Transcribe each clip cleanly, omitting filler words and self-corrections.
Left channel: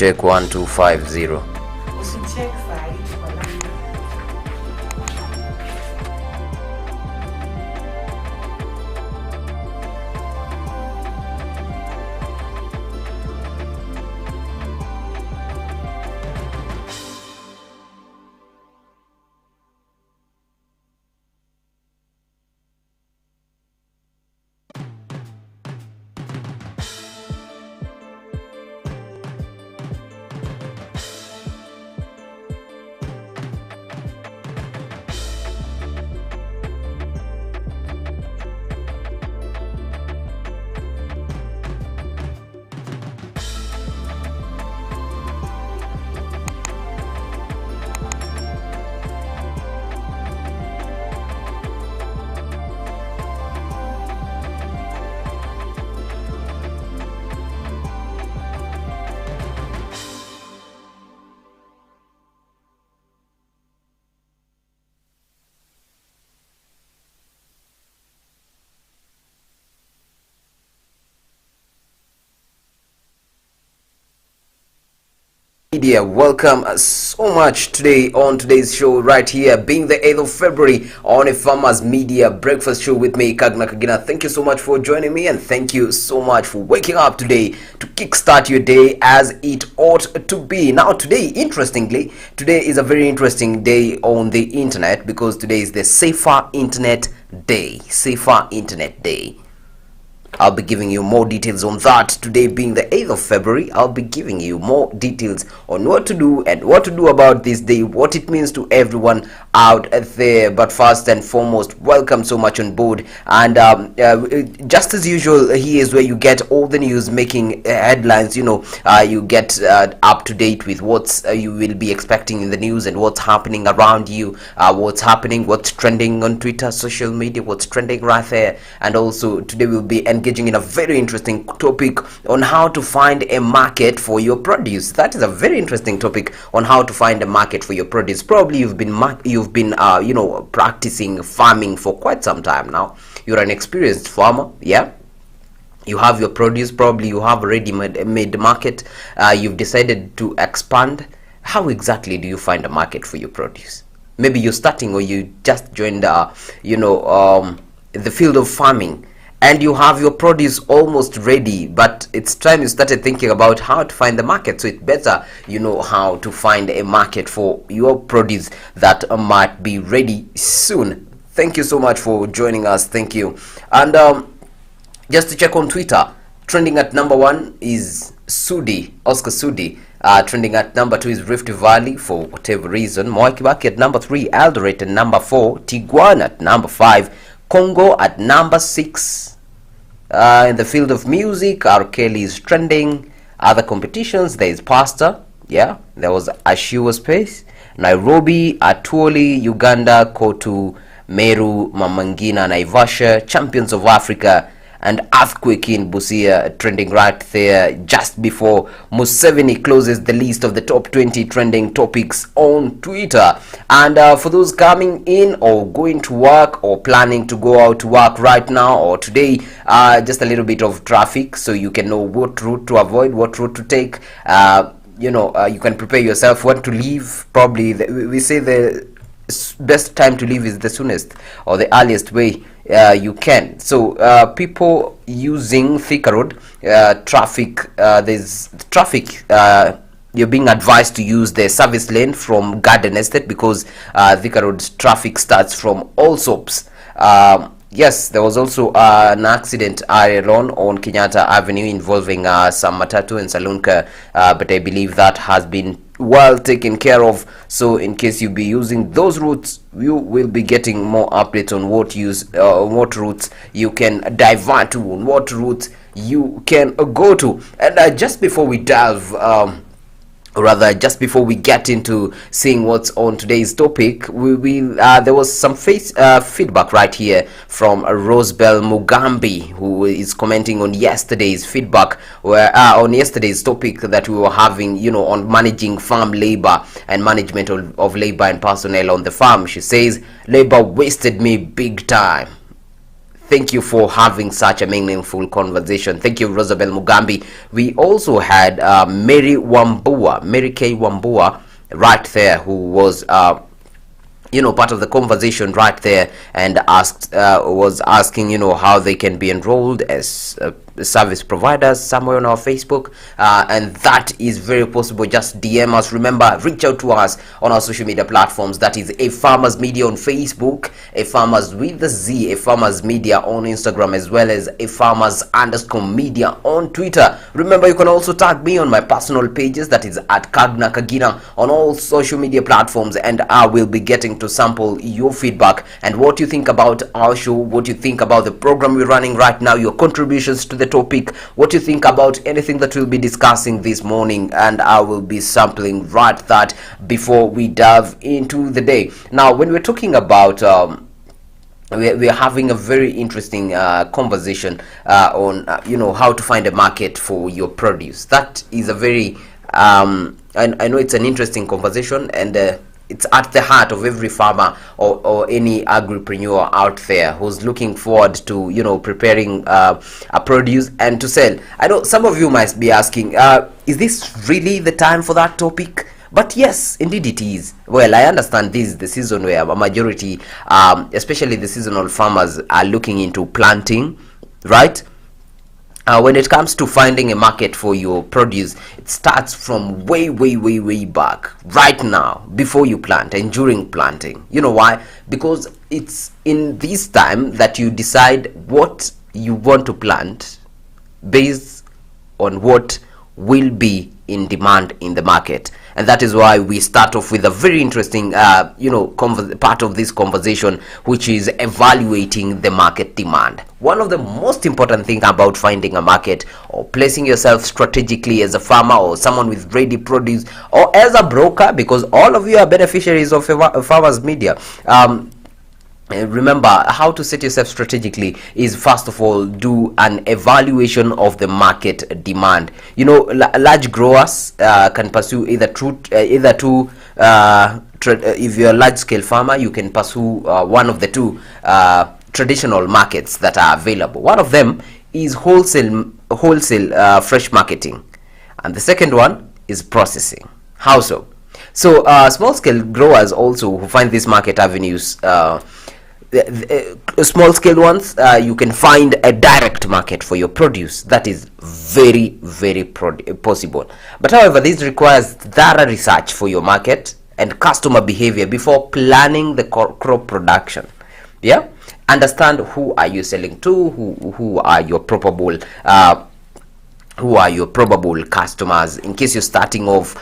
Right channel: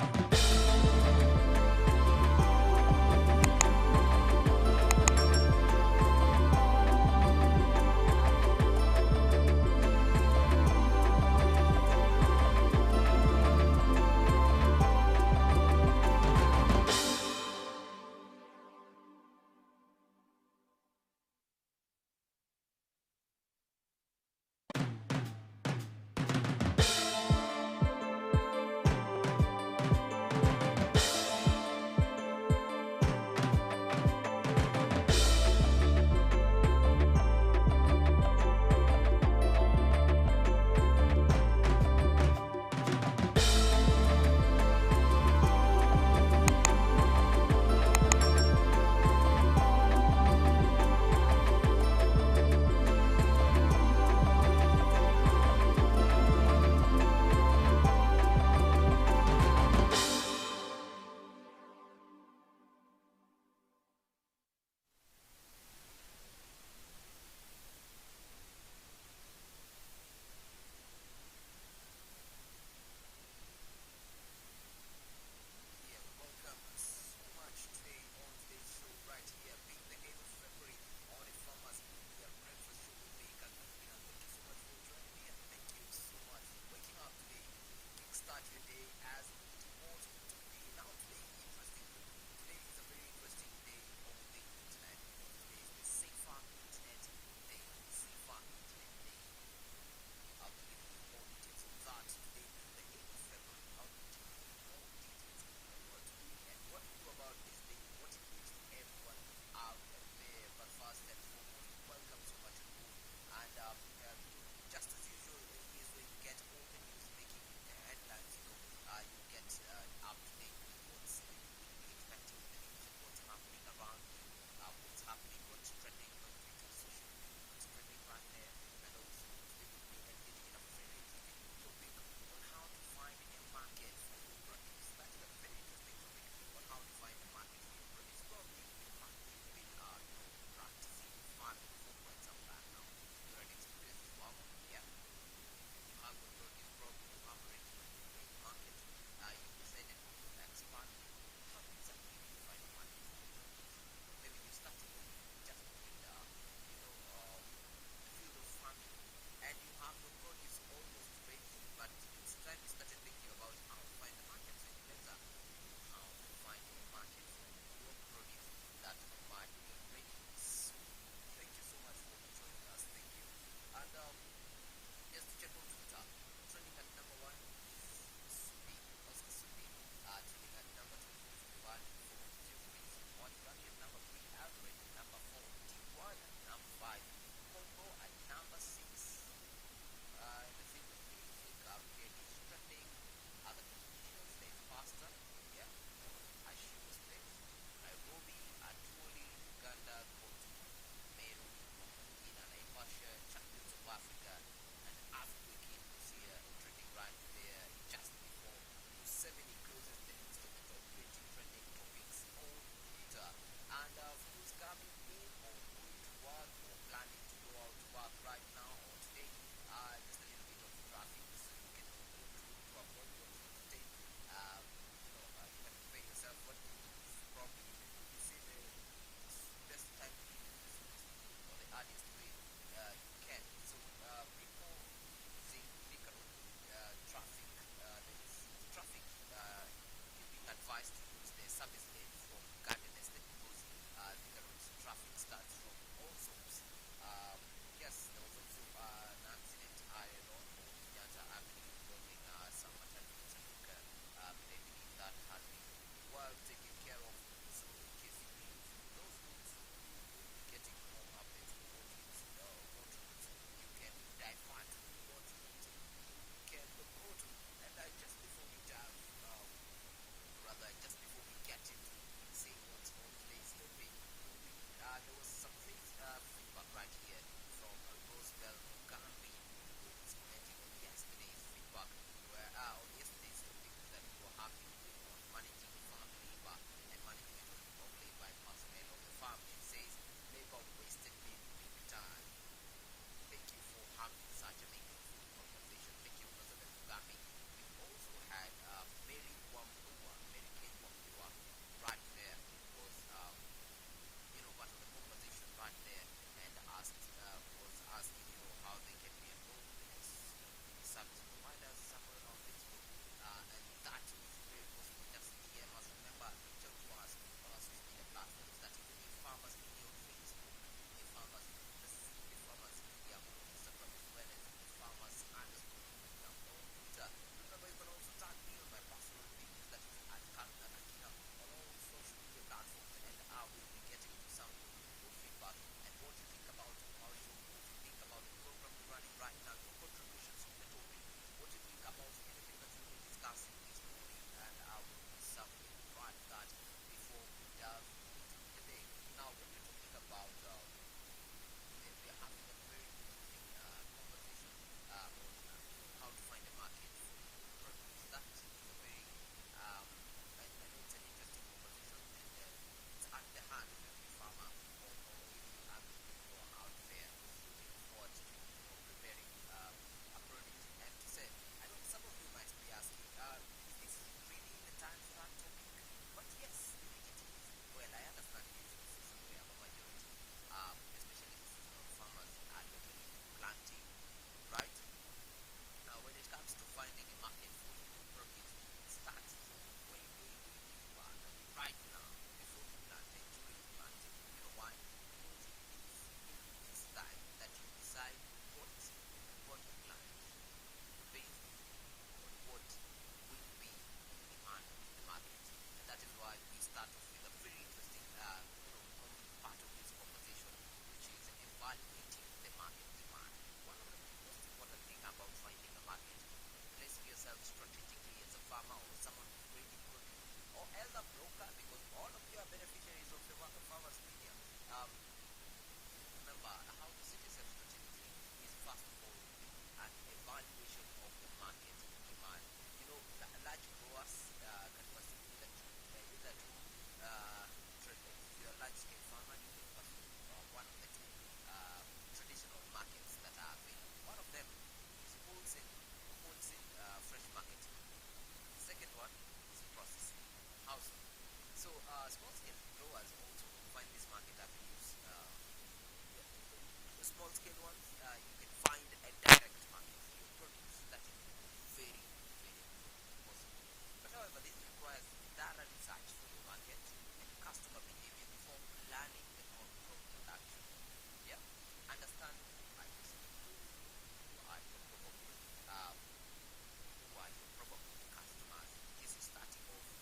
check 1250. Media, welcome so much today on today's show right here, being the 8th of February on Afarmers Media Breakfast Show with me, Kagna Kagina. Thank you so much for joining me, and thank you so much for waking up today to kickstart your day as it ought to be. Now today, interestingly, today is a very interesting day on the internet because today is the Safer Internet Day. Safer Internet Day. I'll be giving you more details on that. Today being the 8th of February, I'll be giving you more details on what to do and what to do about this day, what it means to everyone out there. But first and foremost, welcome so much on board. And just as usual, here is where you get all the news making headlines. You get up to date with what you will be expecting in the news and what's happening around you, what's trending on Twitter, social media, what's trending right there. And also today we'll be engaging in a very interesting topic on how to find a market for your produce. That is a very interesting topic on how to find a market for your produce. Probably you've been practicing farming for quite some time now. You're an experienced farmer, yeah. You have your produce, probably you have already made the market. You've decided to expand. How exactly do you find a market for your produce? Maybe you're starting or you just joined the field of farming, and you have your produce almost ready, but it's time you started thinking about how to find the market. So it's better you know how to find a market for your produce that might be ready soon. Thank you so much for joining us. Thank you. And just to check on Twitter, trending at number 1 is Oscar Sudi. Trending at number 2 is Rift Valley for whatever reason. Moi Kibaki at number 3, Eldoret at number 4, Tiguan at number 5, Congo at number 6. In the field of music, R. Kelly is trending. Other competitions, there is Pasta. Yeah, there was Ashua Space. Nairobi, Atwoli, Uganda, Kotu, Meru, Mamangina, Naivasha, Champions of Africa, and Earthquake in Busia trending right there just before Museveni closes the list of the top 20 trending topics on Twitter. And for those coming in or going to work or planning to go out to work right now or today, just a little bit of traffic so you can know what route to avoid, what route to take. You can prepare yourself when to leave. Probably we say the best time to leave is the soonest or the earliest way you can. So people using Thika Road, there's traffic. You're being advised to use the service lane from Garden Estate because Thika Road's traffic starts from Allsops. Yes, there was also an accident earlier on Kenyatta Avenue involving some matatu and Salunka, but I believe that has been well taken care of. So in case you be using those routes, you will be getting more updates on what routes you can divert to, on what routes you can go to. And just before we delve just before we get into seeing what's on today's topic, there was some feedback right here from Rosebell Mugambi, who is commenting on yesterday's feedback, where on yesterday's topic that we were having, on managing farm labor and management of labor and personnel on the farm. She says, labor wasted me big time. Thank you for having such a meaningful conversation. Thank you, Rosabel Mugambi. We also had Mary K. Wambua, right there, who was part of the conversation right there, and was asking how they can be enrolled as service providers somewhere on our Facebook, and that is very possible. Just DM us. Remember, reach out to us on our social media platforms. That is Afarmers Media on Facebook, Afarmers with the Z, Afarmers Media on Instagram, as well as Afarmers_media on Twitter. Remember, you can also tag me on my personal pages, that is at Kagna Kagina, on all social media platforms, and I will be getting to sample your feedback and what you think about our show, what you think about the program we're running right now, your contributions to the topic, what you think about anything that we'll be discussing this morning, and I will be sampling right that before we dive into the day. Now, when we're talking about we're having a very interesting conversation on how to find a market for your produce. That is a very I know it's an interesting conversation, and it's at the heart of every farmer or any agripreneur out there who's looking forward to preparing a produce and to sell. I know some of you might be asking, is this really the time for that topic? But yes, indeed it is. Well, I understand this is the season where a majority, especially the seasonal farmers, are looking into planting, right? When it comes to finding a market for your produce, it starts from way back, right now, before you plant and during planting. You know why? Because it's in this time that you decide what you want to plant based on what will be in demand in the market. And that is why we start off with a very interesting part of this conversation, which is evaluating the market demand. One of the most important things about finding a market or placing yourself strategically as a farmer or someone with ready produce or as a broker, because all of you are beneficiaries of Farmers Media. Remember, how to set yourself strategically is, first of all, do an evaluation of the market demand. Large growers can pursue if you're a large scale farmer, you can pursue one of the two traditional markets that are available. One of them is wholesale fresh marketing, and the second one is processing. How so? So small scale growers also who find these market avenues, the small scale ones, you can find a direct market for your produce. That is very possible. But however, this requires thorough research for your market and customer behavior before planning the crop production. Yeah, understand who are you selling to, who are your probable customers, in case you're starting off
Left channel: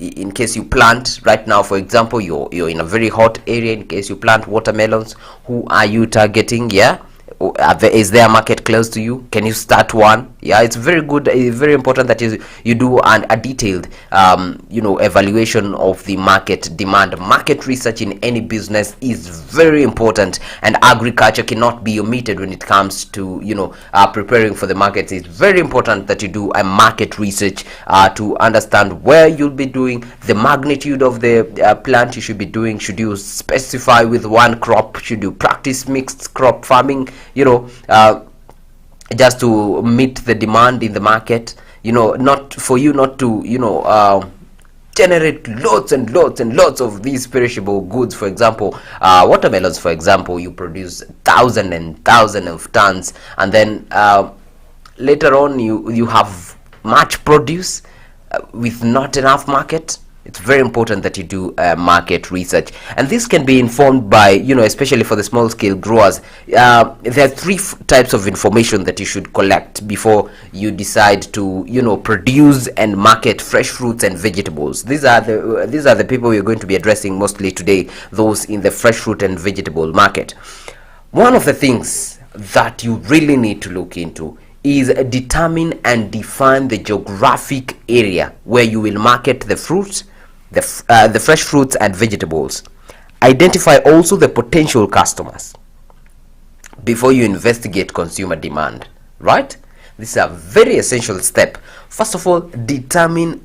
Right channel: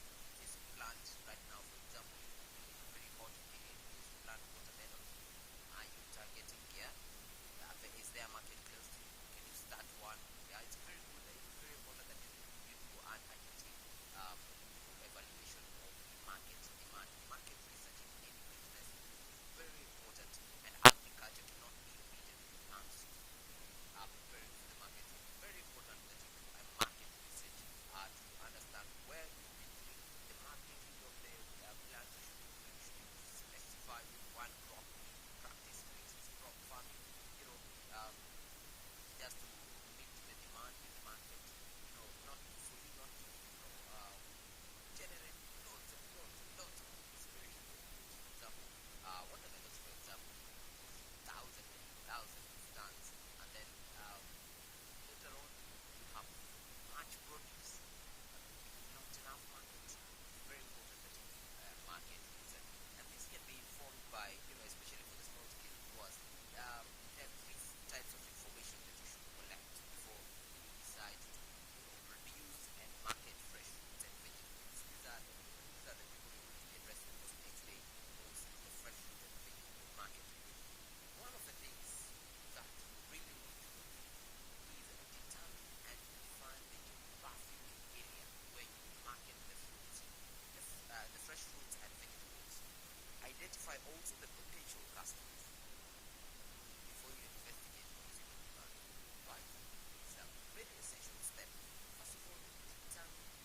in case you plant right now, for example, you're in a very hot area. In case you plant watermelons, who are you targeting? Yeah, is there a market close to you? Can you start one? Yeah, it's very good. It's very important that you do a detailed evaluation of the market demand. Market research in any business is very important, and agriculture cannot be omitted when it comes to preparing for the markets. It's very important that you do a market research to understand where you'll be doing, the magnitude of the plant you should be doing. Should you specify with one crop? Should you practice mixed crop farming? Just to meet the demand in the market, not to generate lots and lots of these perishable goods. For example, watermelons, for example, you produce thousands and thousands of tons, and then later on you have much produce with not enough market. It's very important that you do market research, and this can be informed by, especially for the small scale growers, there are three types of information that you should collect before you decide to, produce and market fresh fruits and vegetables. These are the people we're going to be addressing mostly today, those in the fresh fruit and vegetable market. One of the things that you really need to look into is determine and define the geographic area where you will market the fruits, the fresh fruits and vegetables. Identify also the potential customers before you investigate consumer demand, right? This is a very essential step. First of all, determine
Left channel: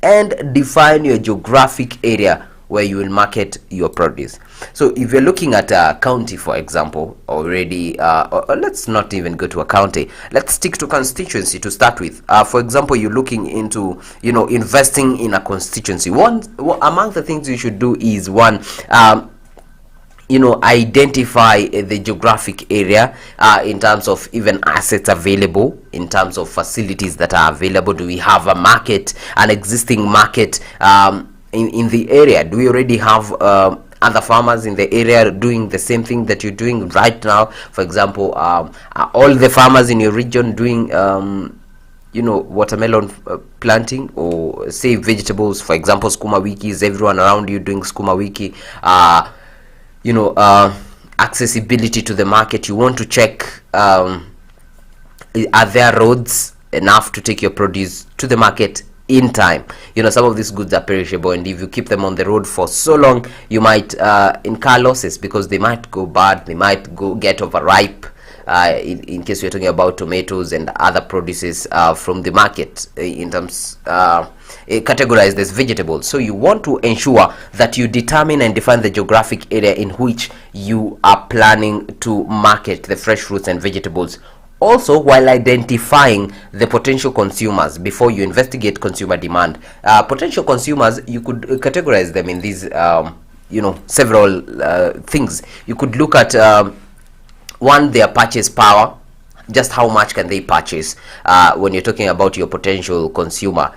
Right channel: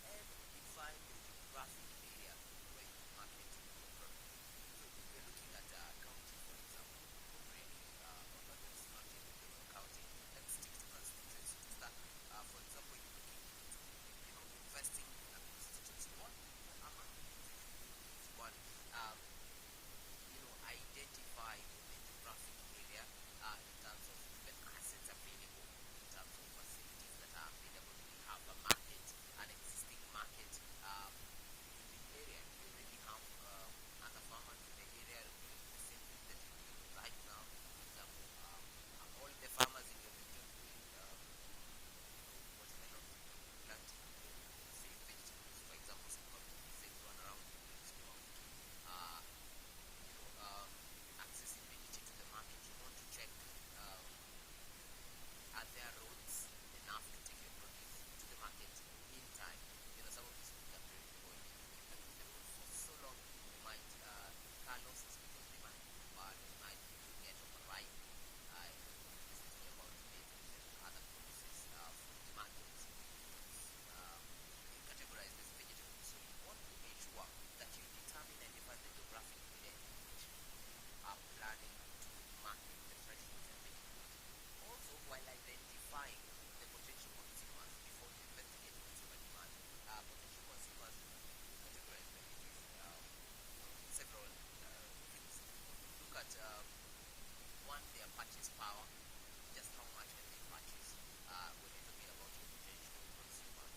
and define your geographic area where you will market your produce. So if you're looking at a county, for example, already, or let's not even go to a county. Let's stick to constituency to start with. For example, you're looking into, investing in a constituency. One among the things you should do is one. Identify the geographic area in terms of even assets available, in terms of facilities that are available. Do we have a market, an existing market in the area? Do we already have other farmers in the area doing the same thing that you're doing right now? For example, are all the farmers in your region doing watermelon planting, or say vegetables? For example, skuma wiki. Is everyone around you doing skuma wiki? Accessibility to the market. You want to check, are there roads enough to take your produce to the market in time? Some of these goods are perishable, and if you keep them on the road for so long, you might incur losses, because they might go bad, they might get overripe. In case we're talking about tomatoes and other produces from the market, in terms categorized as vegetables. So you want to ensure that you determine and define the geographic area in which you are planning to market the fresh fruits and vegetables. Also, while identifying the potential consumers before you investigate consumer demand. Potential consumers, you could categorize them in these several things. You could look at one, their purchase power. Just how much can they purchase when you're talking about your potential consumer?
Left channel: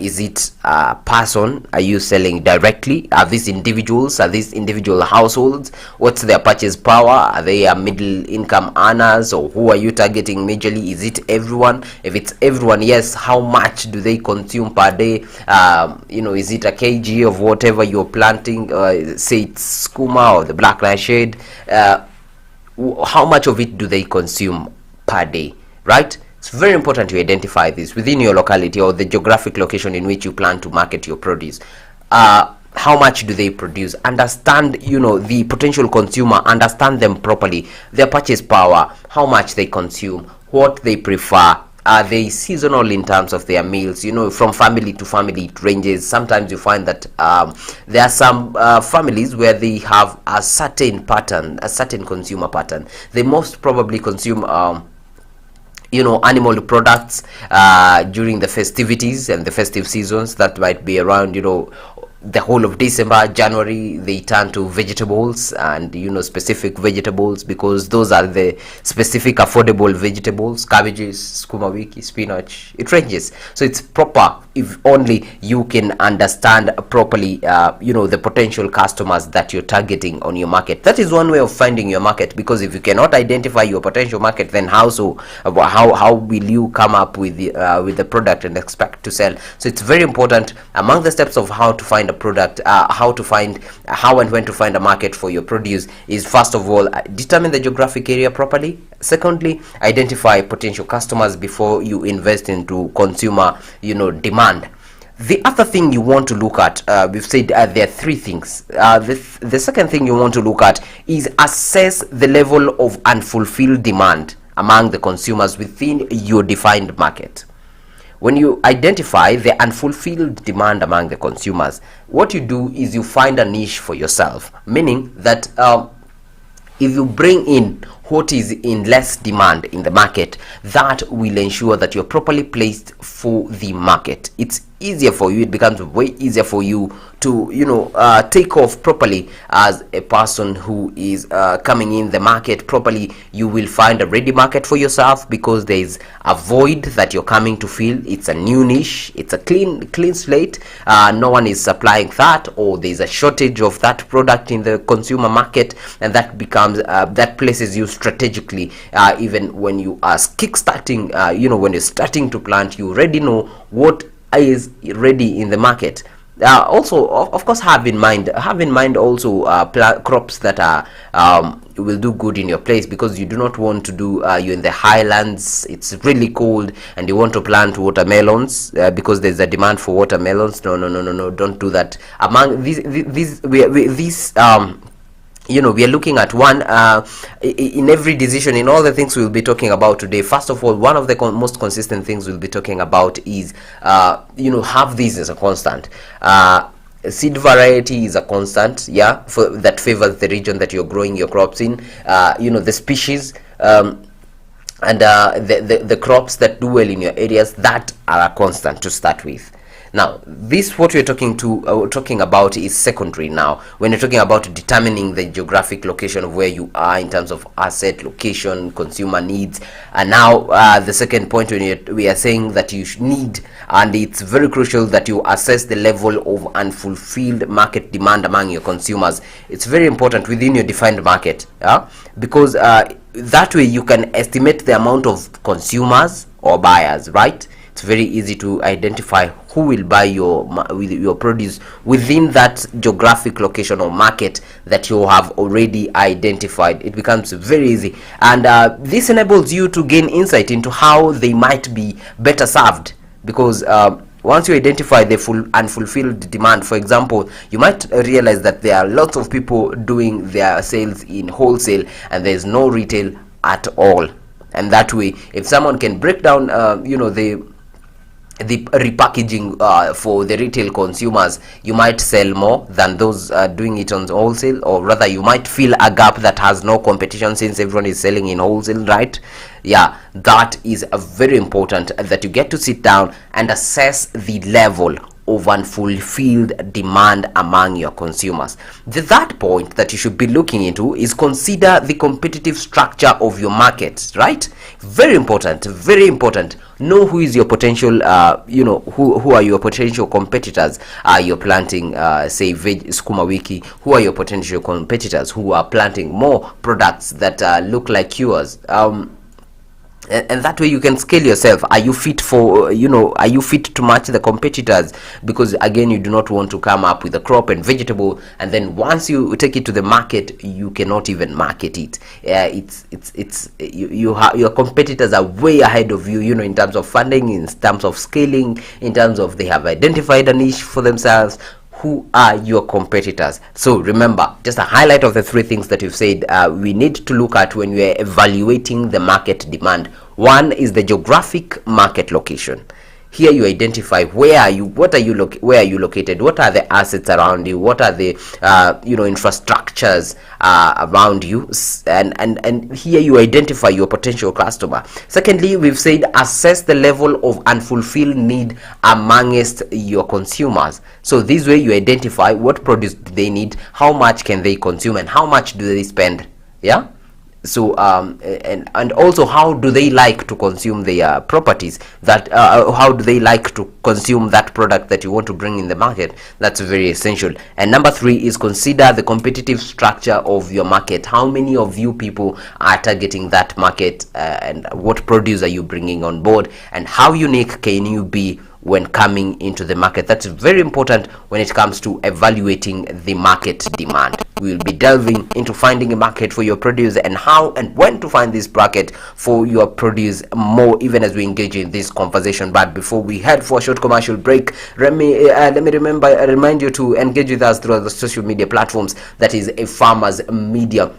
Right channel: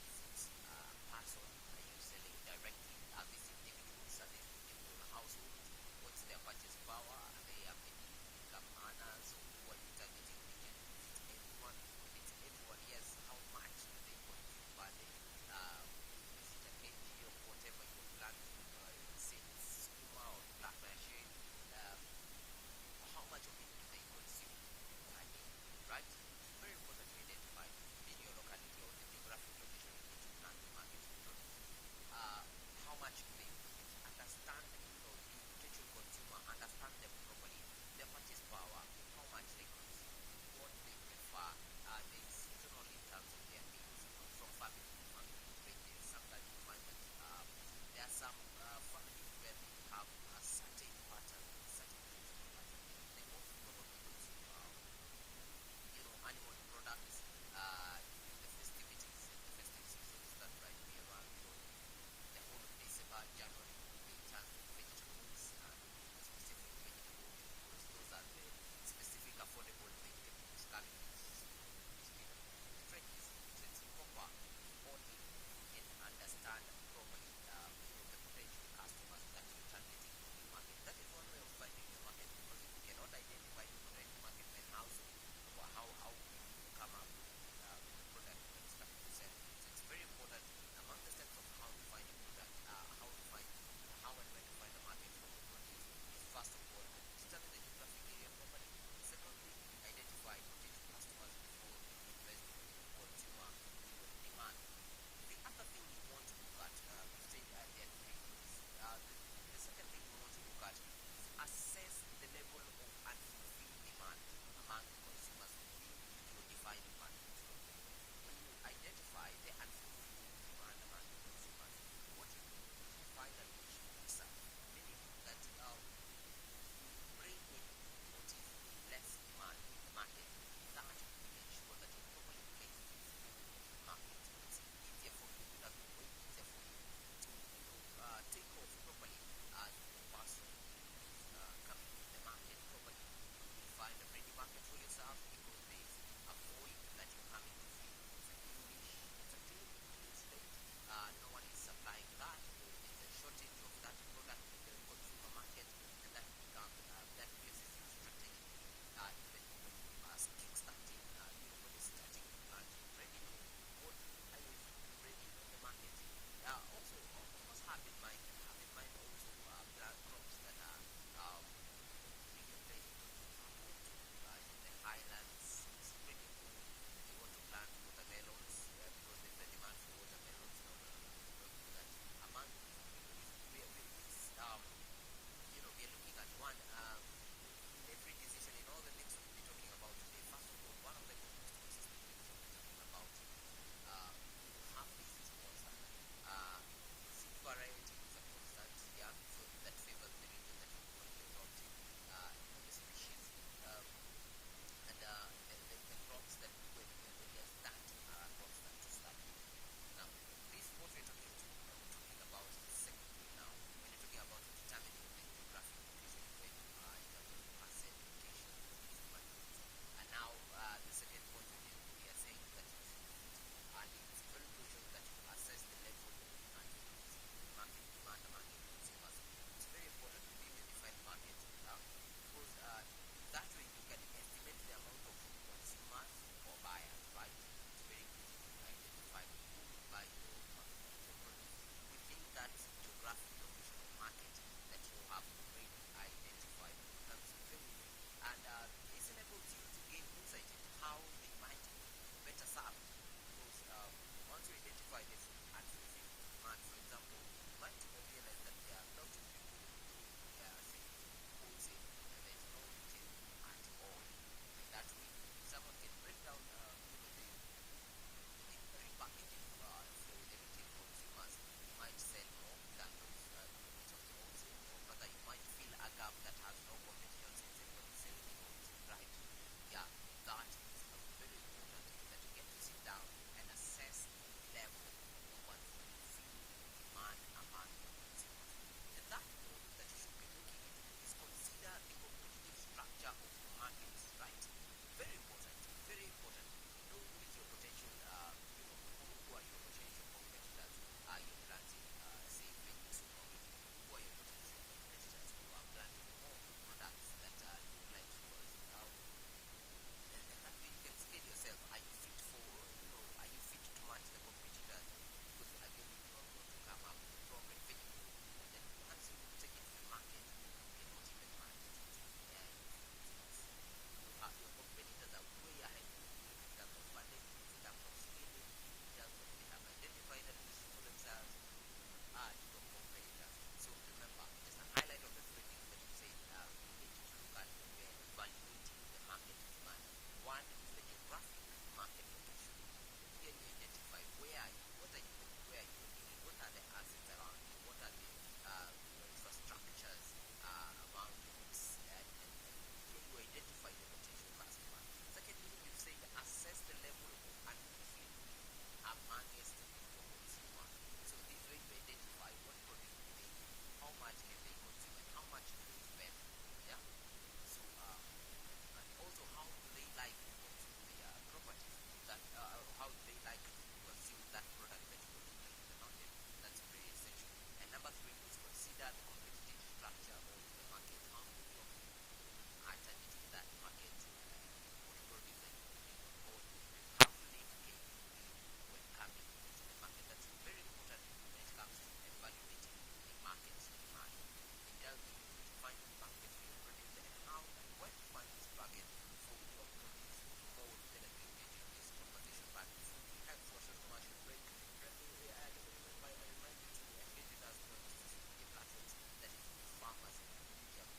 Is it a person? Are you selling directly? Are these individuals? Are these individual households? What's their purchase power? Are they a middle income earners, or who are you targeting majorly? Is it everyone? If it's everyone, yes, how much do they consume per day? Is it a kg of whatever you're planting? Say it's skuma or the black nightshade. How much of it do they consume per day, right? It's very important to identify this within your locality or the geographic location in which you plan to market your produce. How much do they produce? Understand, the potential consumer, understand them properly, their purchase power, how much they consume, what they prefer. Are they seasonal in terms of their meals? From family to family it ranges. Sometimes you find that there are some families where they have a certain pattern, a certain consumer pattern. They most probably consume animal products during the festivities and the festive seasons. That might be around the whole of December, January. They turn to vegetables, and specific vegetables, because those are the specific affordable vegetables. Cabbages, skuma wiki, spinach, it ranges. So it's proper if only you can understand properly the potential customers that you're targeting on your market. That is one way of finding your market, because if you cannot identify your potential market, then how will you come up with the product and expect to sell? So it's very important. Among the steps of how to find a product, how and when to find a market for your produce is, first of all, determine the geographic area properly. Secondly, identify potential customers before you invest into consumer demand. The other thing you want to look at, we've said there are three things. The second thing you want to look at is assess the level of unfulfilled demand among the consumers within your defined market. When you identify the unfulfilled demand among the consumers, what you do is you find a niche for yourself, meaning that if you bring in what is in less demand in the market, that will ensure that you're properly placed for the market. It's easier for you, it becomes way easier for you to take off properly as a person who is coming in the market properly. You will find a ready market for yourself, because there is a void that you're coming to fill. It's a new niche, it's a clean slate. No one is supplying that, or there's a shortage of that product in the consumer market, and that becomes that places you strategically. Even when you are kickstarting, when you're starting to plant, you already know what is ready in the market. Also, of course, have in mind also crops that are will do good in your place, because you do not want to do you're in the highlands, it's really cold, and you want to plant watermelons because there's a demand for watermelons. No, don't do that. Among these we are looking at one in every decision, in all the things we'll be talking about today. First of all, one of the most consistent things we'll be talking about is have this as a constant. Seed variety is a constant, yeah, that favors the region that you're growing your crops in. The species, and the crops that do well in your areas, that are a constant to start with. Now, this what we're talking about is secondary. Now, when you're talking about determining the geographic location of where you are in terms of asset, location, consumer needs, and now the second point, when we are saying that you need, and it's very crucial that you assess the level of unfulfilled market demand among your consumers. It's very important within your defined market, because that way you can estimate the amount of consumers or buyers, right? It's very easy to identify who will buy your produce within that geographic location or market that you have already identified. It becomes very easy, and this enables you to gain insight into how they might be better served, because once you identify the full unfulfilled demand, for example, you might realize that there are lots of people doing their sales in wholesale and there's no retail at all. And that way, if someone can break down the repackaging for the retail consumers, you might sell more than those doing it on wholesale, or rather you might fill a gap that has no competition since everyone is selling in wholesale, right? Yeah, that is very important, that you get to sit down and assess the level of unfulfilled demand among your consumers. The third point that you should be looking into is consider the competitive structure of your market, right? Very important, very important. Know who is your potential, who are your potential competitors. You're planting, say, skuma wiki. Who are your potential competitors who are planting more products that look like yours? And that way you can scale yourself. Are you fit for, are you fit to match the competitors? Because again, you do not want to come up with a crop and vegetable, and then once you take it to the market, you cannot even market it. Your competitors are way ahead of you, in terms of funding, in terms of scaling, in terms of they have identified a niche for themselves. Who are your competitors? So remember, just a highlight of the three things that you've said we need to look at when we are evaluating the market demand. One is the geographic market location. Here you identify where are you located, what are the assets around you, what are the infrastructures around you, and here you identify your potential customer. Secondly, we've said assess the level of unfulfilled need amongst your consumers. So this way you identify what produce do they need, how much can they consume, and how much do they spend. Yeah. So and also how do they like to consume their properties, that how do they like to consume that product that you want to bring in the market. That's very essential. And number three is consider the competitive structure of your market. How many of you people are targeting that market, and what produce are you bringing on board, and how unique can you be when coming into the market. That's very important when it comes to evaluating the market demand. We will be delving into finding a market for your produce, and how and when to find this market for your produce more, even as we engage in this conversation. But before we head for a short commercial break, let me remind you to engage with us through the social media platforms. That is Afarmers Media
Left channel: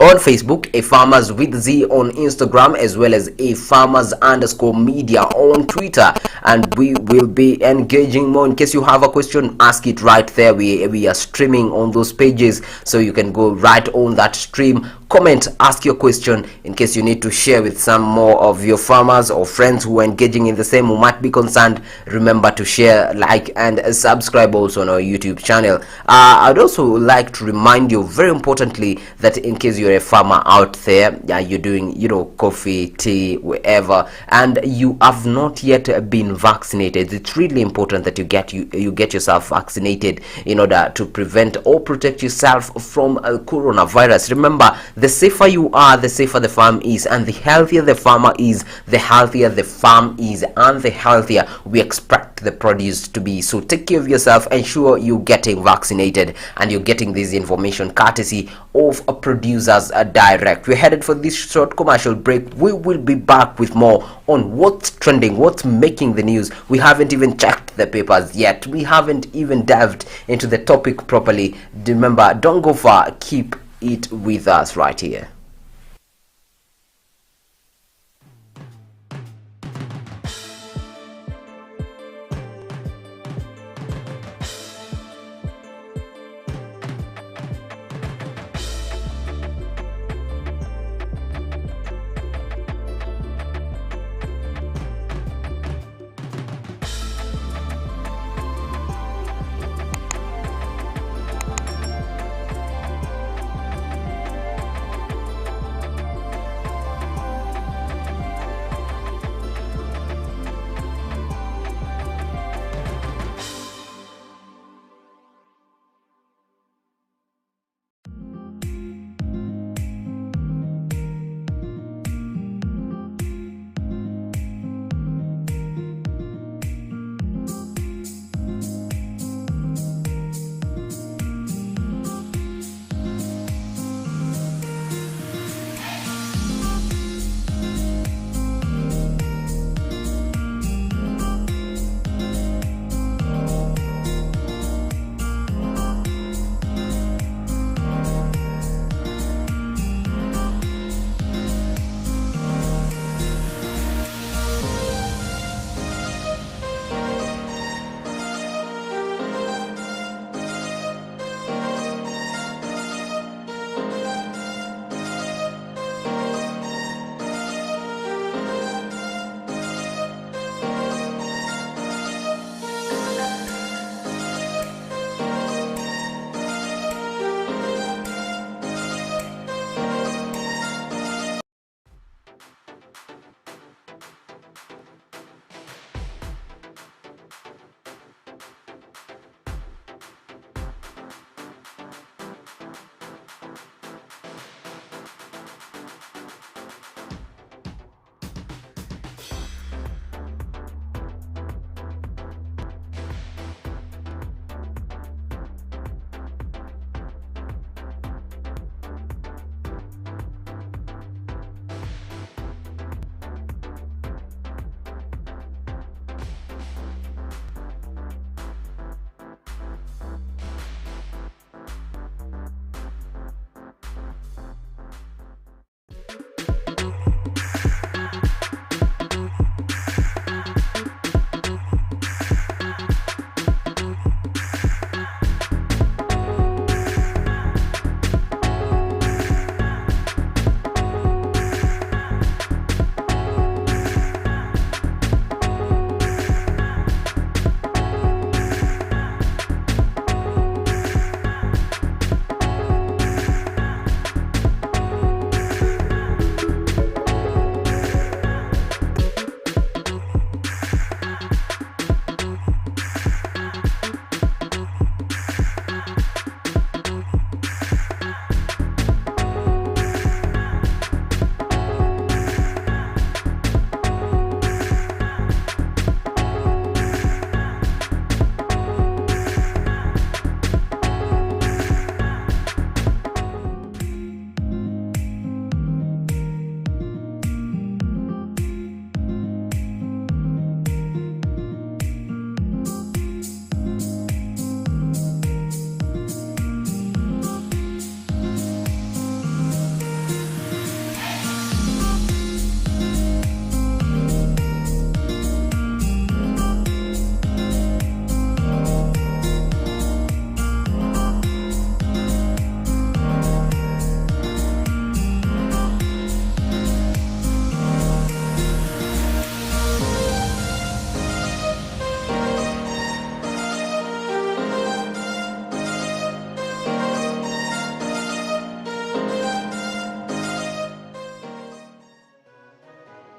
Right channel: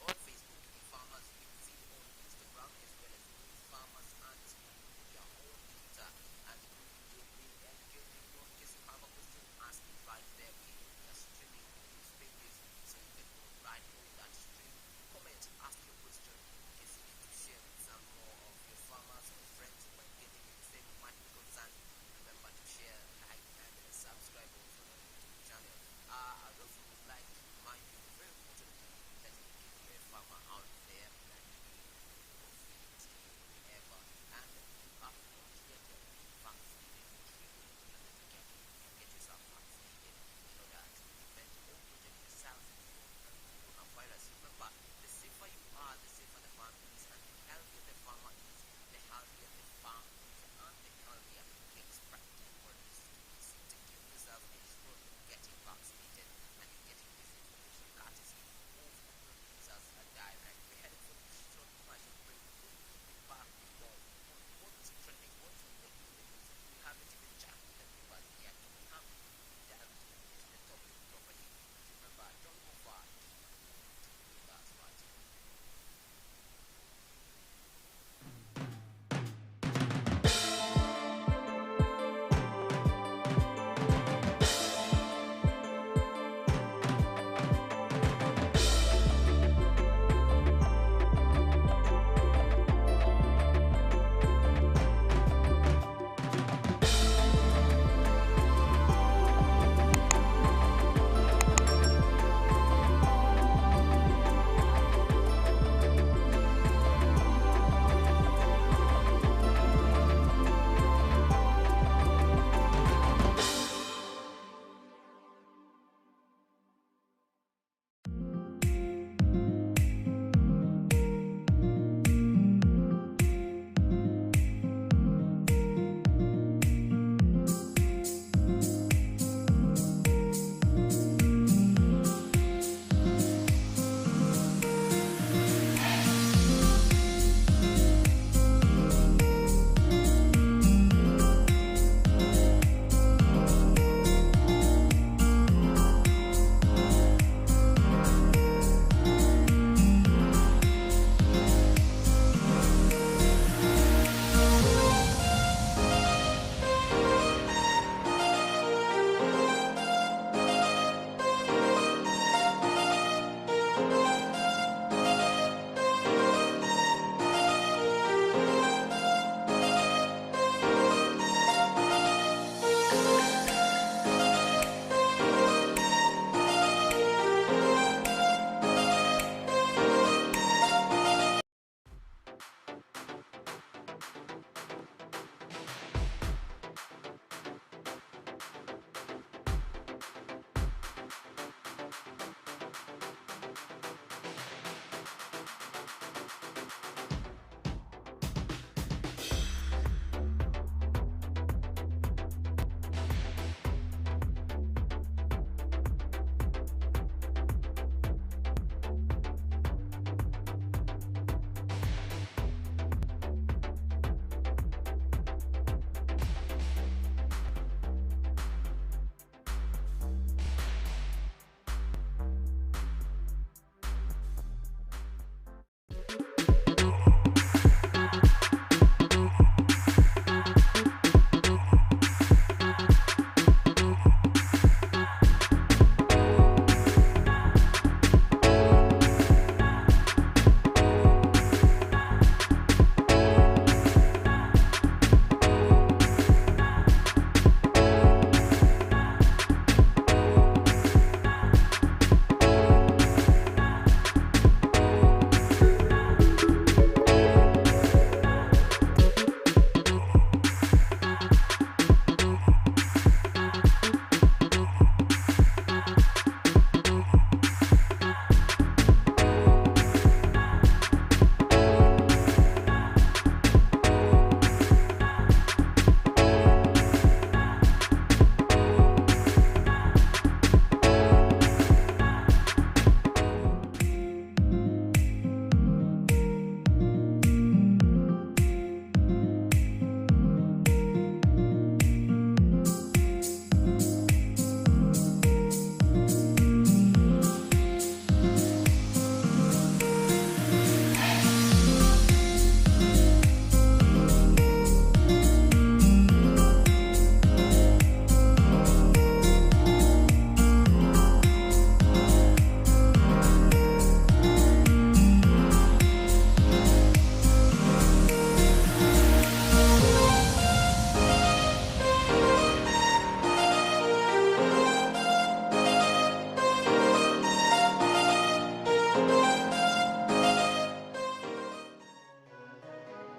on Facebook, Afarmers with Z on Instagram, as well as Afarmers_media on Twitter, and we will be engaging more. In case you have a question, ask it right there. We are streaming on those pages, so you can go right on that stream, comment, ask your question. In case you need to share with some more of your farmers or friends who are engaging in the same, who might be concerned, remember to share, like, and subscribe also on our YouTube channel. I'd also like to remind you, very importantly, that in case you're a farmer out there, you're doing coffee, tea, wherever, and you have not yet been vaccinated, it's really important that you get yourself vaccinated in order to prevent or protect yourself from coronavirus. Remember, the safer you are, the safer the farm is, and the healthier the farmer is, the healthier the farm is, and the healthier we expect the produce to be. So take care of yourself, ensure you're getting vaccinated, and you're getting this information courtesy of Producers Direct. We're headed for this short commercial break. We will be back with more on what's trending, what's making the news. We haven't even checked the papers yet. We haven't even delved into the topic properly. Remember, don't go far. Keep it with us right here.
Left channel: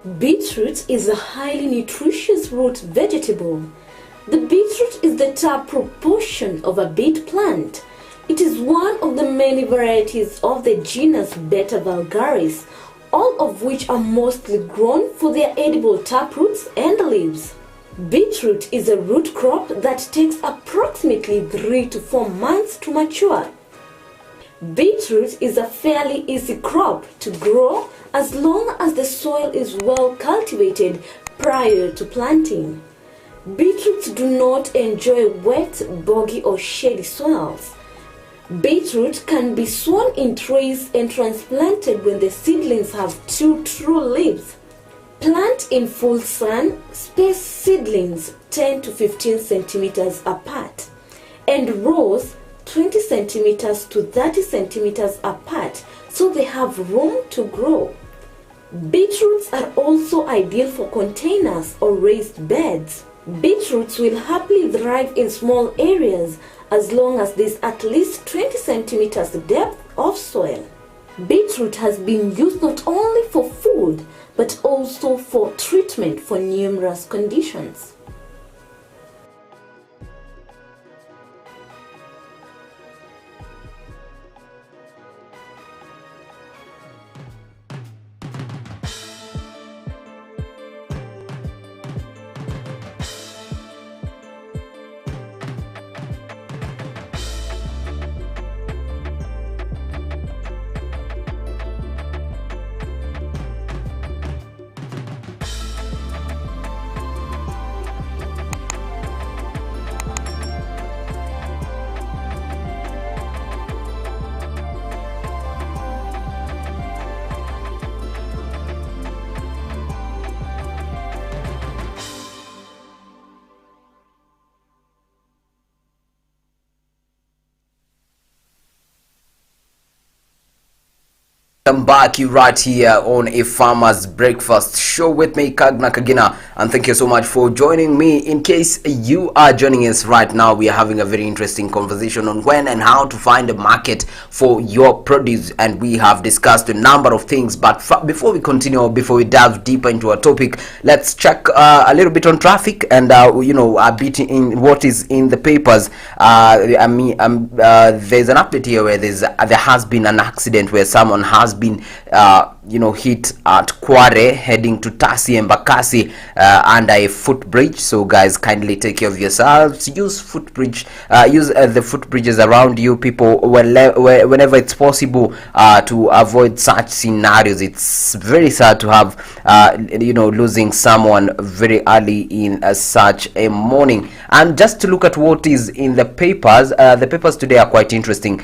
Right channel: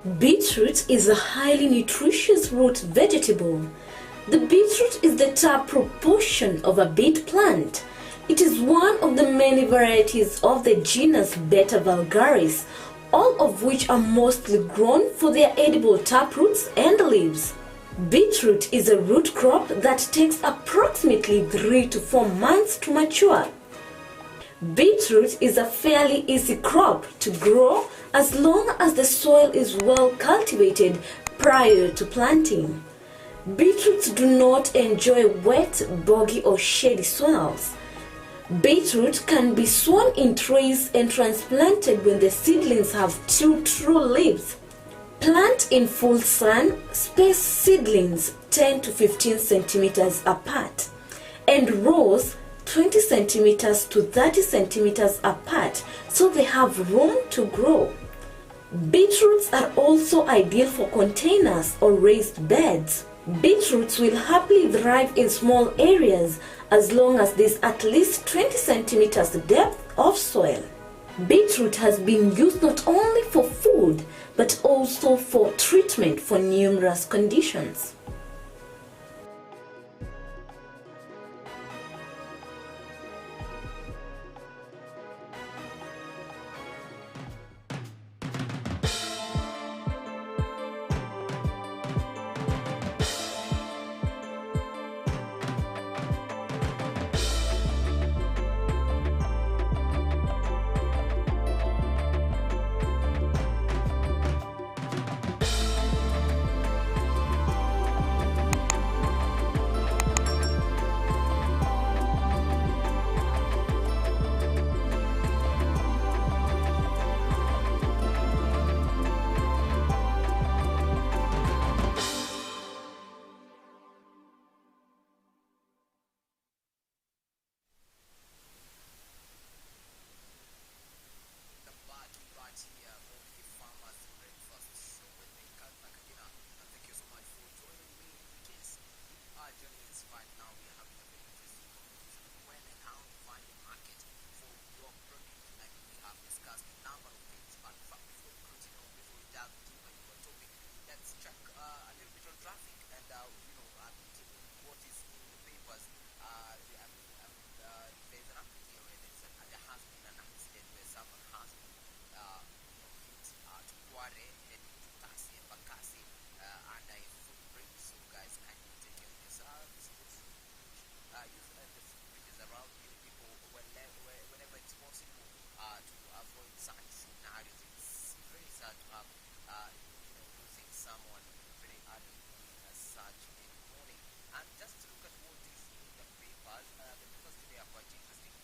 Beetroot is a highly nutritious root vegetable. The beetroot is the top proportion of a beet plant. It is one of the many varieties of the genus Beta vulgaris, all of which are mostly grown for their edible taproots and leaves. Beetroot is a root crop that takes approximately 3 to 4 months to mature. Beetroot is a fairly easy crop to grow as long as the soil is well cultivated prior to planting. Beetroots do not enjoy wet, boggy or shady soils. Beetroot can be sown in trays and transplanted when the seedlings have 2 true leaves. Plant in full sun, space seedlings 10 to 15 centimeters apart, and rows 20 centimeters to 30 centimeters apart so they have room to grow. Beetroots are also ideal for containers or raised beds. Beetroots will happily thrive in small areas as long as there's at least 20 centimeters depth of soil. Beetroot has been used not only for food but also for treatment for numerous conditions. Welcome back, you right here on A Farmer's Breakfast Show with me, Kagna Kagina, and thank you so much for joining me. In case you are joining us right now, we are having a very interesting conversation on when and how to find a market for your produce, and we have discussed a number of things. But before we continue, before we dive deeper into our topic, let's check a little bit on traffic and a bit in what is in the papers. There's an update here where there has been an accident where someone has been hit at Kware heading to Tasi and Bakasi under a footbridge. So guys, kindly take care of yourselves. Use footbridge, use the footbridges around you, people, whenever it's possible, to avoid such scenarios. It's very sad to have losing someone very early in such a morning. And just to look at what is in the papers, the papers today are quite interesting.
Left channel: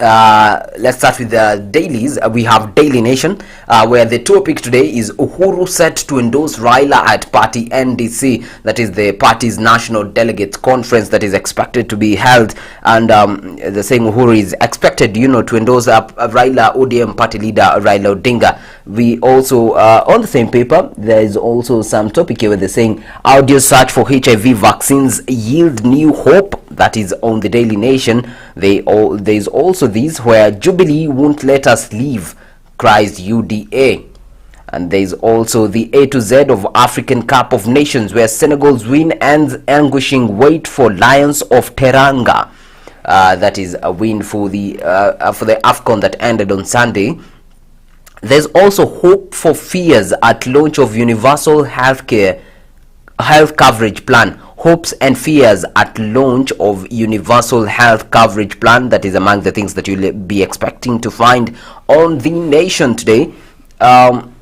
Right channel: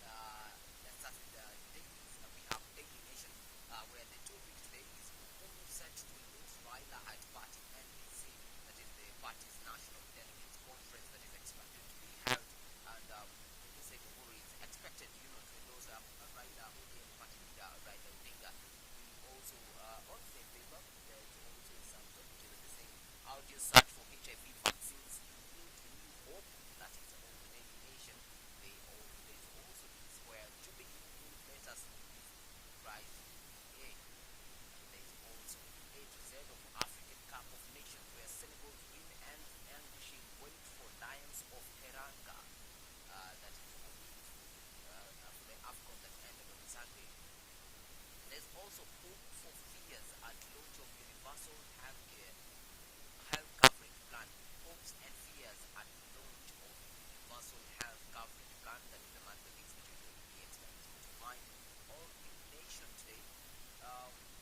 Let's start with the dailies. We have Daily Nation, where the topic today is Uhuru set to endorse Raila at party NDC, that is the party's national delegates conference that is expected to be held, and they're saying Uhuru is expected to endorse Raila ODM party leader Raila Odinga. We also on the same paper there is also some topic here where they're saying audio search for HIV vaccines yield new hope, that is on the Daily Nation. There's also these where Jubilee won't let us leave, cries UDA. And there's also the A to Z of African Cup of Nations, where Senegal's win ends anguishing wait for Lions of Teranga. That is a win for the AFCON that ended on Sunday. There's also hope for fears at launch of universal health coverage plan. Hopes and fears at launch of universal health coverage plan. That is among the things that you'll be expecting to find on the Nation today. On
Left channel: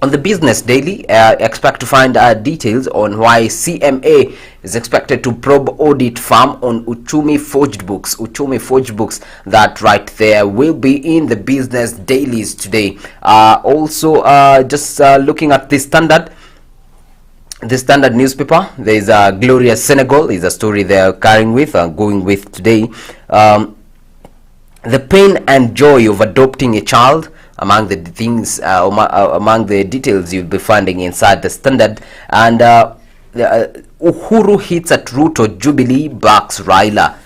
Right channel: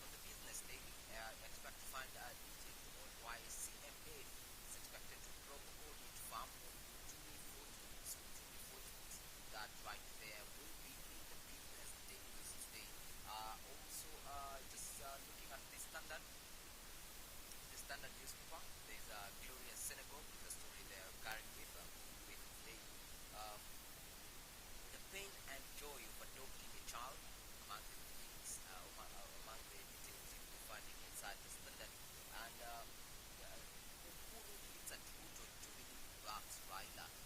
the Business Daily, expect to find details on why CMA is expected to probe audit firm on Uchumi forged books. Uchumi forged books, that right there will be in the Business Dailies today. Also, just looking at the Standard. The Standard newspaper, there is a glorious Senegal is a story they're going with today. The pain and joy of adopting a child, among the things, among the details you'll be finding inside the Standard. And Uhuru hits at Ruto, Jubilee backs Raila.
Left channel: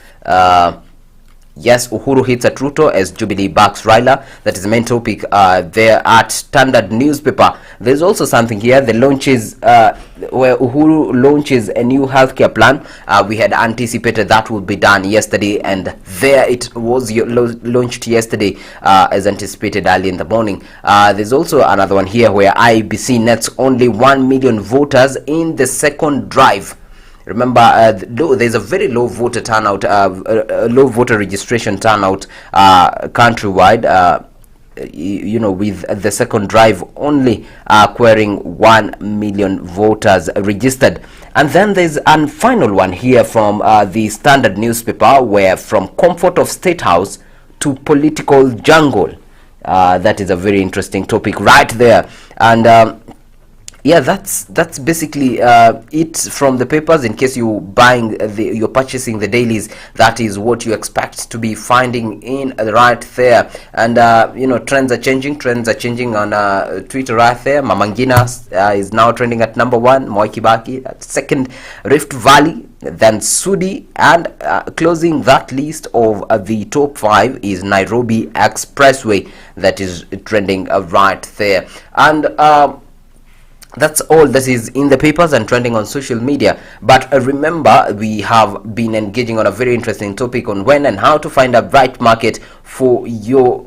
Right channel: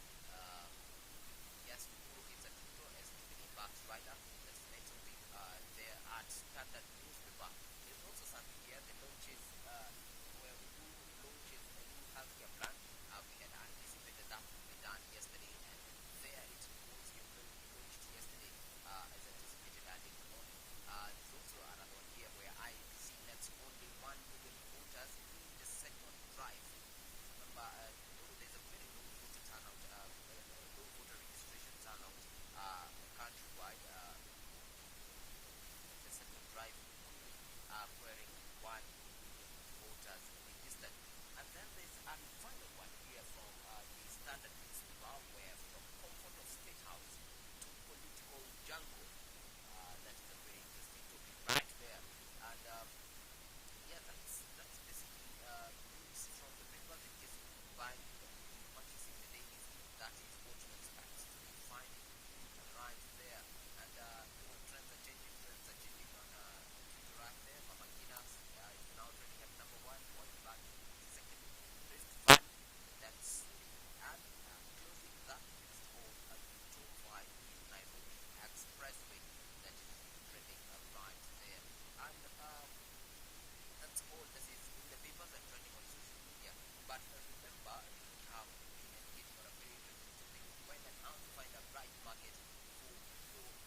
Yes, Uhuru hits at Ruto as Jubilee backs Raila. That is the main topic there at Standard newspaper. There's also something here. The launches where Uhuru launches a new healthcare plan. We had anticipated that would be done yesterday, and there it was launched yesterday as anticipated early in the morning. There's also another one here where IBC nets only 1 million voters in the second drive. Remember, there's a very low voter turnout, low voter registration turnout countrywide. With the second drive only acquiring 1 million voters registered. And then there's a final one here from the Standard newspaper, where from comfort of State House to political jungle. That is a very interesting topic right there. And yeah, that's basically it from the papers. In case you're purchasing the dailies, that is what you expect to be finding in right there. And trends are changing on Twitter right there. Mamangina is now trending at number 1, Moi Kibaki at second, Rift Valley, then Sudi, and closing that list of the top 5 is Nairobi Expressway, that is trending right there. And that's all that is in the papers and trending on social media. But remember, we have been engaging on a very interesting topic on when and how to find a right market for your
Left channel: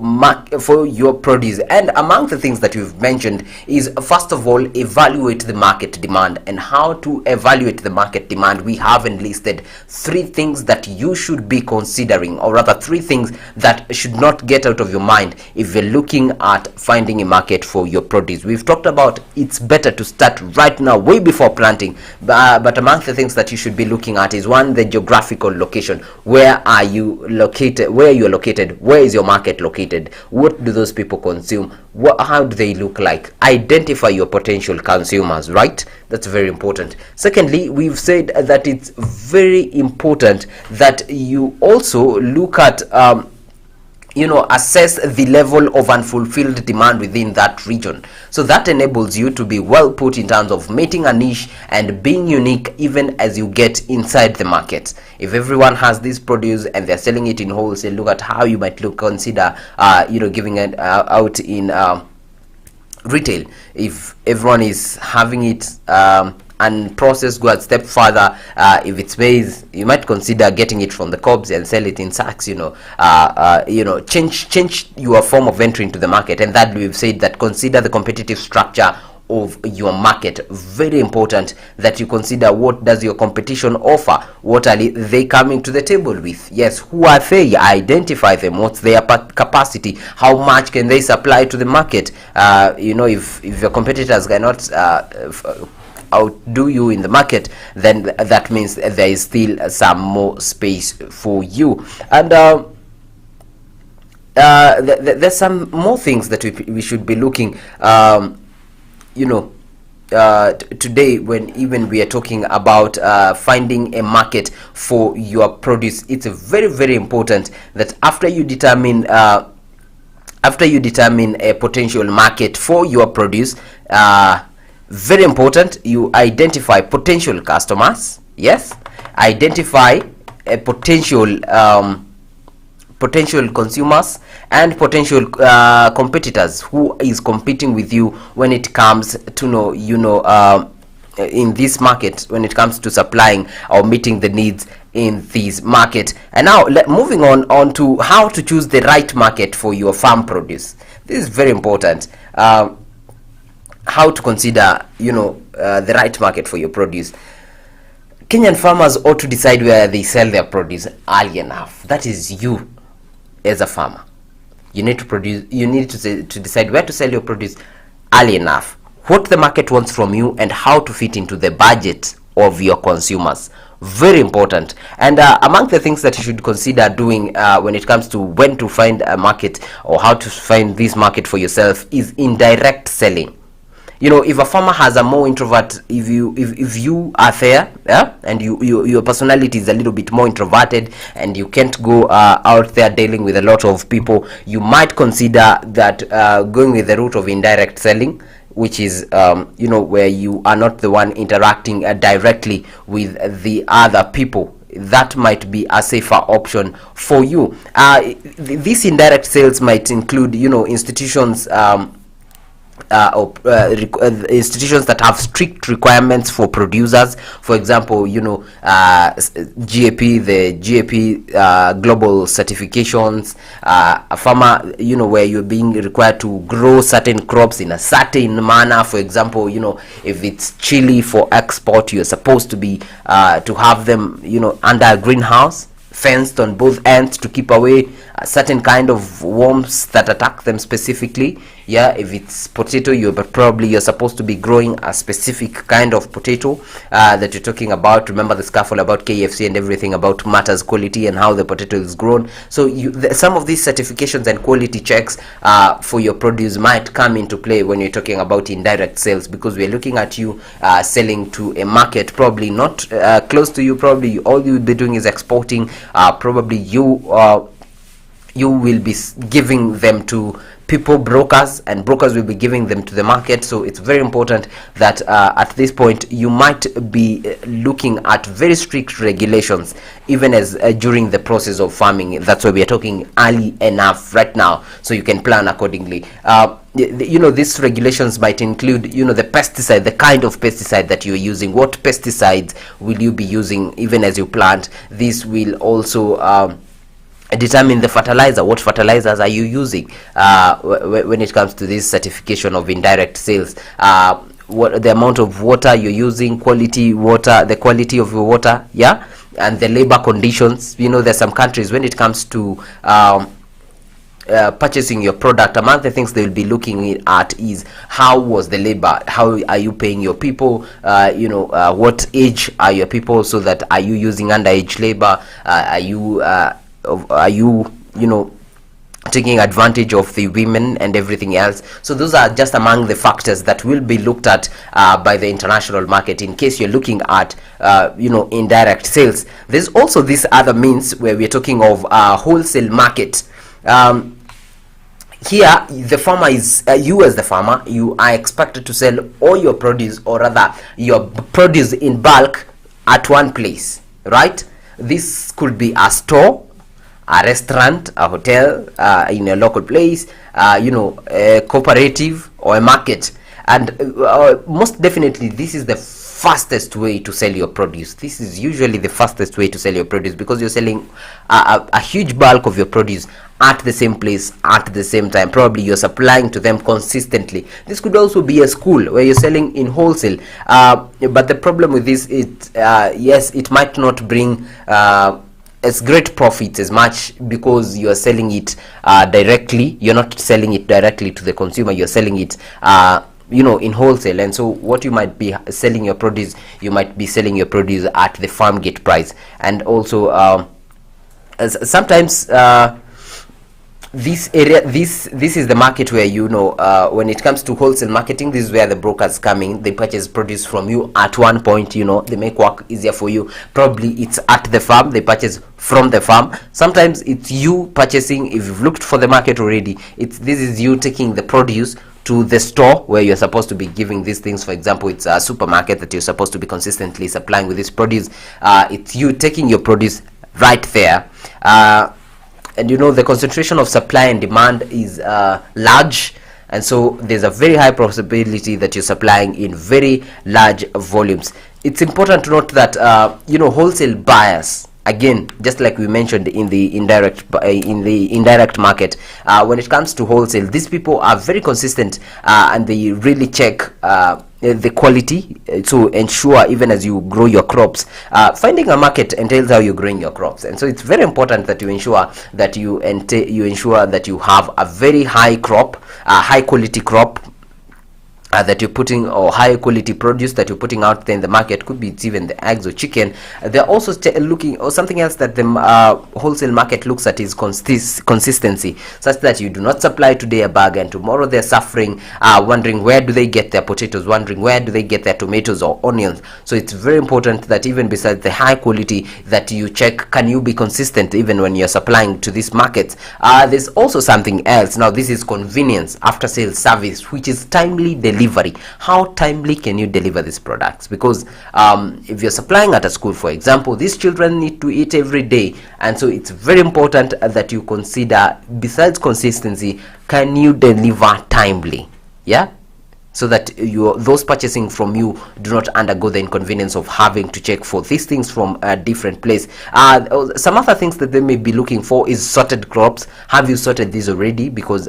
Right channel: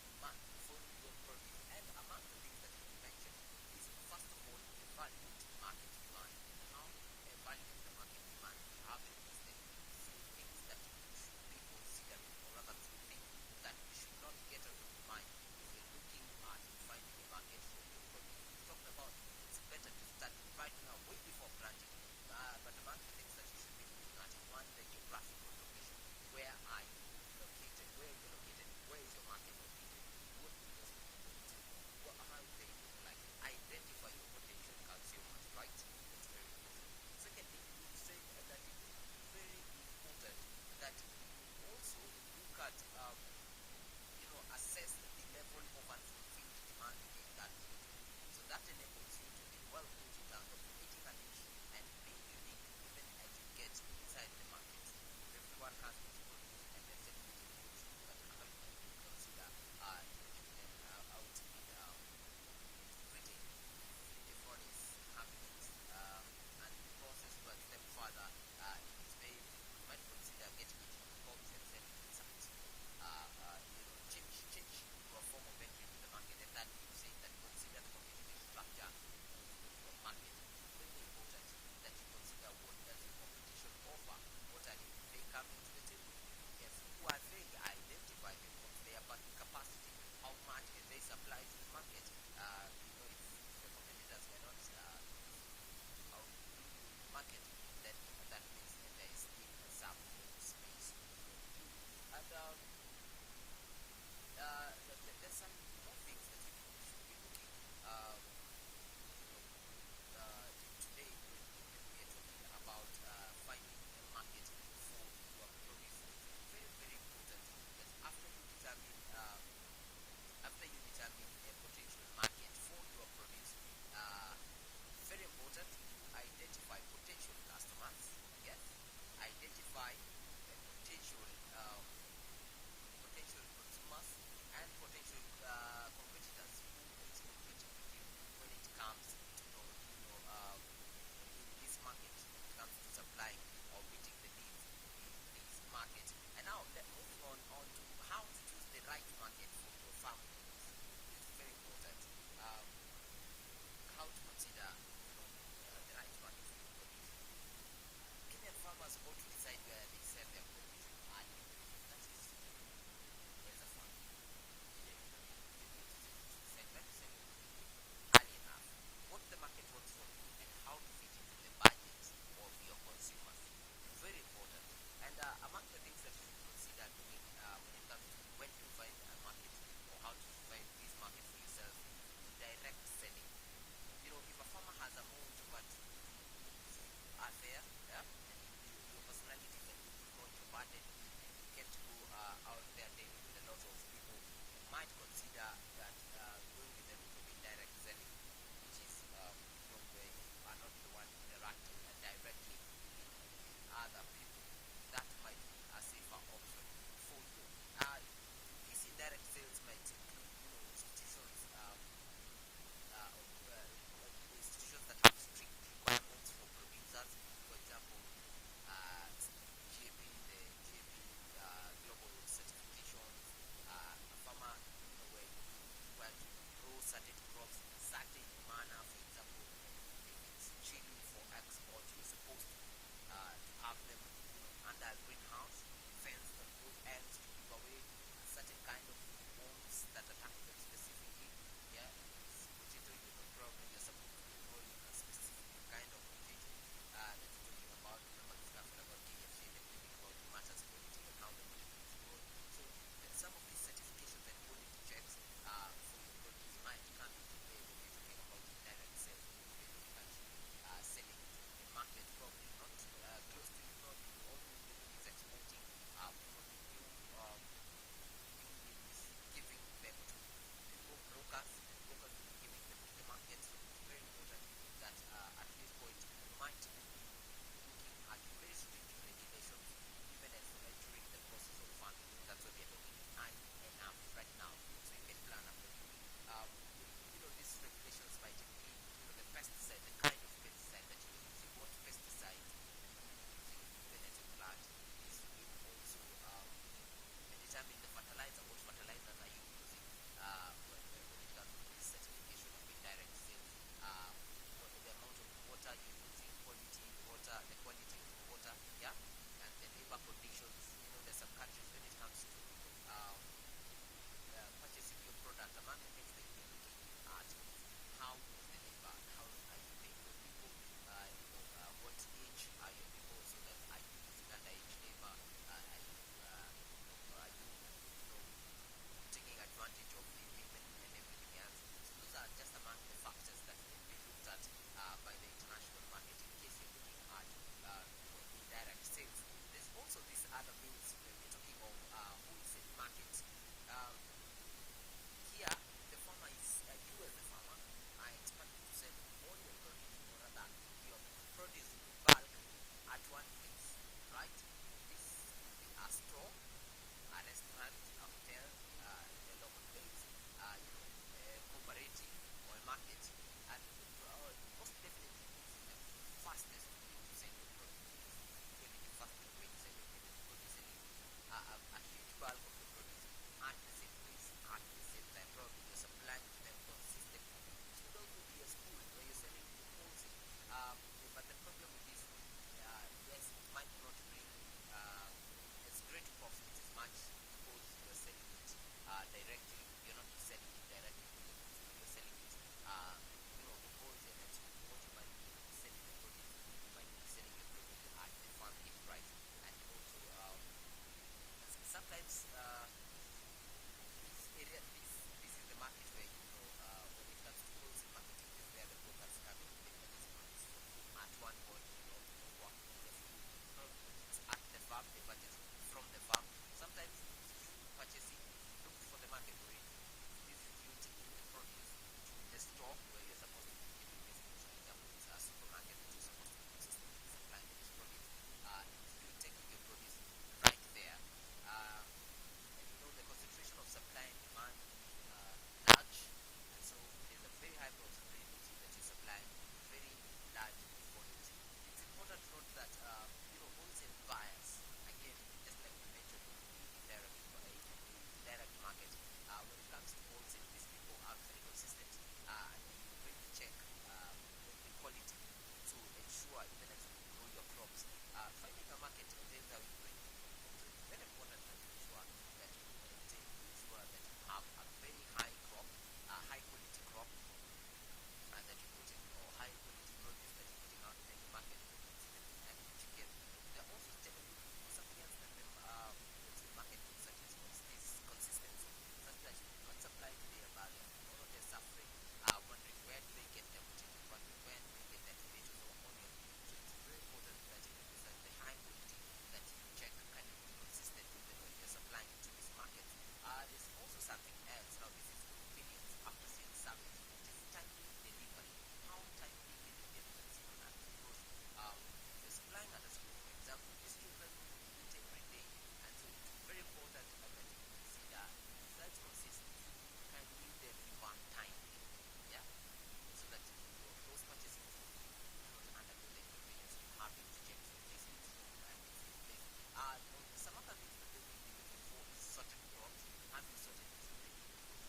produce. And among the things that we've mentioned is, first of all, evaluate the market demand. And how to evaluate the market demand, we have enlisted 3 things that you should be considering, or rather 3 things that should not get out of your mind if you're looking at finding a market for your produce. We've talked about it's better to start right now, way before planting, but among the things that you should be looking at is, 1, the geographical location. Where are you located? Where you're located? Where is your market located? What do those people consume? How do they look like? Identify your potential consumers, right? That's very important. Secondly, we've said that it's very important that you also look at assess the level of unfulfilled demand within that region. So that enables you to be well put in terms of meeting a niche and being unique even as you get inside the market. If everyone has this produce and they're selling it in wholesale, look at how you might consider giving it out in retail. If everyone is having it and process, go a step further. If it's maize, you might consider getting it from the cobs and sell it in sacks. Change your form of entry into the market. And that we've said that consider the competitive structure of your market. Very important that you consider, what does your competition offer? What are they coming to the table with? Yes, who are they? Identify them. What's their capacity? How much can they supply to the market? If your competitors cannot outdo you in the market, then that means there is still some more space for you. And there's some more things that we should be looking today, when even we are talking about finding a market for your produce. It's very, very important that after you determine a potential market for your produce, very important, you identify potential customers. Yes, identify a potential consumers and potential competitors who is competing with you when it comes to in this market, when it comes to supplying or meeting the needs in this market. And now moving on to how to choose the right market for your farm produce. This is very important. How to consider the right market for your produce. Kenyan farmers ought to decide where they sell their produce early enough. That is, you as a farmer, you need to decide where to sell your produce early enough, what the market wants from you, and how to fit into the budget of your consumers. Very important. And among the things that you should consider doing when it comes to when to find a market or how to find this market for yourself is indirect selling. If a farmer has a more introvert, if you are there, and your personality is a little bit more introverted and you can't go out there dealing with a lot of people, you might consider that going with the route of indirect selling, which is where you are not the one interacting directly with the other people. that might be a safer option for you. This indirect sales might include, institutions, institutions that have strict requirements for producers. For example, GAP, the GAP global certifications, a farmer, where you're being required to grow certain crops in a certain manner. For example, if it's chili for export, you're supposed to be to have them, under a greenhouse, fenced on both ends to keep away a certain kind of worms that attack them specifically. If it's potato, you're supposed to be growing a specific kind of potato that you're talking about. Remember the scuffle about KFC and everything about matters quality and how the potato is grown. So some of these certifications and quality checks for your produce might come into play when you're talking about indirect sales, because we're looking at you selling to a market probably not close to you. Probably all you'll be doing is exporting. Probably you will be giving them to people, brokers, and brokers will be giving them to the market. So it's very important that at this point you might be looking at very strict regulations, even as during the process of farming. That's why we are talking early enough right now, so you can plan accordingly. These regulations might include, the pesticide, the kind of pesticide that you're using. What pesticides will you be using even as you plant? This will also determine the fertilizer. What fertilizers are you using when it comes to this certification of indirect sales? What the amount of water you're using, quality water, the quality of your water, and the labor conditions. There's some countries, when it comes to purchasing your product, among the things they will be looking at is how was the labor, how are you paying your people, what age are your people, so that are you using underage labor, are you taking advantage of the women and everything else. So those are just among the factors that will be looked at by the international market in case you're looking at indirect sales. There's also this other means where we're talking of wholesale market. Here the farmer is you as the farmer, you are expected to sell all your produce, or rather your produce in bulk, at one place, right? This could be a store, a restaurant, a hotel, in a local place, a cooperative or a market. And most definitely this is the fastest way to sell your produce. This is usually the fastest way to sell your produce, because you're selling a huge bulk of your produce at the same place at the same time. Probably you're supplying to them consistently. This could also be a school where you're selling in wholesale, but the problem with this is yes, it might not bring as great profits as much, because you're selling it directly. You're not selling it directly to the consumer, you're selling it in wholesale. And so what you might be selling your produce, you might be selling your produce at the farm gate price. And also sometimes this is the market where when it comes to wholesale marketing, this is where the brokers come in. They purchase produce from you at one point. They make work easier for you. Probably it's at the farm, they purchase from the farm. Sometimes it's you purchasing. If you've looked for the market already, this is you taking the produce to the store where you're supposed to be giving these things. For example, it's a supermarket that you're supposed to be consistently supplying with this produce. It's you taking your produce right there. And the concentration of supply and demand is large, and so there's a very high possibility that you're supplying in very large volumes. It's important to note that wholesale buyers, again, just like we mentioned in the indirect market, when it comes to wholesale, these people are very consistent, and they really check the quality to ensure, even as you grow your crops, finding a market entails how you're growing your crops. And so it's very important that you ensure that you have a very high crop, a high quality crop that you're putting, or high quality produce that you're putting out there in the market. Could be it's even the eggs or chicken. They're also looking, or something else that the wholesale market looks at is consistency, such that you do not supply today a bag and tomorrow they're suffering, wondering where do they get their potatoes, wondering where do they get their tomatoes or onions. So it's very important that even besides the high quality, that you check, can you be consistent even when you're supplying to these markets. There's also something else. Now this is convenience, after sales service, which is timely delivery. delivery. How timely can you deliver these products? Because if you're supplying at a school, for example, these children need to eat every day, and so it's very important that you consider, besides consistency, can you deliver timely? Yeah, so that those purchasing from you do not undergo the inconvenience of having to check for these things from a different place. Some other things that they may be looking for is sorted crops. Have you sorted these already? Because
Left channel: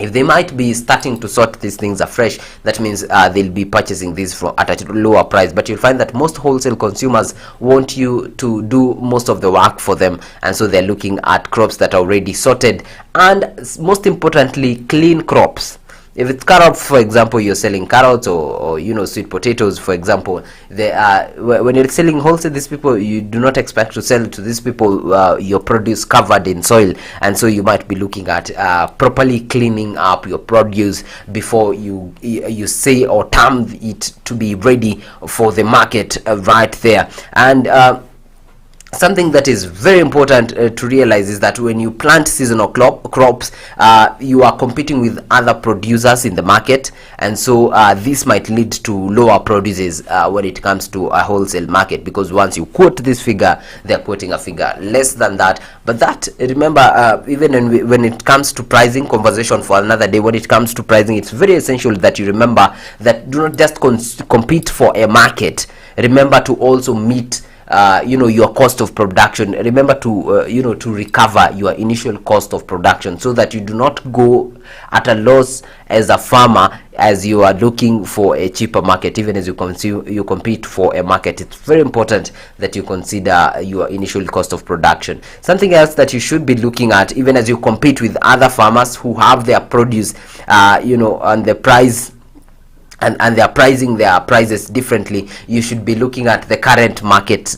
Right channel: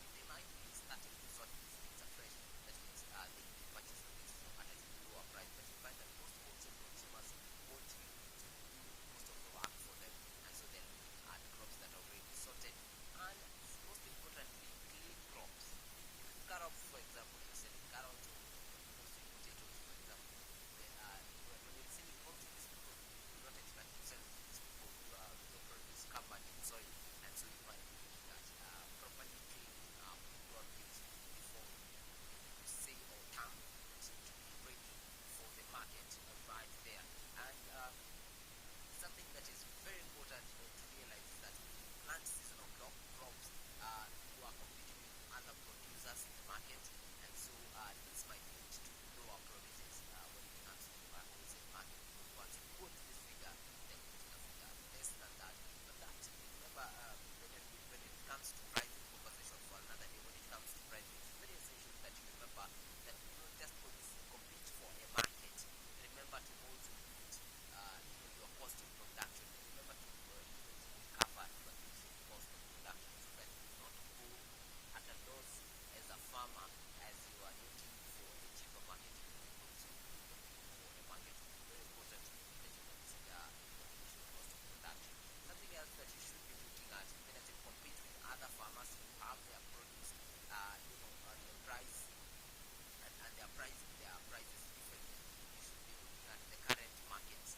if they might be starting to sort these things afresh, that means they'll be purchasing these from at a lower price. But you'll find that most wholesale consumers want you to do most of the work for them, and so they're looking at crops that are already sorted, and most importantly, clean crops. If it's carrots, for example, you're selling carrots, or sweet potatoes, for example, they are, when you're selling wholesale, these people, you do not expect to sell to these people your produce covered in soil, and so you might be looking at properly cleaning up your produce before you say or term it to be ready for the market right there. And something that is very important to realize is that when you plant seasonal crops, you are competing with other producers in the market, and so this might lead to lower produces when it comes to a wholesale market, because once you quote this figure, they're quoting a figure less than that. But that, remember, even when it comes to pricing, conversation for another day, when it comes to pricing, it's very essential that you remember that do not just compete for a market. Remember to also meet your cost of production. Remember to to recover your initial cost of production, so that you do not go at a loss as a farmer as you are looking for a cheaper market. Even as you compete for a market, it's very important that you consider your initial cost of production. Something else that you should be looking at, even as you compete with other farmers who have their produce on the price, and they are pricing their prices differently, you should be looking at the current market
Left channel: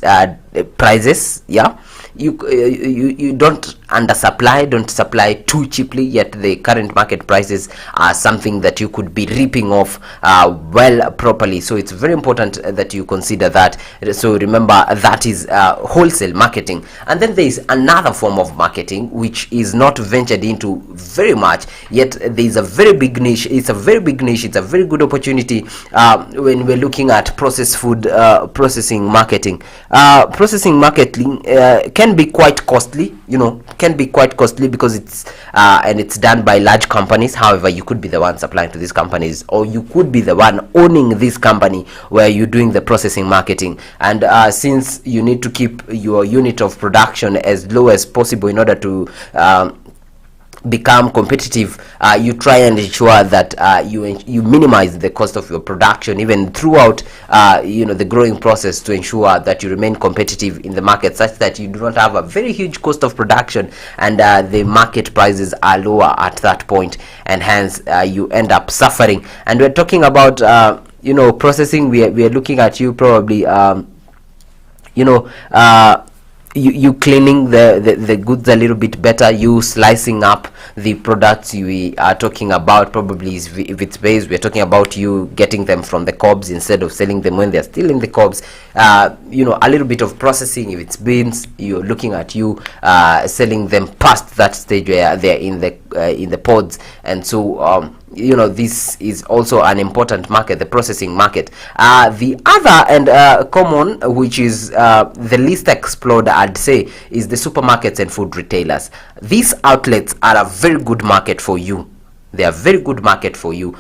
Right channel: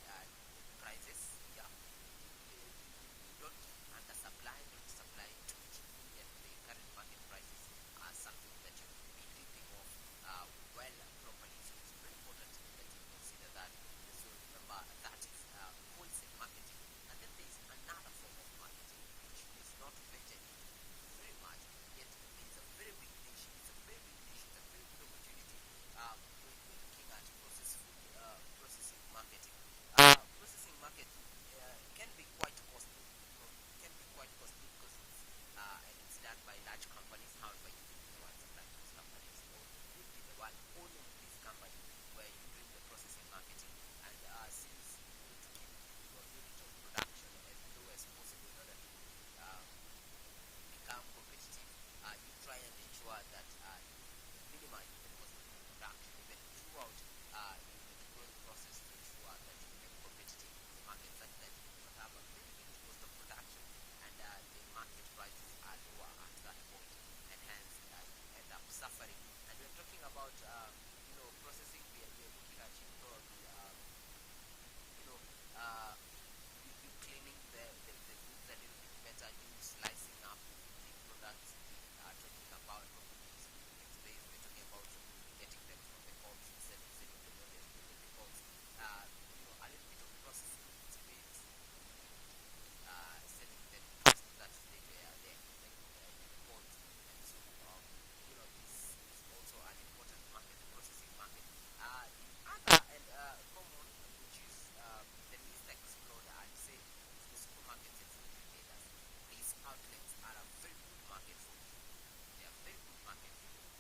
prices. Yeah, you don't undersupply, don't supply too cheaply, yet the current market prices are something that you could be ripping off properly. So it's very important that you consider that. So remember, that is wholesale marketing. And then there is another form of marketing which is not ventured into very much, yet there is a very big niche. It's a very big niche. It's a very good opportunity when we're looking at processed food processing marketing. Processing marketing can be quite costly, because it's done by large companies. However, you could be the one supplying to these companies, or you could be the one owning this company where you're doing the processing marketing. And since you need to keep your unit of production as low as possible in order to become competitive, you try and ensure that you minimize the cost of your production even throughout the growing process, to ensure that you remain competitive in the market, such that you do not have a very huge cost of production and the market prices are lower at that point, and hence you end up suffering. And we're talking about processing. We are looking at you probably you cleaning the goods a little bit better, you slicing up the products we are talking about. Probably if it's maize, we're talking about you getting them from the cobs instead of selling them when they're still in the cobs. A little bit of processing. If it's beans, you're looking at you selling them past that stage where they're in the pods. And so this is also an important market, the processing market. The other and common, which is the least explored, I'd say, is the supermarkets and food retailers. These outlets are a very good market for you. They are very good market for you.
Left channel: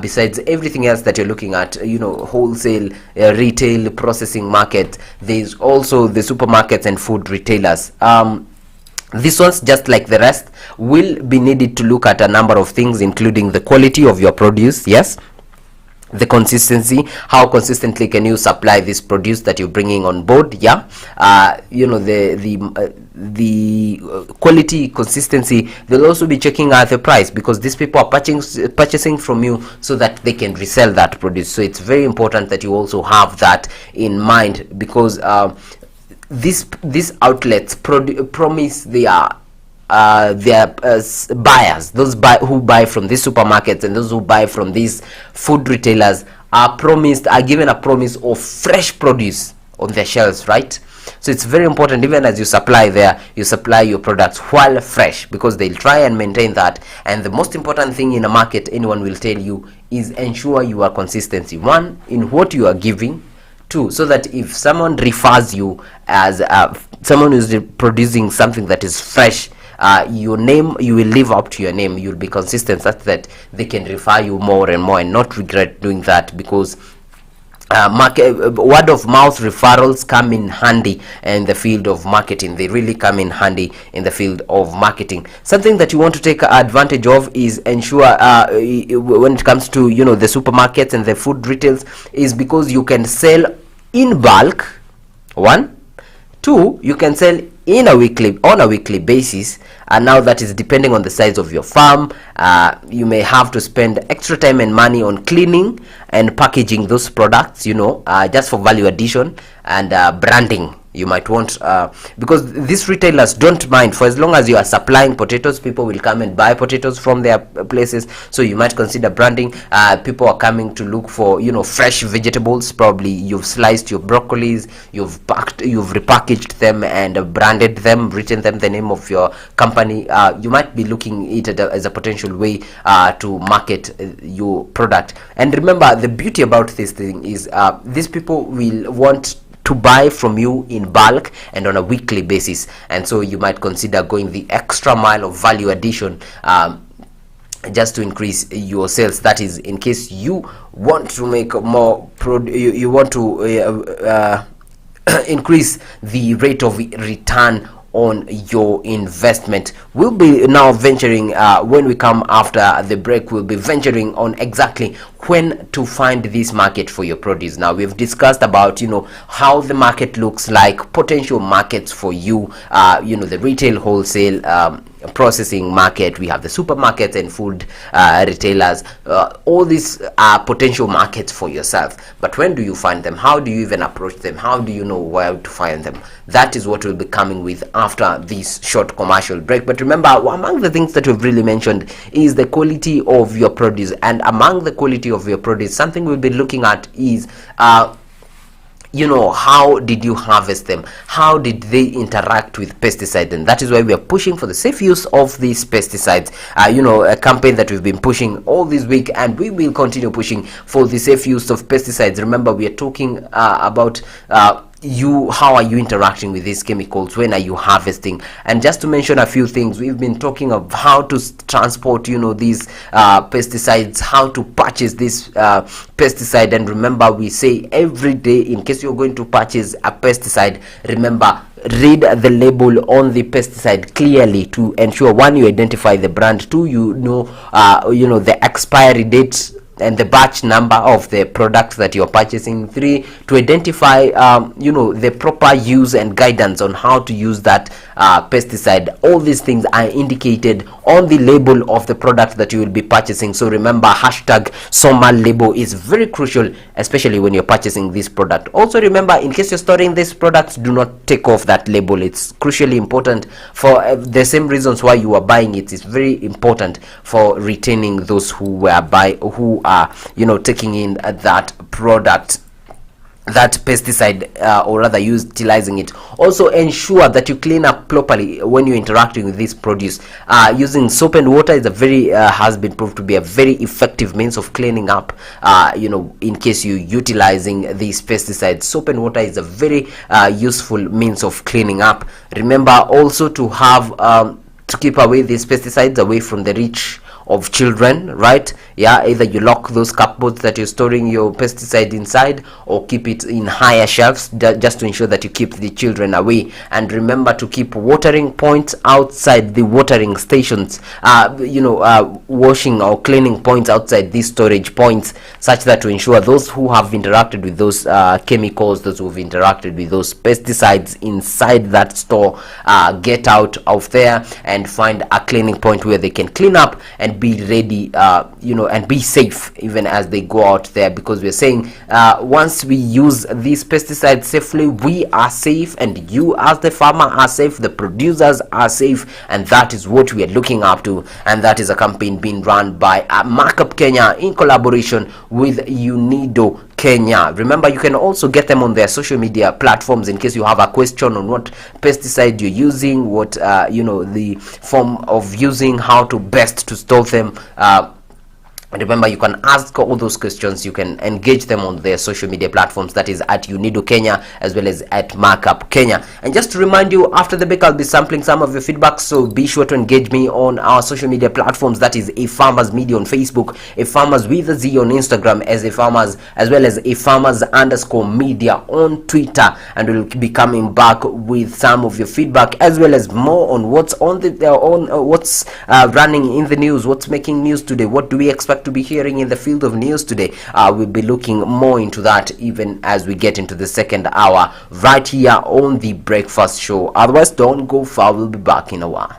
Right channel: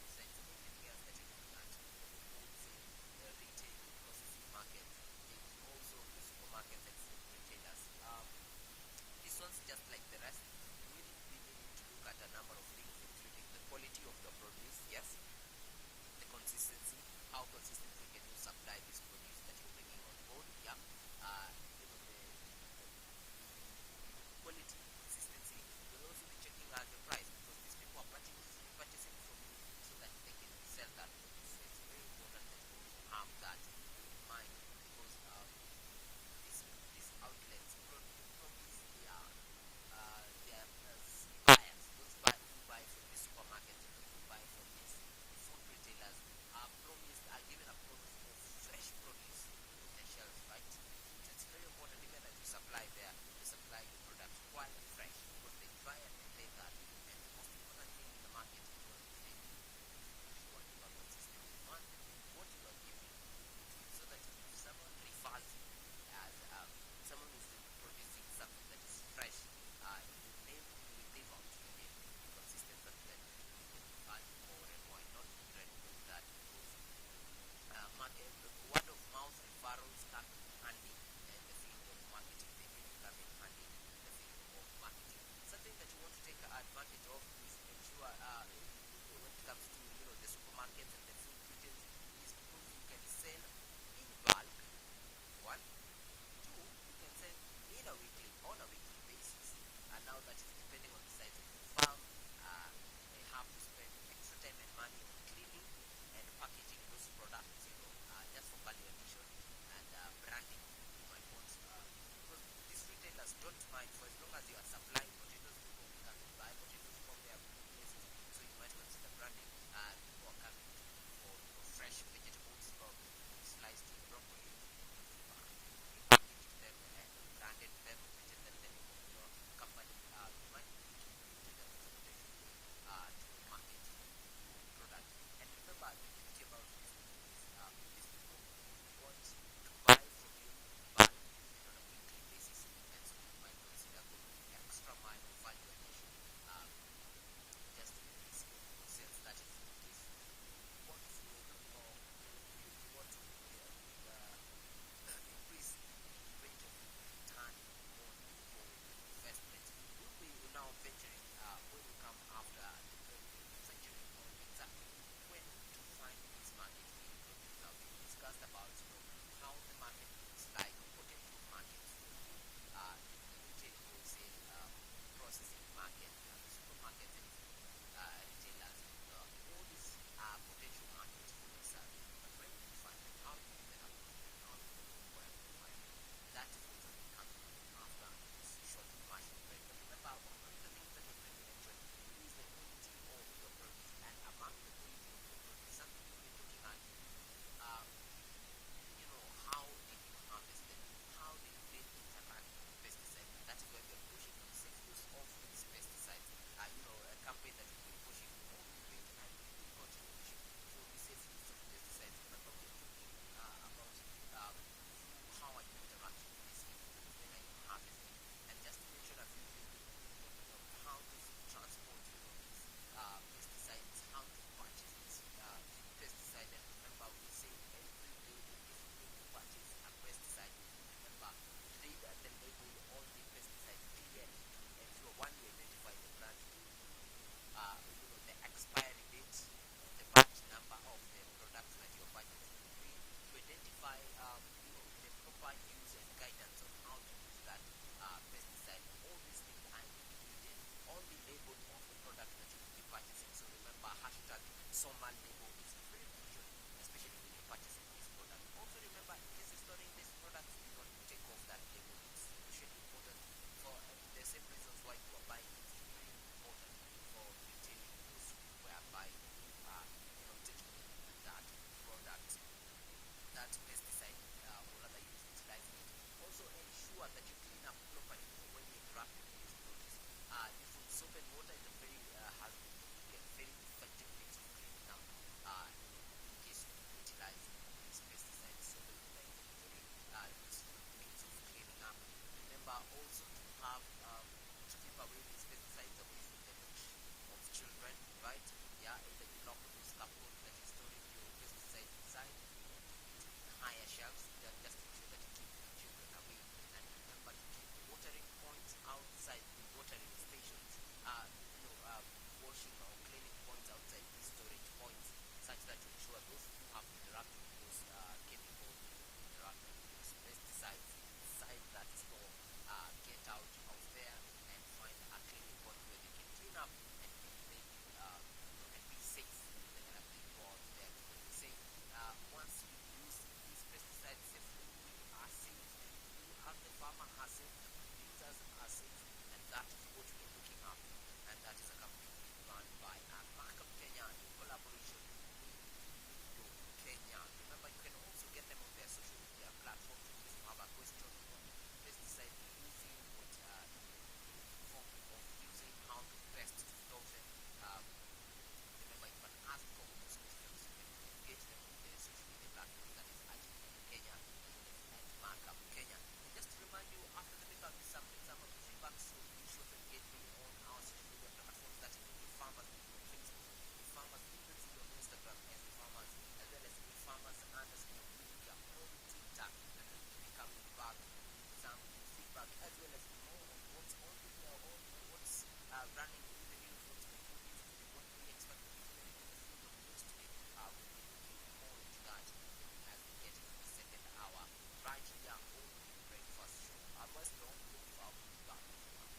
Besides everything else that you're looking at, wholesale, retail, processing market, there's also the supermarkets and food retailers. These ones, just like the rest, will be needed to look at a number of things, including the quality of your produce, yes, the consistency, how consistently can you supply this produce that you're bringing on board, yeah, the quality, consistency. They'll also be checking out the price, because these people are purchasing from you so that they can resell that produce. So it's very important that you also have that in mind, because these outlets promise their buyers, those who buy from these supermarkets and those who buy from these food retailers, are given a promise of fresh produce on their shelves, right? So it's very important, even as you supply there, you supply your products while fresh, because they'll try and maintain that. And the most important thing in a market, anyone will tell you, is ensure you are consistency. One, in what you are giving. Two, so that if someone refers you as someone who's producing something that is fresh, your name, you will live up to your name. You'll be consistent such that they can refer you more and more and not regret doing that, because word of mouth referrals come in handy in the field of marketing. They really come in handy in the field of marketing. Something that you want to take advantage of is ensure when it comes to the supermarkets and the food retails, is because you can sell in bulk. One. Two, you can sell on a weekly basis, and now that is depending on the size of your farm. You may have to spend extra time and money on cleaning and packaging those products, just for value addition and branding. You might want, because these retailers don't mind, for as long as you are supplying potatoes, people will come and buy potatoes from their places. So you might consider branding. People are coming to look for fresh vegetables. Probably you've sliced your broccolis, you've repackaged them and branded them, written them the name of your company. You might be looking at it as a potential way to market your product. And remember, the beauty about this thing is these people will want to buy from you in bulk and on a weekly basis, and so you might consider going the extra mile of value addition just to increase your sales. That is, in case you want to make more you want to increase the rate of return on your investment. We'll be now venturing, when we come after the break, we'll be venturing on exactly when to find this market for your produce. Now, we've discussed about how the market looks like, potential markets for you, the retail, wholesale, processing market. We have the supermarkets and food retailers. All these are potential markets for yourself. But when do you find them? How do you even approach them? How do you know where to find them? That is what we'll be coming with after this short commercial break. But remember, among the things that we've really mentioned is the quality of your produce. And among the quality of your produce, something we'll be looking at is how did you harvest them? How did they interact with pesticides? And that is why we are pushing for the safe use of these pesticides. A campaign that we've been pushing all this week, and we will continue pushing for the safe use of pesticides. Remember, we are talking about how are you interacting with these chemicals? When are you harvesting? And just to mention a few things, we've been talking of how to transport these pesticides, how to purchase this pesticide. And remember, we say every day, in case you're going to purchase a pesticide, remember, read the label on the pesticide clearly to ensure, one, you identify the brand, two, the expiry date and the batch number of the products that you're purchasing, three, to identify the proper use and guidance on how to use that pesticide. All these things are indicated on the label of the product that you will be purchasing. So remember, hashtag SOMA label is very crucial, especially when you're purchasing this product. Also remember, in case you're storing these products, do not take off that label. It's crucially important for the same reasons why you are buying it. It's very important for retaining those who are taking in that product, that pesticide, or rather utilizing it. Also ensure that you clean up properly when you're interacting with this produce. Using soap and water is has been proved to be a very effective means of cleaning up. In case you're utilizing these pesticides, soap and water is a very useful means of cleaning up. Remember also to have to keep away these pesticides away from the reach of children, right? Either you lock those cupboards that you're storing your pesticide inside, or keep it in higher shelves, just to ensure that you keep the children away. And remember to keep watering points outside the watering stations, washing or cleaning points outside these storage points, such that to ensure those who have interacted with those chemicals, those who have interacted with those pesticides inside that store, get out of there and find a cleaning point where they can clean up and be ready, and be safe even as they go out there. Because we're saying once we use these pesticides safely, we are safe, and you as the farmer are safe, the producers are safe, and that is what we are looking up to. And that is a campaign being run by Markup Kenya in collaboration with UNIDO Kenya. Remember, you can also get them on their social media platforms in case you have a question on what pesticide you're using, what the form of using, how to best to store them. Remember, you can ask all those questions. You can engage them on their social media platforms, that is at Unido Kenya as well as at Markup Kenya. And just to remind you, after the break I'll be sampling some of your feedback, so be sure to engage me on our social media platforms, that is Afarmers Media on Facebook, Afarmers with a Z on Instagram, as Afarmers, as well as Afarmers_media on Twitter. And we'll be coming back with some of your feedback as well as more on what's on the what's running in the news, what's making news today, what do we expect to be hearing in the field of news today. We'll be looking more into that even as we get into the second hour right here on the Breakfast Show. Otherwise, don't go far. We'll be back in a while.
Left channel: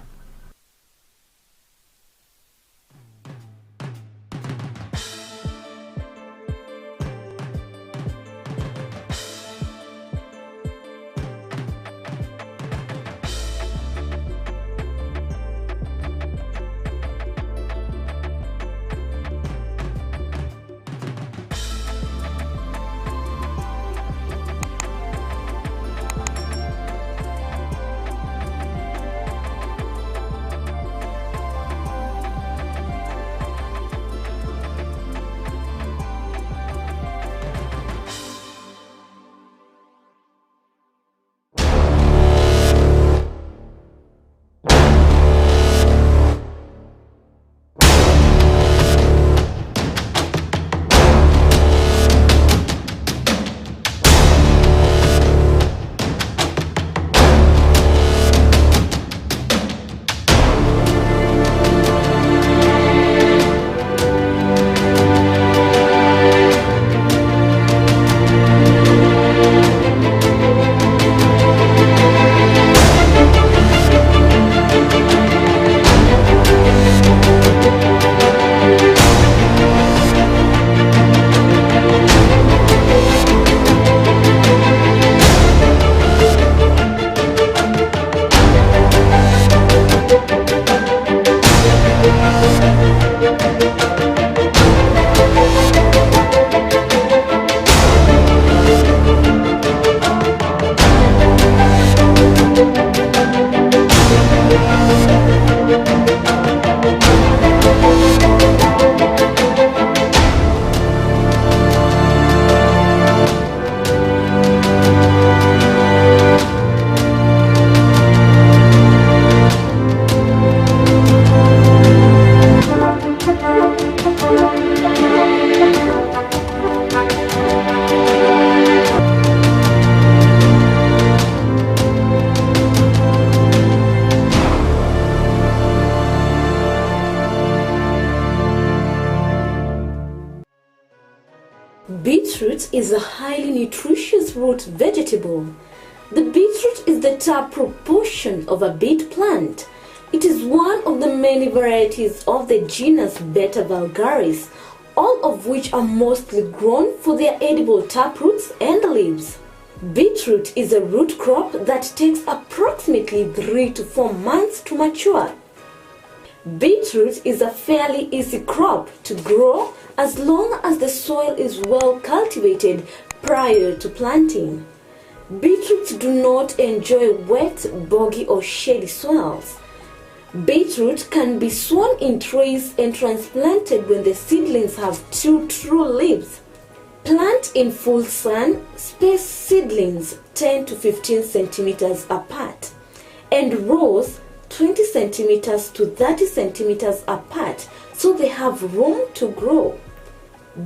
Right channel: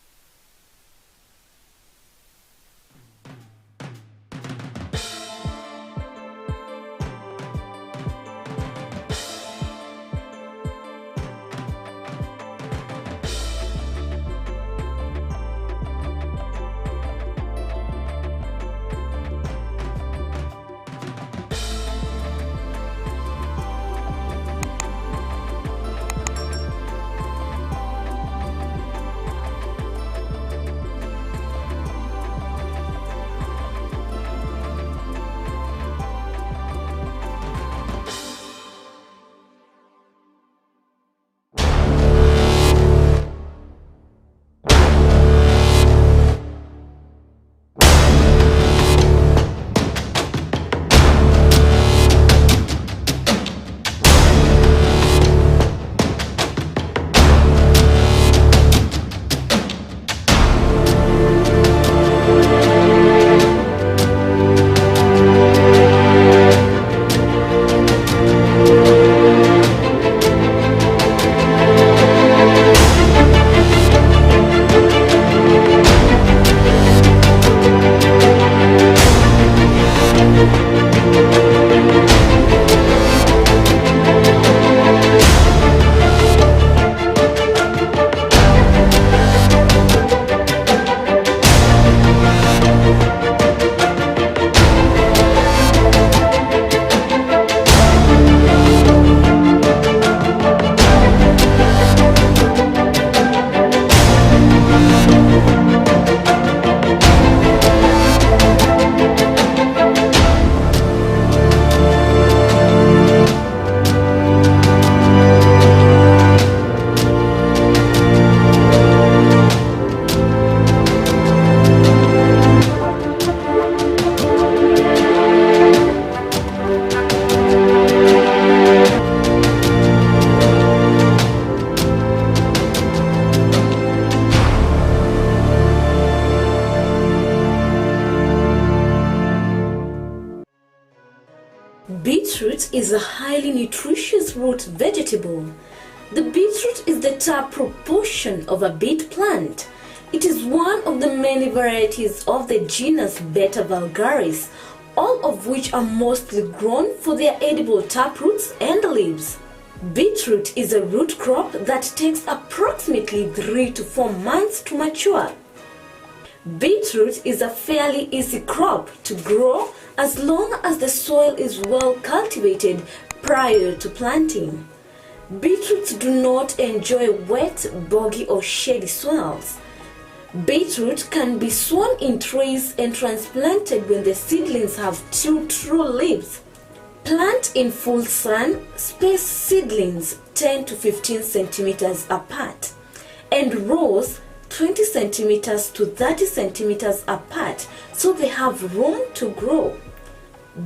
Beetroot is a highly nutritious root vegetable. The beetroot is the top proportion of a beet plant. It is one of the many varieties of the genus Beta vulgaris, all of which are mostly grown for their edible taproots and leaves. Beetroot is a root crop that takes approximately 3 to 4 months to mature. Beetroot is a fairly easy crop to grow as long as the soil is well cultivated prior to planting. Beetroots do not enjoy wet, boggy or shady soils. Beetroot can be sown in trays and transplanted when the seedlings have 2 true leaves. Plant in full sun, space seedlings 10 to 15 centimeters apart, and rows 20 centimeters to 30 centimeters apart so they have room to grow.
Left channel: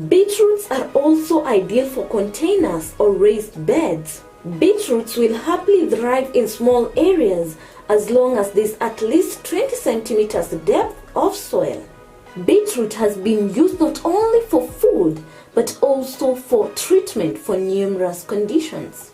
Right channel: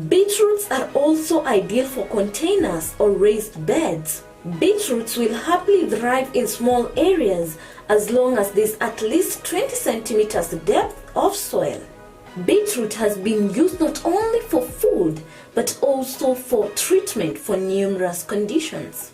Beetroots are also ideal for containers or raised beds. Beetroots will happily thrive in small areas as long as there is at least 20 centimeters depth of soil. Beetroot has been used not only for food but also for treatment for numerous conditions.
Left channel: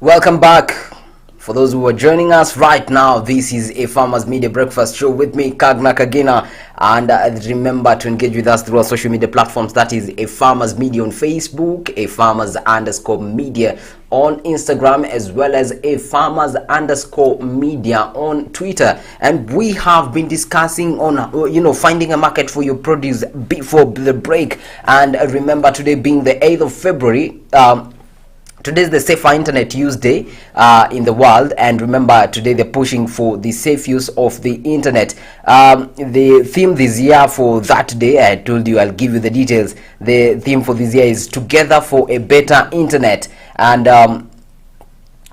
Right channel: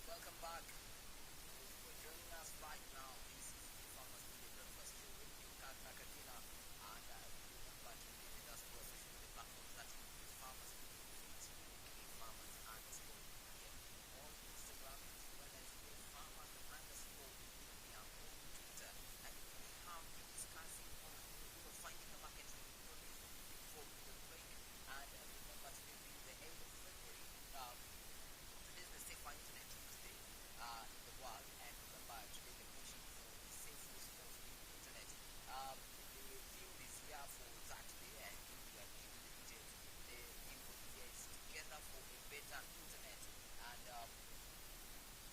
Welcome back. For those who are joining us right now, this is a Farmers Media Breakfast Show with me, Kagna Kagina. And remember to engage with us through our social media platforms. That is a Farmers Media on Facebook, a Farmers_media on Instagram, as well as a Farmers_media on Twitter. And we have been discussing on finding a market for your produce before the break. And remember, today being the 8th of February, today is the Safer Internet Use Day in the world, and remember, today they're pushing for the safe use of the internet. The theme this year for that day, I told you I'll give you the details. The theme for this year is Together for a Better Internet, and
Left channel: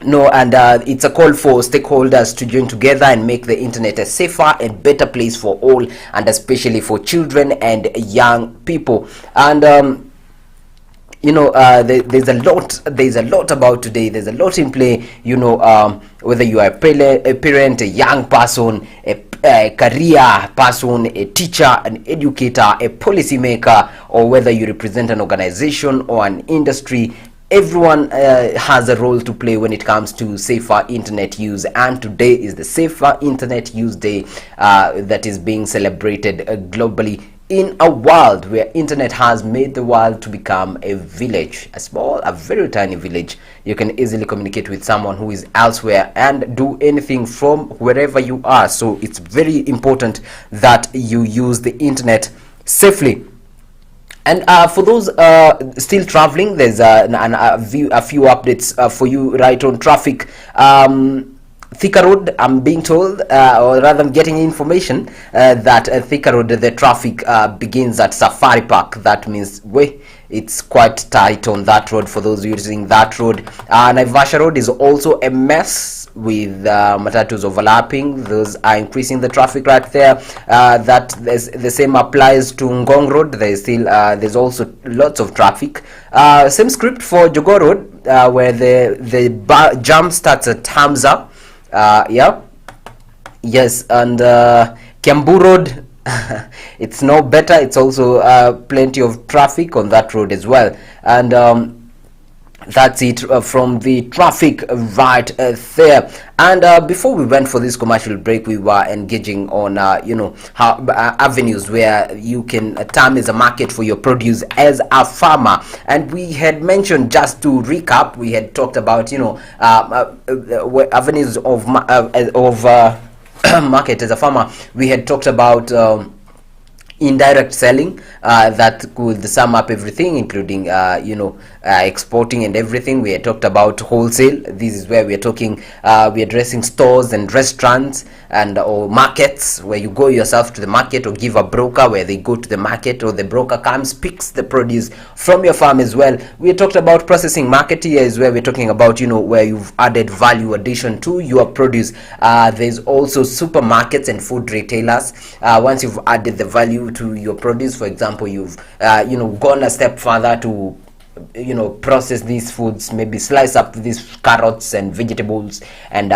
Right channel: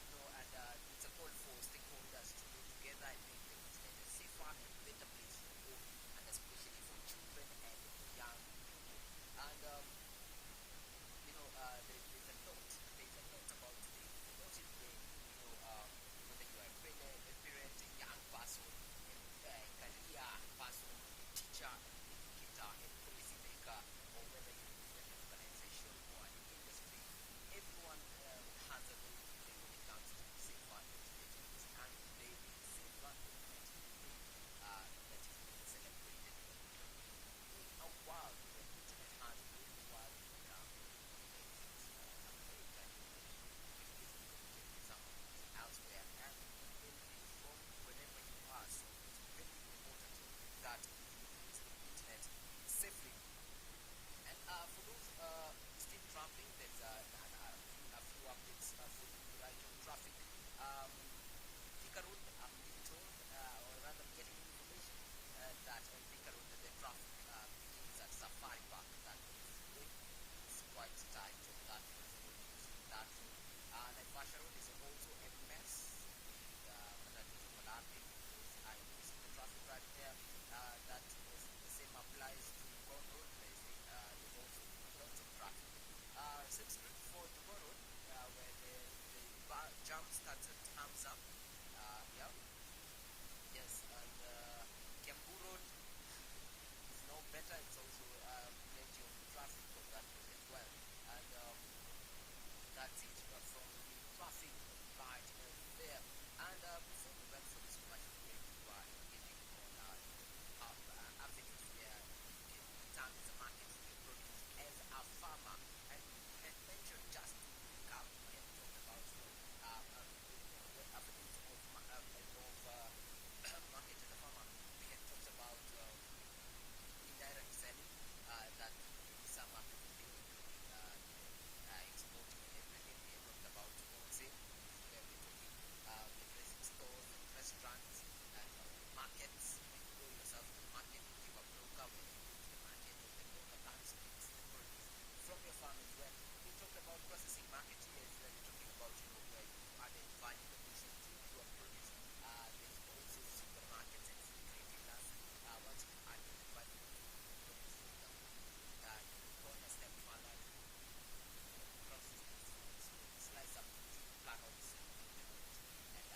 it's a call for stakeholders to join together and make the internet a safer and better place for all, and especially for children and young people. And there's a lot about today. There's a lot in play. Whether you are a parent, a young person, a career person, a teacher, an educator, a policymaker, or whether you represent an organization or an industry, everyone has a role to play when it comes to safer internet use. And today is the Safer Internet Use Day that is being celebrated globally, in a world where internet has made the world to become a village, a very tiny village. You can easily communicate with someone who is elsewhere and do anything from wherever you are. So it's very important that you use the internet safely. And for those still traveling, there's a few updates for you right on traffic. Thika Road, I'm being told, or rather I'm getting information that Thika Road, the traffic begins at Safari Park. That means it's quite tight on that road for those using that road. Naivasha Road is also a mess with matatus overlapping. Those are increasing the traffic right there. The same applies to Ngong Road. There's also lots of traffic. Same script for Jogoo Road, where the jam starts at Hamza. Yes, and Kiambu Road, it's no better. It's also plenty of traffic on that road as well. And that's it from the traffic right there. And before we went for this commercial break, we were engaging on avenues where you can term as a market for your produce as a farmer. And we had mentioned, just to recap, we had talked about avenues of market as a farmer. We had talked about indirect selling, that could sum up everything, including exporting and everything. We had talked about wholesale. This is where we're talking, we're addressing stores and restaurants or markets, where you go yourself to the market, or give a broker where they go to the market, or the broker comes, picks the produce from your farm as well. We had talked about processing market. Here is where we're talking about where you've added value addition to your produce. There's also supermarkets and food retailers. Once you've added the value to your produce, for example, you've gone a step further to process these foods, maybe slice up these carrots and vegetables and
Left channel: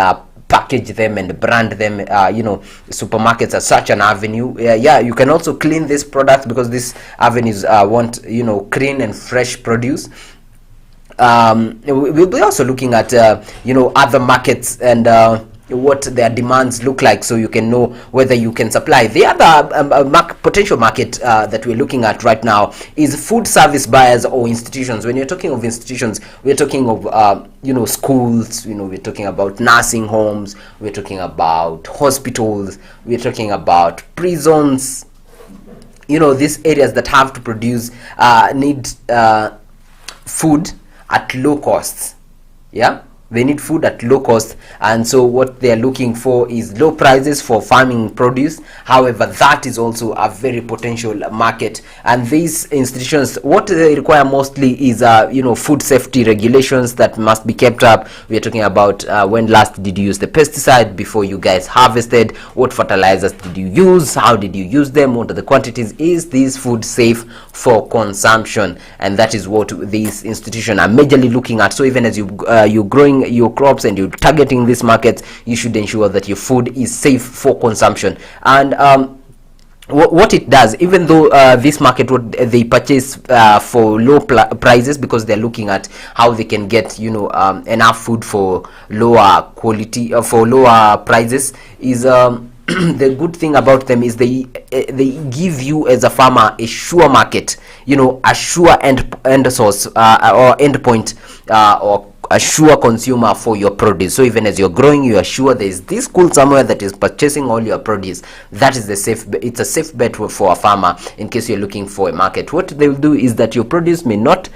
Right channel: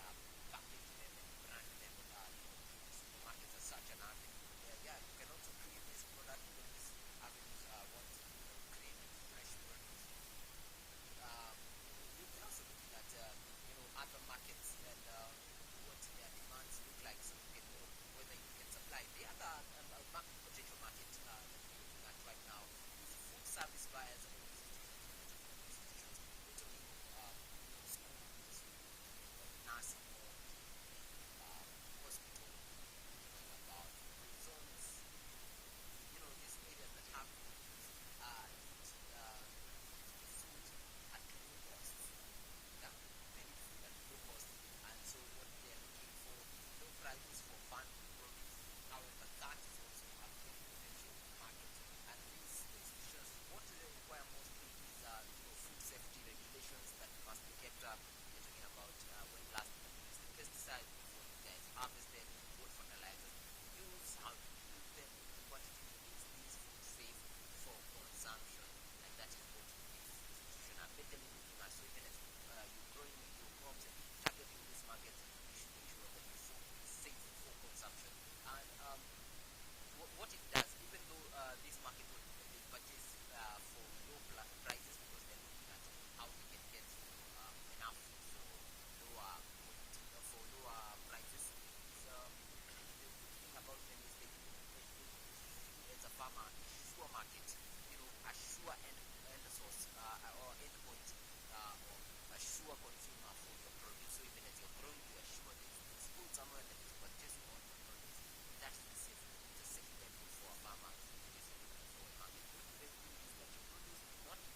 package them and brand them. Supermarkets are such an avenue. You can also clean these products, because these avenues want clean and fresh produce. We'll be also looking at other markets and what their demands look like, so you can know whether you can supply. The other potential market that we're looking at right now is food service buyers or institutions. When you're talking of institutions, we're talking of schools, we're talking about nursing homes, we're talking about hospitals, we're talking about prisons. These areas that have to produce need food at low costs. They need food at low cost, and so what they're looking for is low prices for farming produce. However, that is also a very potential market, and these institutions, what they require mostly is food safety regulations that must be kept up. We're talking about when last did you use the pesticide before you guys harvested, what fertilizers did you use, how did you use them, what are the quantities, is this food safe for consumption? And that is what these institutions are majorly looking at. So even as you're growing your crops and you're targeting these markets, you should ensure that your food is safe for consumption. And what it does, even though this market, what they purchase for low prices, because they're looking at how they can get, enough food for lower quality, for lower prices, is the good thing about them is they give you as a farmer a sure market, a sure end source, or end point, or a sure consumer for your produce. So even as you're growing, you are sure there is this school somewhere that is purchasing all your produce. That is it's a safe bet for a farmer in case you're looking for a market. What they will do is that your produce may not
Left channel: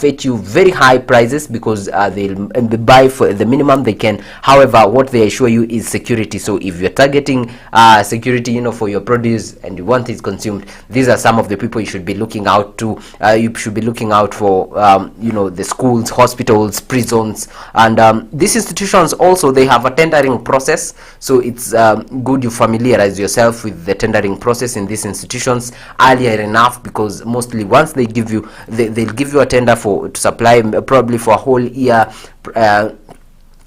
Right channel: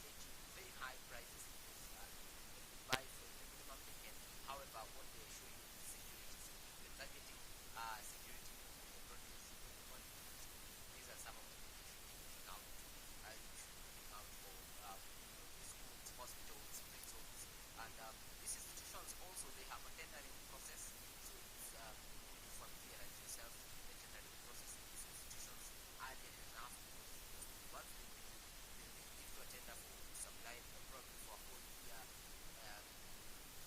fetch you very high prices, because they'll buy for the minimum they can. However, what they assure you is security. So if you're targeting security, for your produce, and you want it consumed, these are some of the people you should be looking out to. You should be looking out for, the schools, hospitals, prisons, and these institutions also, they have a tendering process. So it's good you familiarize yourself with the tendering process in these institutions earlier enough, because mostly once they give you, they'll give you a tender to supply probably for a whole year,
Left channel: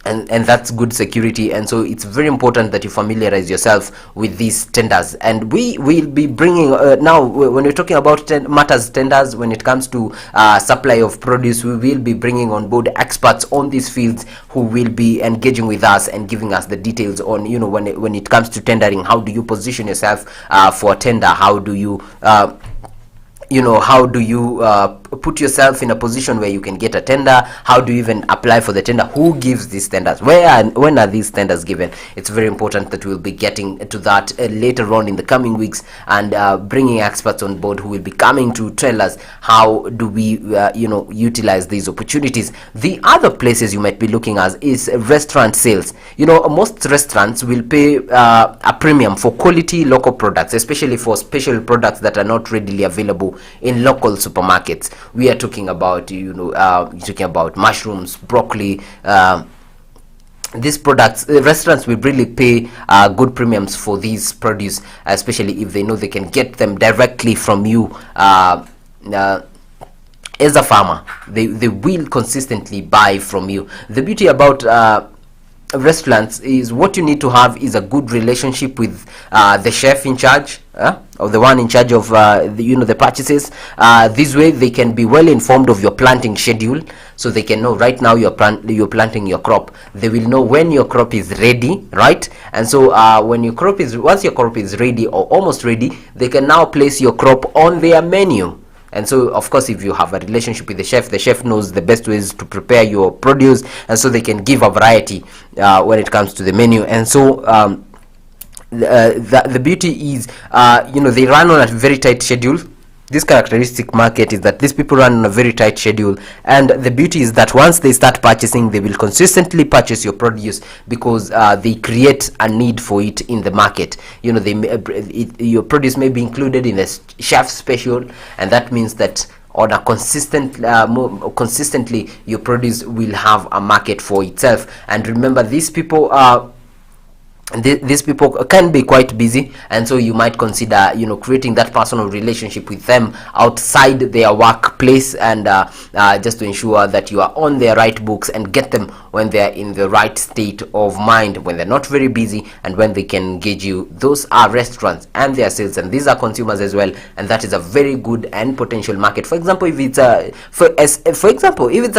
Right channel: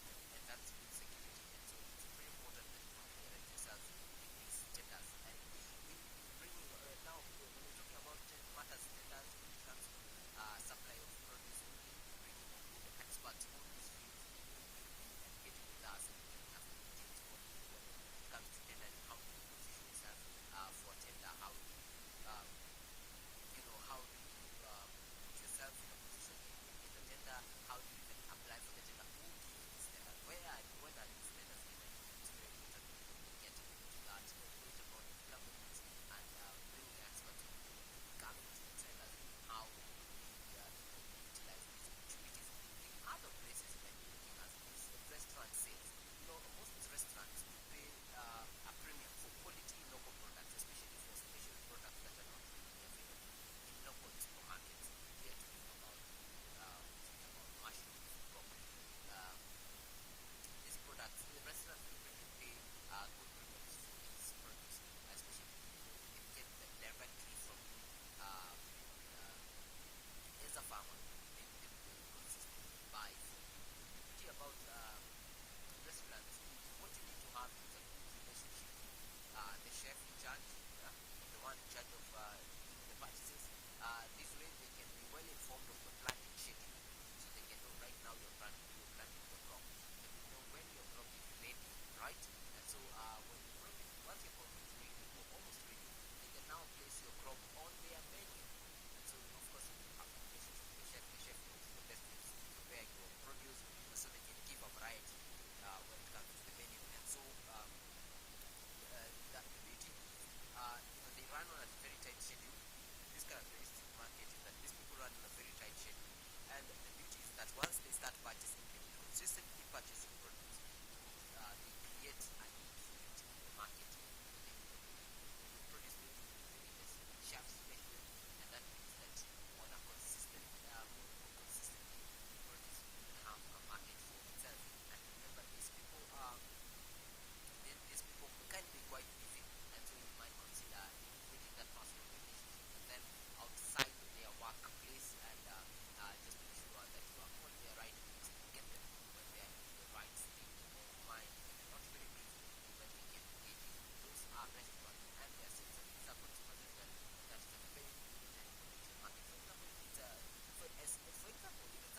and that's good security. And so it's very important that you familiarize yourself with these tenders. And we will be bringing now, when we're talking about tenders, when it comes to supply of produce, we will be bringing on board experts on these fields who will be engaging with us and giving us the details on, when it comes to tendering, how do you position yourself for a tender, how do you put yourself in a position where you can get a tender, how do you even apply for the tender, who gives these tenders, when are these tenders given. It's very important that we'll be getting to that later on in the coming weeks, and bringing experts on board who will be coming to tell us how do we utilize these opportunities. The other places you might be looking at is restaurant sales. Most restaurants will pay a premium for quality local products, especially for special products that are not readily available in local supermarkets. We are talking about mushrooms, broccoli, these products. Restaurants will really pay good premiums for these produce, especially if they know they can get them directly from you. As a farmer, they will consistently buy from you. The beauty about restaurants is, what you need to have is a good relationship with the chef in charge, or the one in charge of the purchases. This way they can be well informed of your planting schedule, so they can know right now you're planting your crop. They will know when your crop is ready, right? And so once your crop is ready or almost ready, they can now place your crop on their menu. And so, of course, if you have a relationship with the chef knows the best ways to prepare your produce, and so they can give a variety when it comes to the menu. And so the beauty is, they run on a very tight schedule. This characteristic market is that these people run on a very tight schedule, and the beauty is that once they start purchasing, they will consistently purchase your produce, because they create a need for it in the market. Your produce may be included in a chef special, and that means that on a consistently your produce will have a market for itself. And remember, these people can be quite busy, and so you might consider creating that personal relationship with them outside their workplace, and just to ensure that you are on their right books and get them when they're in the right state of mind, when they're not very busy, and when they can engage you. Those are restaurants and their sales, and these are consumers as well, and that is a very good and potential market. For example, if it's a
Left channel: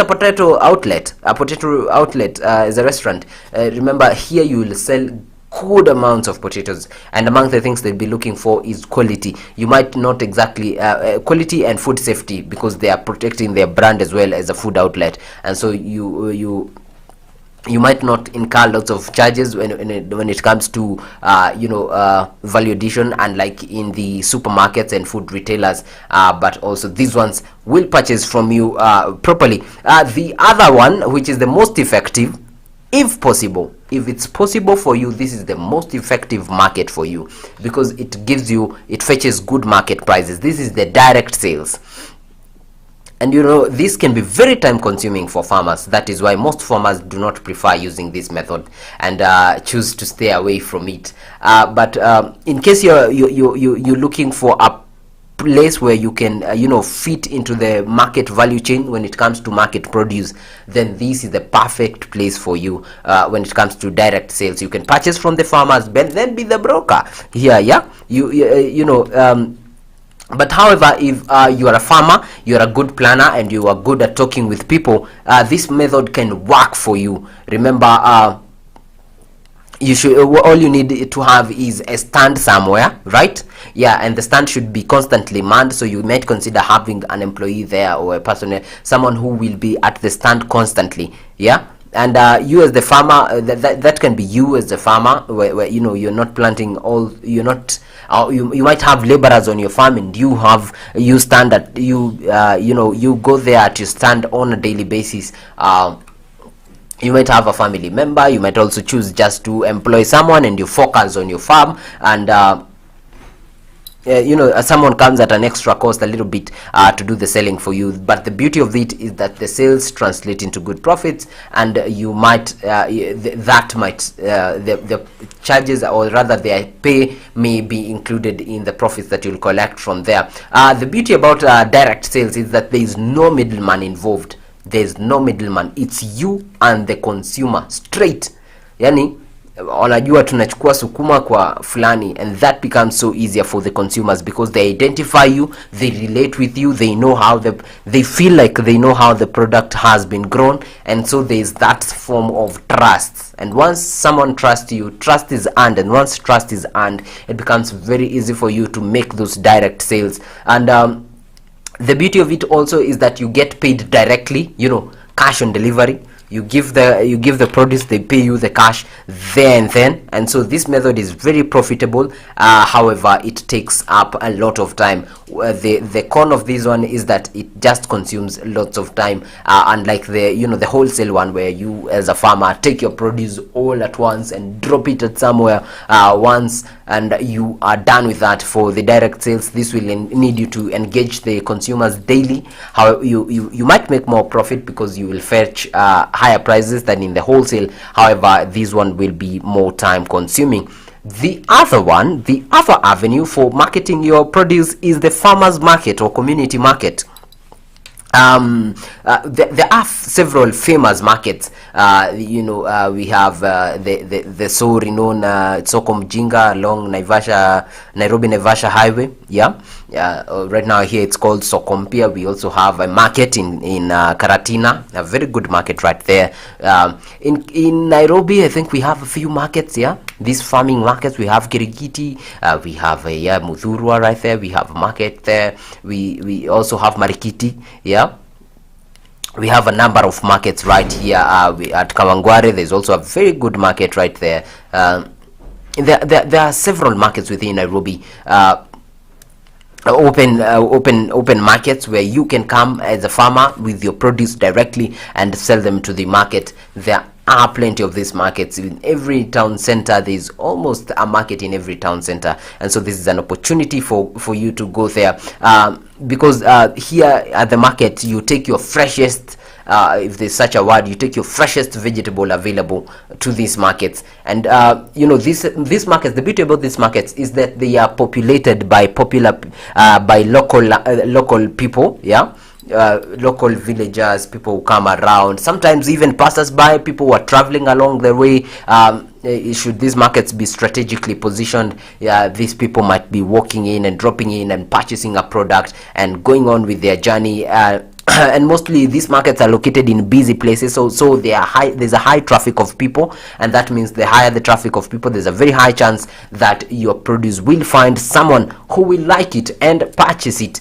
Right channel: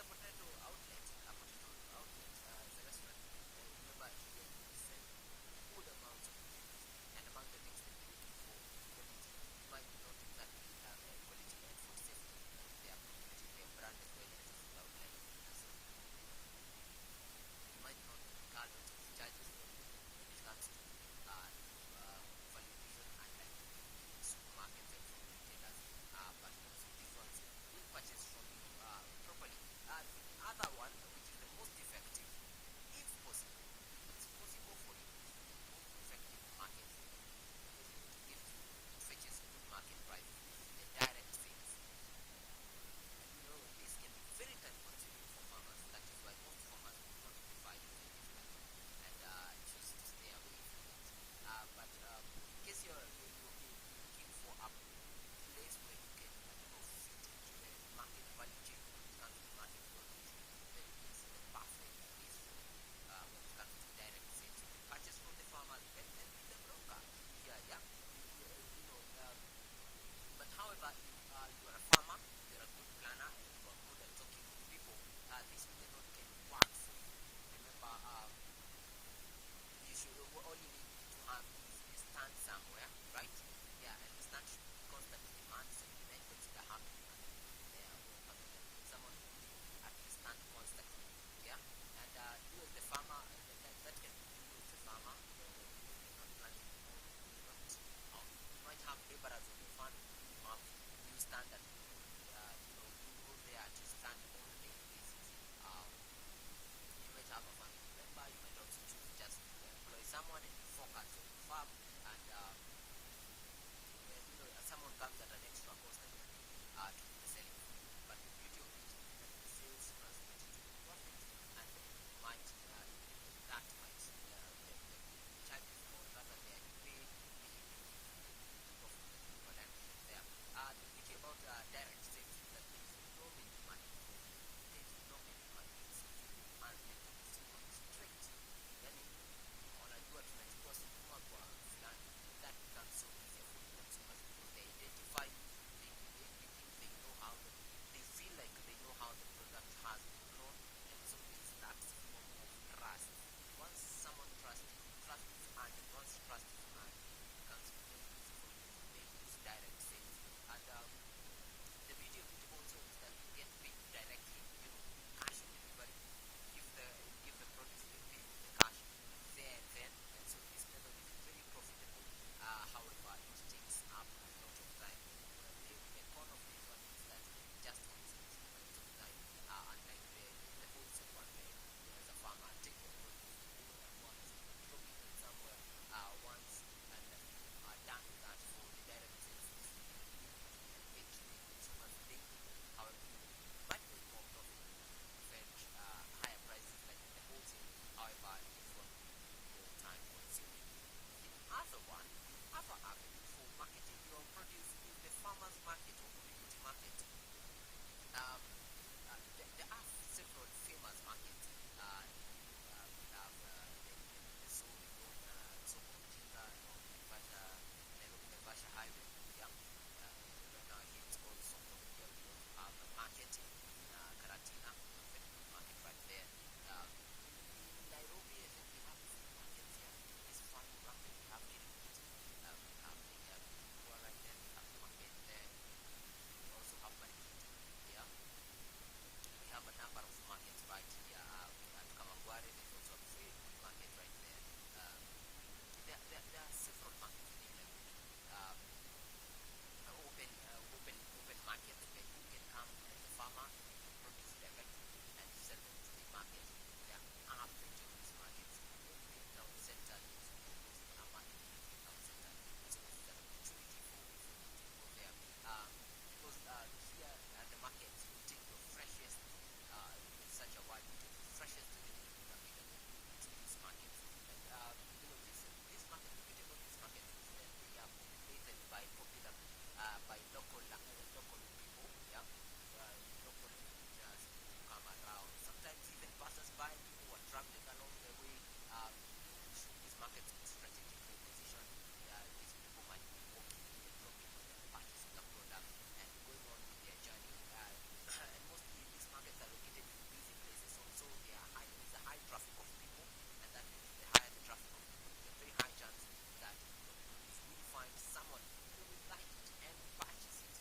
potato outlet, as a restaurant, remember, here you will sell good amounts of potatoes, and among the things they'll be looking for is quality. You might not exactly quality and food safety, because they are protecting their brand as well as a food outlet, and so you might not incur lots of charges when it comes to value addition, unlike in the supermarkets and food retailers, but also these ones will purchase from you properly. The other one, which is the most effective, if it's possible for you, this is the most effective market for you, because it fetches good market prices. This is the direct sales. And this can be very time consuming for farmers. That is why most farmers do not prefer using this method and choose to stay away from it. But in case you're looking for place where you can fit into the market value chain when it comes to market produce, then this is the perfect place for you when it comes to direct sales. You can purchase from the farmers, but then be the broker here. But however, if you are a farmer, you are a good planner, and you are good at talking with people, this method can work for you. Remember, you should, all you need to have is a stand somewhere, right? Yeah, and the stand should be constantly manned, so you might consider having an employee there, or a person, someone who will be at the stand constantly. Yeah. And you as the farmer, that can be you as the farmer, where you're not planting all, you're not you might have laborers on your farm, and you stand at you go there at your stand on a daily basis. You might have a family member. You might also choose just to employ someone, and you focus on your farm, and someone comes at an extra cost a little bit to do the selling for you. But the beauty of it is that the sales translate into good profits, and you might the charges, or rather their pay, may be included in the profits that you'll collect from there. The beauty about direct sales is that there is no middleman involved. There's no middleman. It's you and the consumer straight. Yani wanajua tunachukua sukuma kwa fulani, and that becomes so easier for the consumers because they identify you, they relate with you, they know how they feel like they know how the product has been grown, and so there's that form of trust. And once someone trusts you, trust is earned, and once trust is earned, it becomes very easy for you to make those direct sales. And the beauty of it also is that you get paid directly, cash on delivery. You give the produce, they pay you the cash there and then, and so this method is very profitable. However, it takes up a lot of time. The con of this one is that it just consumes lots of time, unlike the wholesale one, where you as a farmer take your produce all at once and drop it at somewhere once, and you are done with that. For the direct sales, this will need you to engage the consumers daily. How you might make more profit because you will fetch higher prices than in the wholesale. However, this one will be more time consuming. The other avenue for marketing your produce is the farmers market or community market. There are several famous markets. We have the so renowned Soko Mjinga along Nairobi Naivasha Highway. Right now here it's called Soko Mpya. We also have a market in Karatina, a very good market right there. In Nairobi, I think we have a few markets. These farming markets. We have Kirigiti, we have Muthurwa right there. We have a market there. We also have Marikiti. We have a number of markets right here. At Kawangware, there's also a very good market right there. There are several markets within Nairobi. Open markets where you can come as a farmer with your produce directly and sell them to the market. There are plenty of these markets in every town center. There's almost a market in every town center, and so this is an opportunity for you to go there, because here at the market you take your freshest, if there's such a word, you take your freshest vegetable available to these markets. And these markets, the beauty about these markets is that they are populated by local people. Local villagers, people who come around, sometimes even passers-by, people who are traveling along the way. Should these markets be strategically positioned, these people might be walking in and dropping in and purchasing a product and going on with their journey. And mostly these markets are located in busy places, so they are high. There's a high traffic of people, and that means the higher the traffic of people, there's a very high chance that your produce will find someone who will like it and purchase it.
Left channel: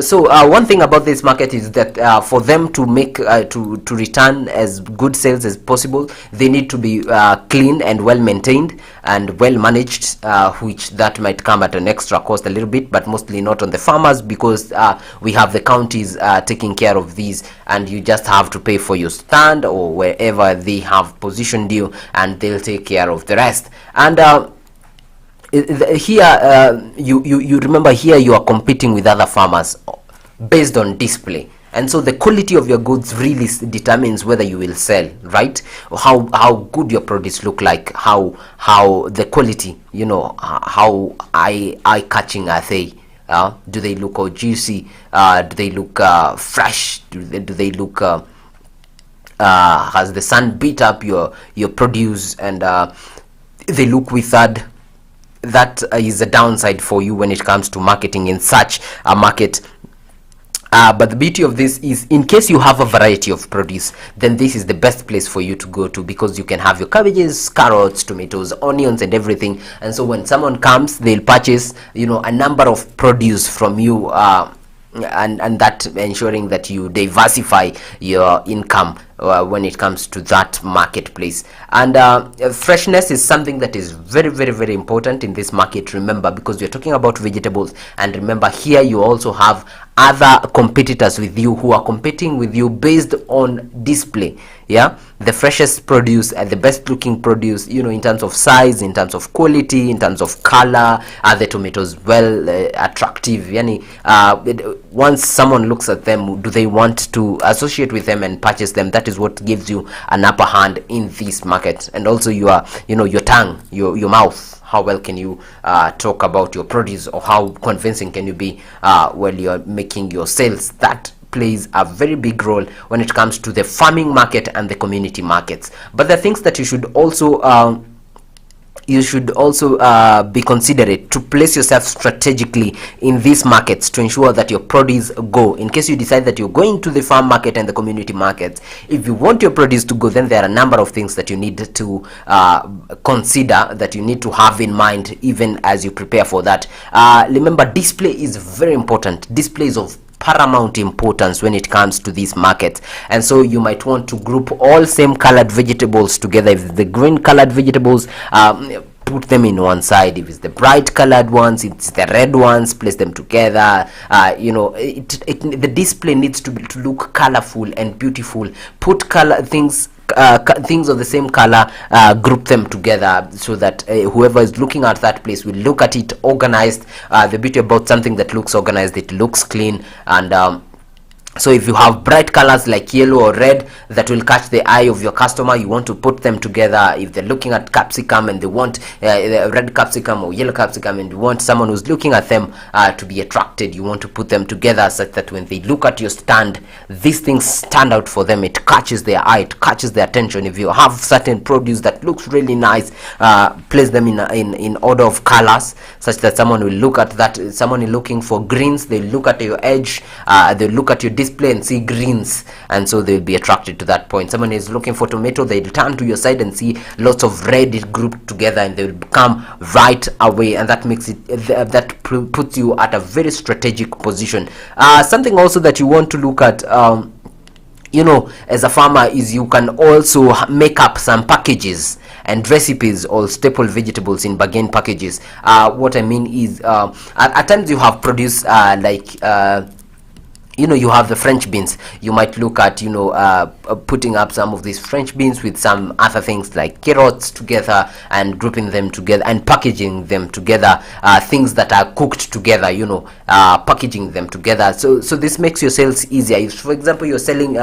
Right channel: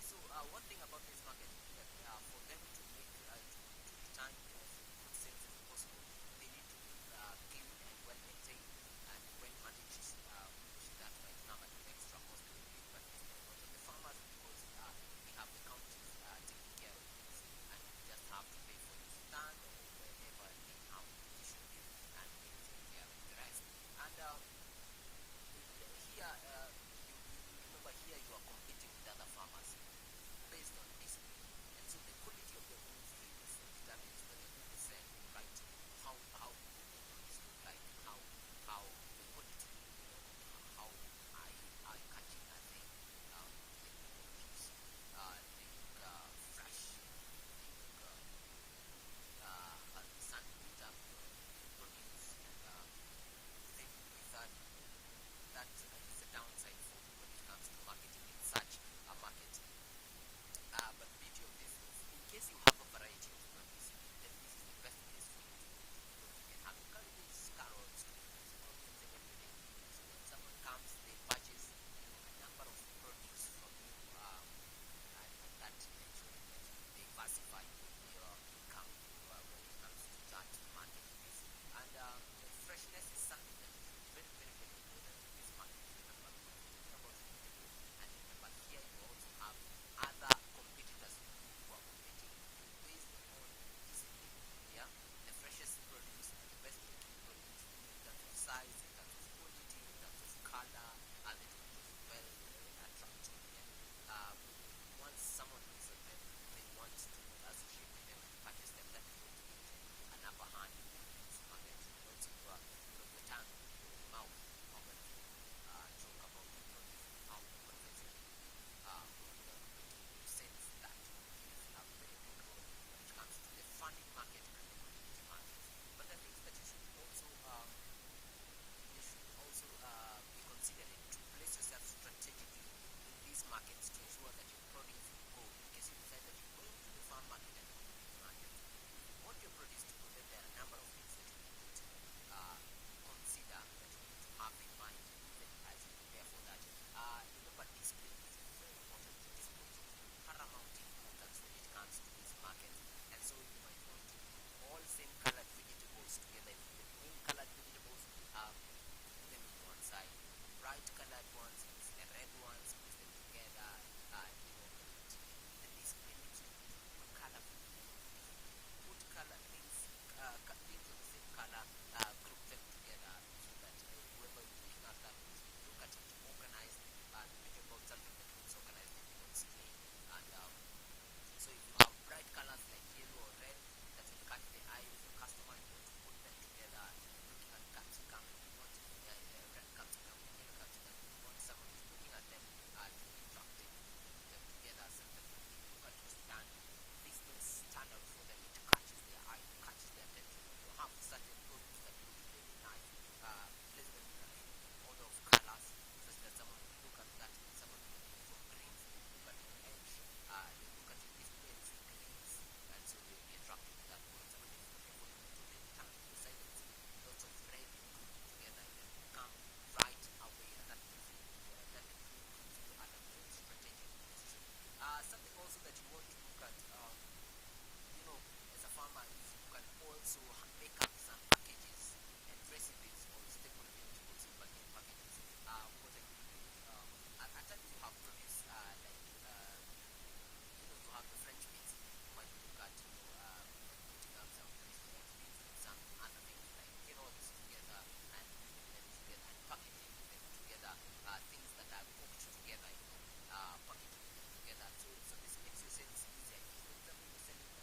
So one thing about this market is that for them to make to return as good sales as possible, they need to be clean and well maintained and well managed, which that might come at an extra cost a little bit, but mostly not on the farmers, because we have the counties taking care of these, and you just have to pay for your stand or wherever they have positioned you, and they'll take care of the rest. And here you remember, here you are competing with other farmers based on display. And so the quality of your goods really determines whether you will sell, right? How good your produce look like, how the quality, how eye catching are they. Do they look all juicy? Do they look fresh? Do they look has the sun beat up your produce, and they look withered? That is a downside for you when it comes to marketing in such a market. But the beauty of this is, in case you have a variety of produce, then this is the best place for you to go to, because you can have your cabbages, carrots, tomatoes, onions, and everything. And so when someone comes, they'll purchase, a number of produce from you, and that ensuring that you diversify your income when it comes to that marketplace. And freshness is something that is very, very, very important in this market, remember, because we're talking about vegetables. And remember, here you also have other competitors with you who are competing with you based on display. The freshest produce and the best looking produce, in terms of size, in terms of quality, in terms of color. Are the tomatoes well attractive? Once someone looks at them, do they want to associate with them and purchase them? That is what gives you an upper hand in this market. And also your tongue, your mouth. How well can you talk about your produce, or how convincing can you be while you're making your sales? That plays a very big role when it comes to the farming market and the community markets. But the things that you should also be considerate to place yourself strategically in these markets to ensure that your produce go. In case you decide that you're going to the farm market and the community markets, if you want your produce to go, then there are a number of things that you need to consider, that you need to have in mind even as you prepare for that. Remember, display is very important. Display is of paramount importance when it comes to these markets. And so you might want to group all same colored vegetables together. If the green colored vegetables, put them in one side. If it's the bright colored ones, it's the red ones, place them together. The display needs to look colorful and beautiful. Put things of the same color, group them together, so that whoever is looking at that place will look at it organized. The beauty about something that looks organized, it looks clean. And so if you have bright colors like yellow or red that will catch the eye of your customer, you want to put them together. If they're looking at capsicum and they want red capsicum or yellow capsicum, and you want someone who's looking at them to be attracted, you want to put them together such that when they look at your stand, these things stand out for them. It catches their eye, it catches their attention. If you have certain produce that looks really nice, place them in order of colors such that someone will look at that. Someone is looking for greens, they look at your edge, they look at your display and see greens, and so they'll be attracted to that point. Someone is looking for tomato, they'll turn to your side and see lots of red grouped together, and they will come right away, and that makes it that puts you at a very strategic position. Something also that you want to look at, as a farmer, is you can also make up some packages and recipes or staple vegetables in bargain packages. What I mean is, at times you have produce you have the French beans. You might look at putting up some of these French beans with some other things like carrots together, and grouping them together and packaging them together. Things that are cooked together, packaging them together. So this makes your sales easier. If, for example, you're selling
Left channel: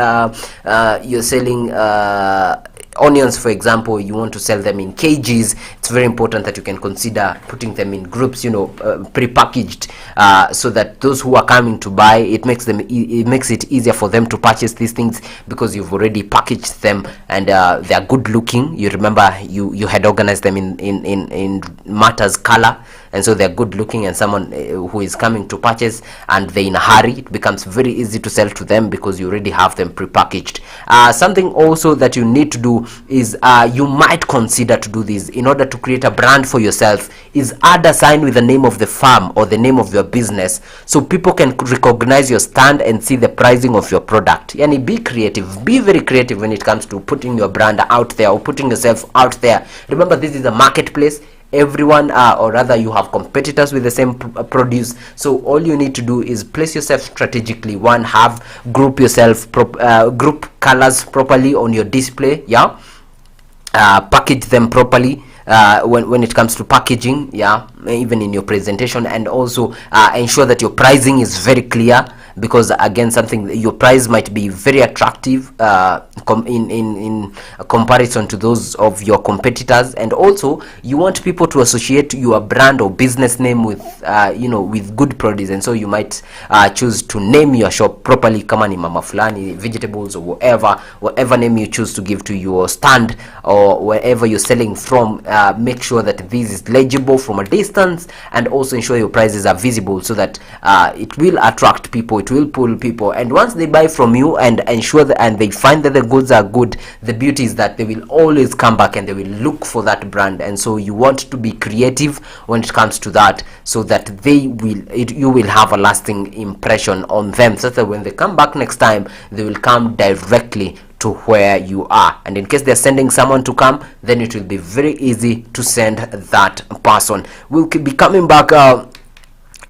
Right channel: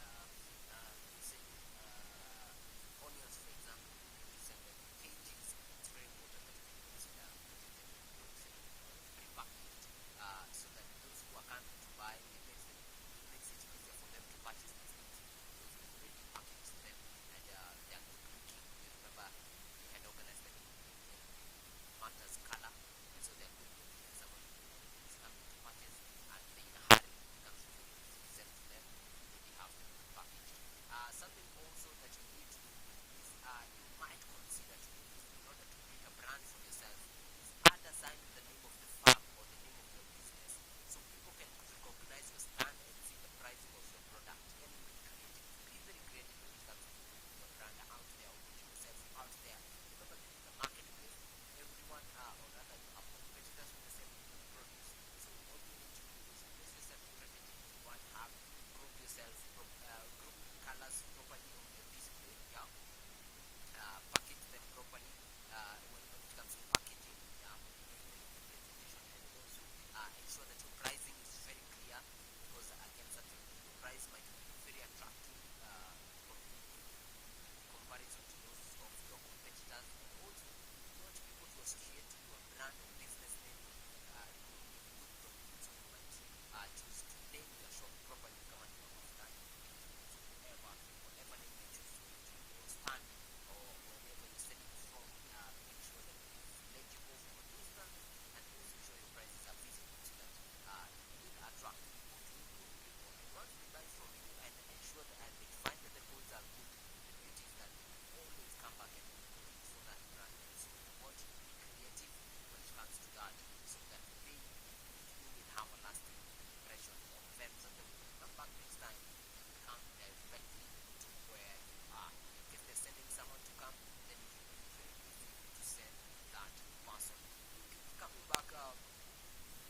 onions, for example, you want to sell them in kgs, it's very important that you can consider putting them in groups, pre-packaged, so that those who are coming to buy, it makes it easier for them to purchase these things, because you've already packaged them, and they are good looking. You remember you had organized them in matters color, and so they're good looking, and someone who is coming to purchase and they're in a hurry, it becomes very easy to sell to them because you already have them pre-packaged. Something also that you need to do is, you might consider to do this in order to create a brand for yourself, is add a sign with the name of the farm or the name of your business, so people can recognize your stand and see the pricing of your product. Yani, be creative, be very creative when it comes to putting your brand out there or putting yourself out there. Remember, this is a marketplace. Everyone, or rather you have competitors with the same produce, so all you need to do is place yourself strategically. One, group colors properly on your display, package them properly when it comes to packaging, even in your presentation, and also ensure that your pricing is very clear. because again, something, your price might be very attractive in comparison to those of your competitors, and also you want people to associate your brand or business name with with good produce, and so you might choose to name your shop properly, kama ni mama fulani vegetables or whatever name you choose to give to your stand or wherever you're selling from. Make sure that this is legible from a distance, and also ensure your prices are visible so that it will attract people, it will pull people, and once they buy from you and ensure that, and they find that the goods are good, the beauty is that they will always come back and they will look for that brand. And so you want to be creative when it comes to that, so that you will have a lasting impression on them, so that when they come back next time, they will come directly to where you are. And in case they're sending someone to come, then it will be very easy to send that person. We'll be coming back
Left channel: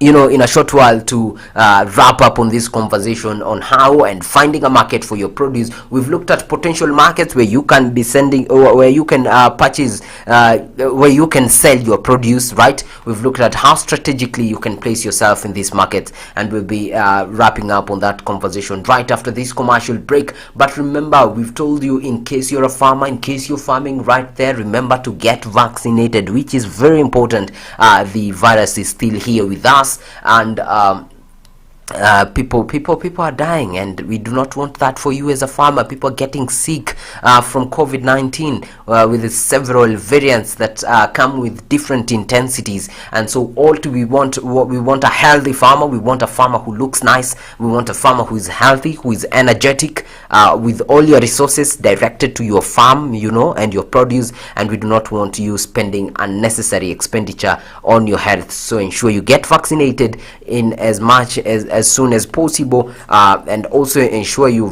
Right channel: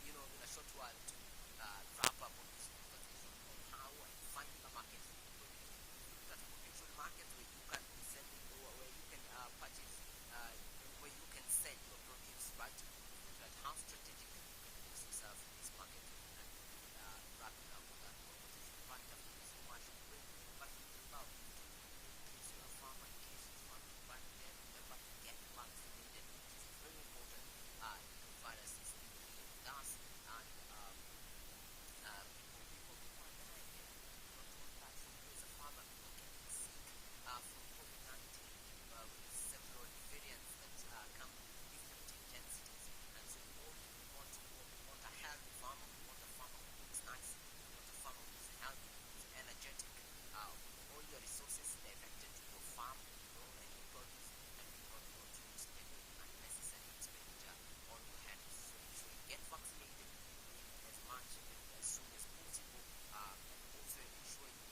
in a short while to wrap up on this conversation on how and finding a market for your produce. We've looked at potential markets where you can be sending, or where you can purchase, where you can sell your produce, right? We've looked at how strategically you can place yourself in this market, and we'll be wrapping up on that conversation right after this commercial break. But remember, we've told you, in case you're a farmer, in case you're farming right there, remember to get vaccinated, which is very important. The virus is still here with us, and people are dying, and we do not want that for you as a farmer. People are getting sick from COVID-19 with the several variants that come with different intensities. And so we want a healthy farmer. We want a farmer who looks nice. We want a farmer who is healthy, who is energetic, with all your resources directed to your farm, and your produce. And we do not want you spending unnecessary expenditure on your health. So ensure you get vaccinated in as soon as possible, and also ensure you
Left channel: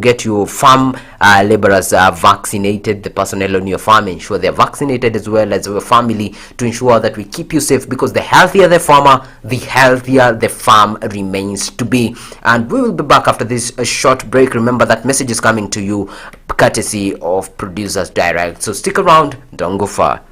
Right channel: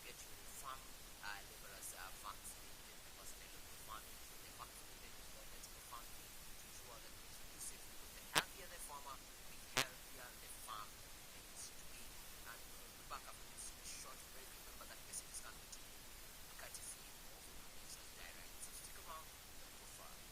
get your farm laborers vaccinated, the personnel on your farm. Ensure they're vaccinated, as well as your family, to ensure that we keep you safe, because the healthier the farmer, the healthier the farm remains to be. And we will be back after this short break. Remember, that message is coming to you courtesy of Producers Direct, so stick around, don't go far.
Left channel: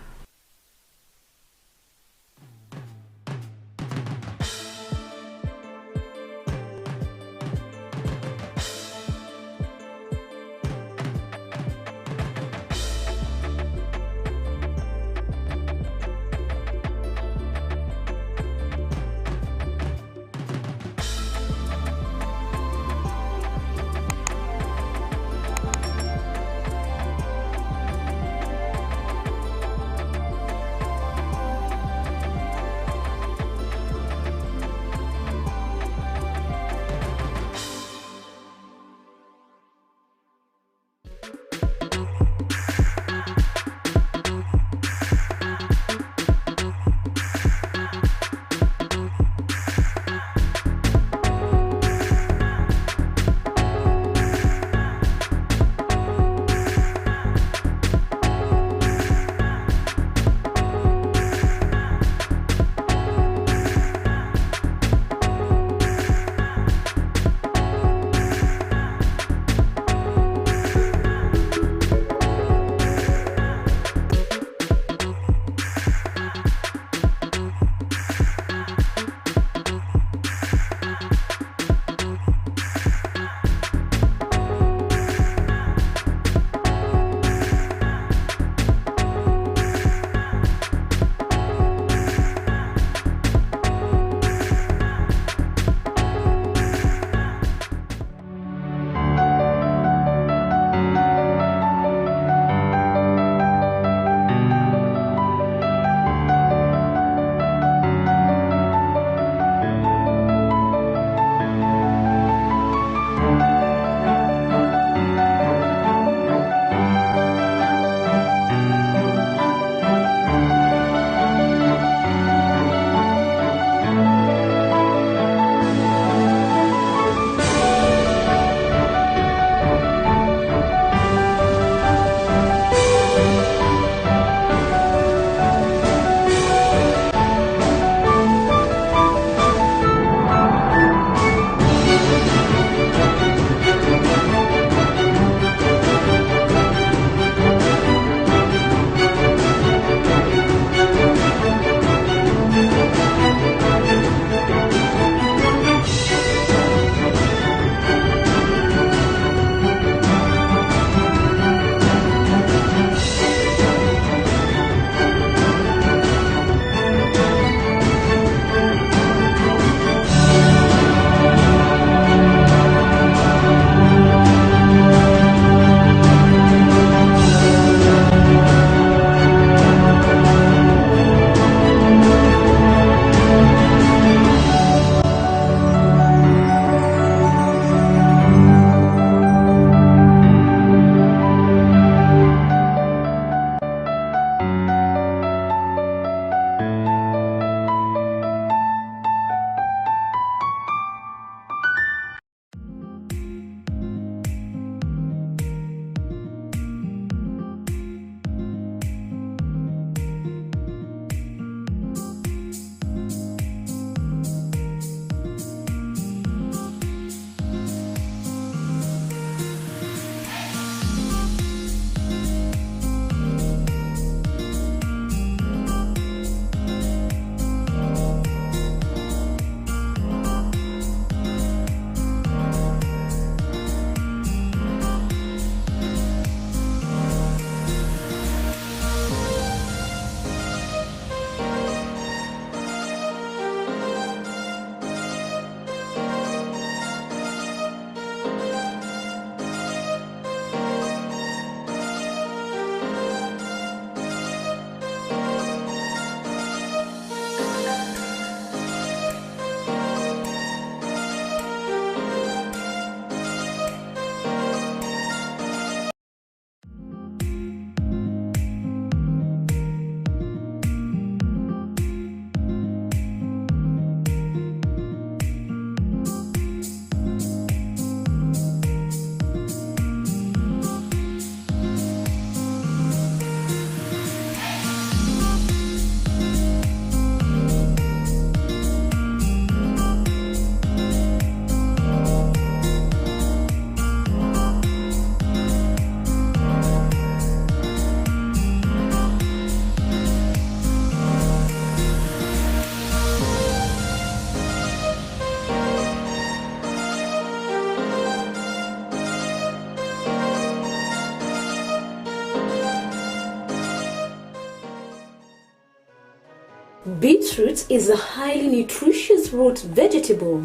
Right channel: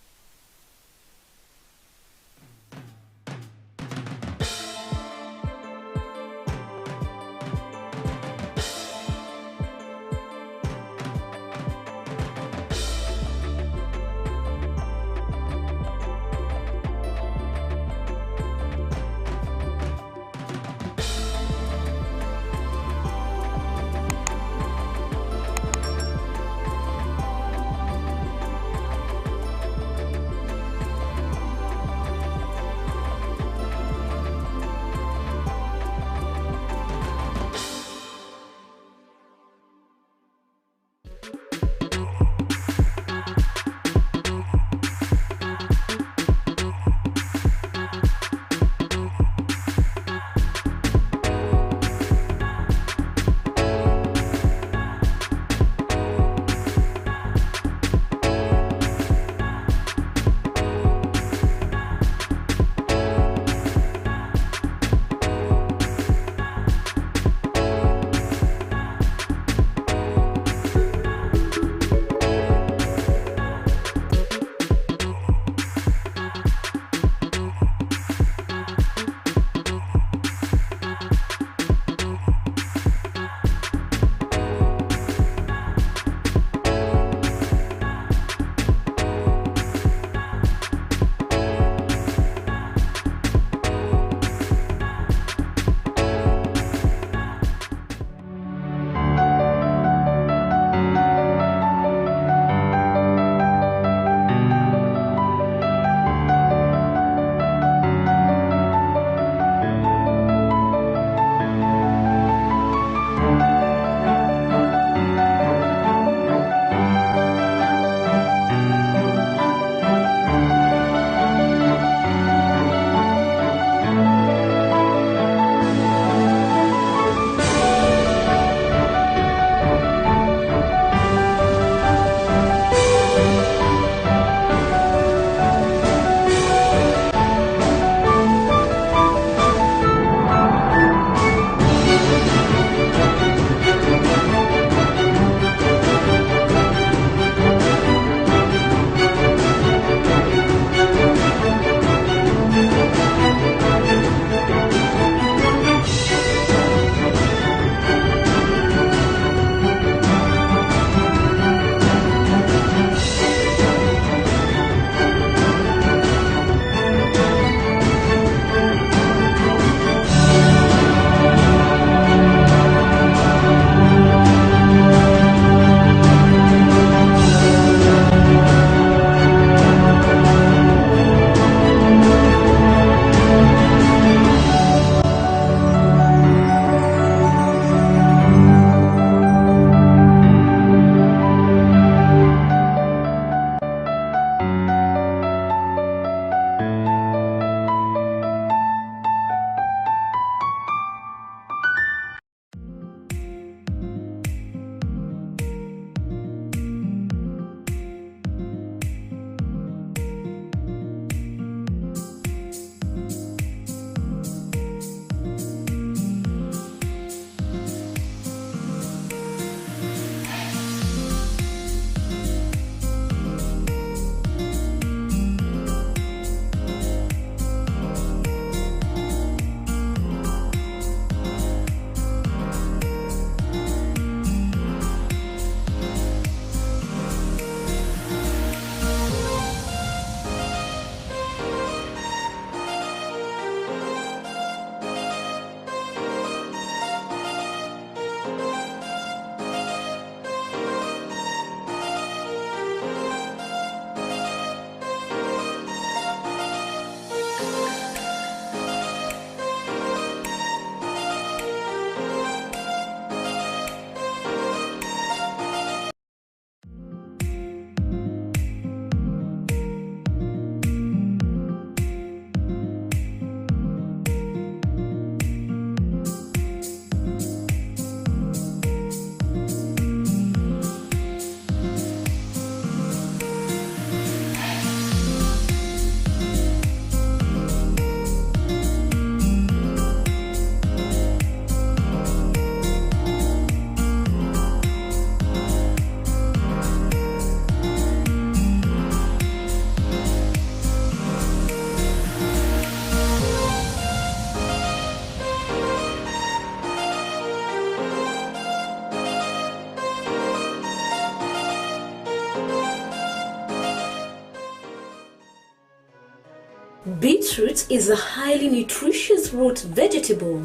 Beetroot is a highly nutritious root vegetable.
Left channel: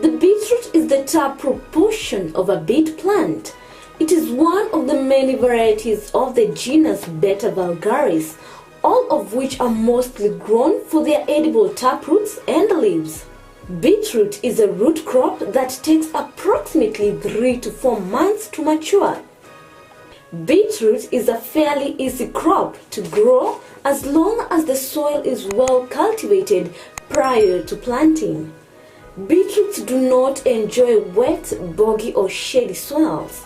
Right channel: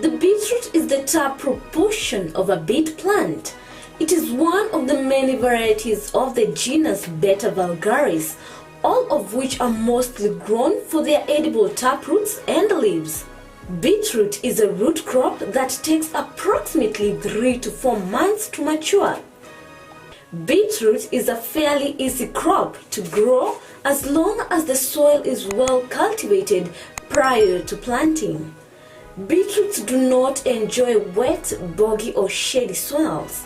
The beetroot is the top proportion of a beet plant. It is one of the many varieties of the genus Beta vulgaris, all of which are mostly grown for their edible taproots and leaves. Beetroot is a root crop that takes approximately 3 to 4 months to mature. Beetroot is a fairly easy crop to grow as long as the soil is well cultivated prior to planting. Beetroots do not enjoy wet, boggy or shady soils.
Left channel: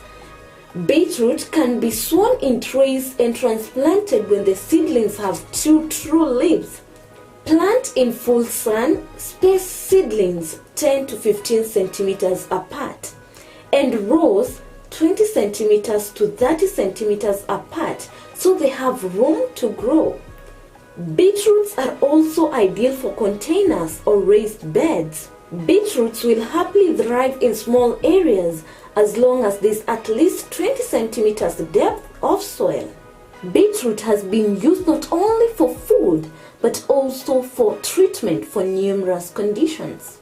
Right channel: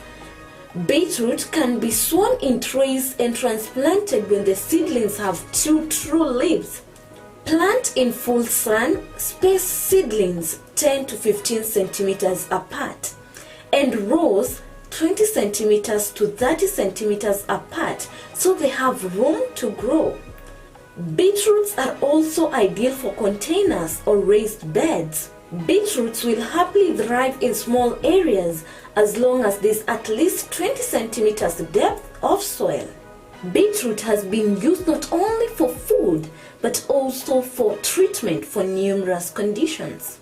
Beetroot can be sown in trays and transplanted when the seedlings have 2 true leaves. Plant in full sun, space seedlings 10 to 15 centimeters apart, and rows 20 centimeters to 30 centimeters apart so they have room to grow. Beetroots are also ideal for containers or raised beds. Beetroots will happily thrive in small areas as long as there's at least 20 centimeters depth of soil. Beetroot has been used not only for food but also for treatment for numerous conditions.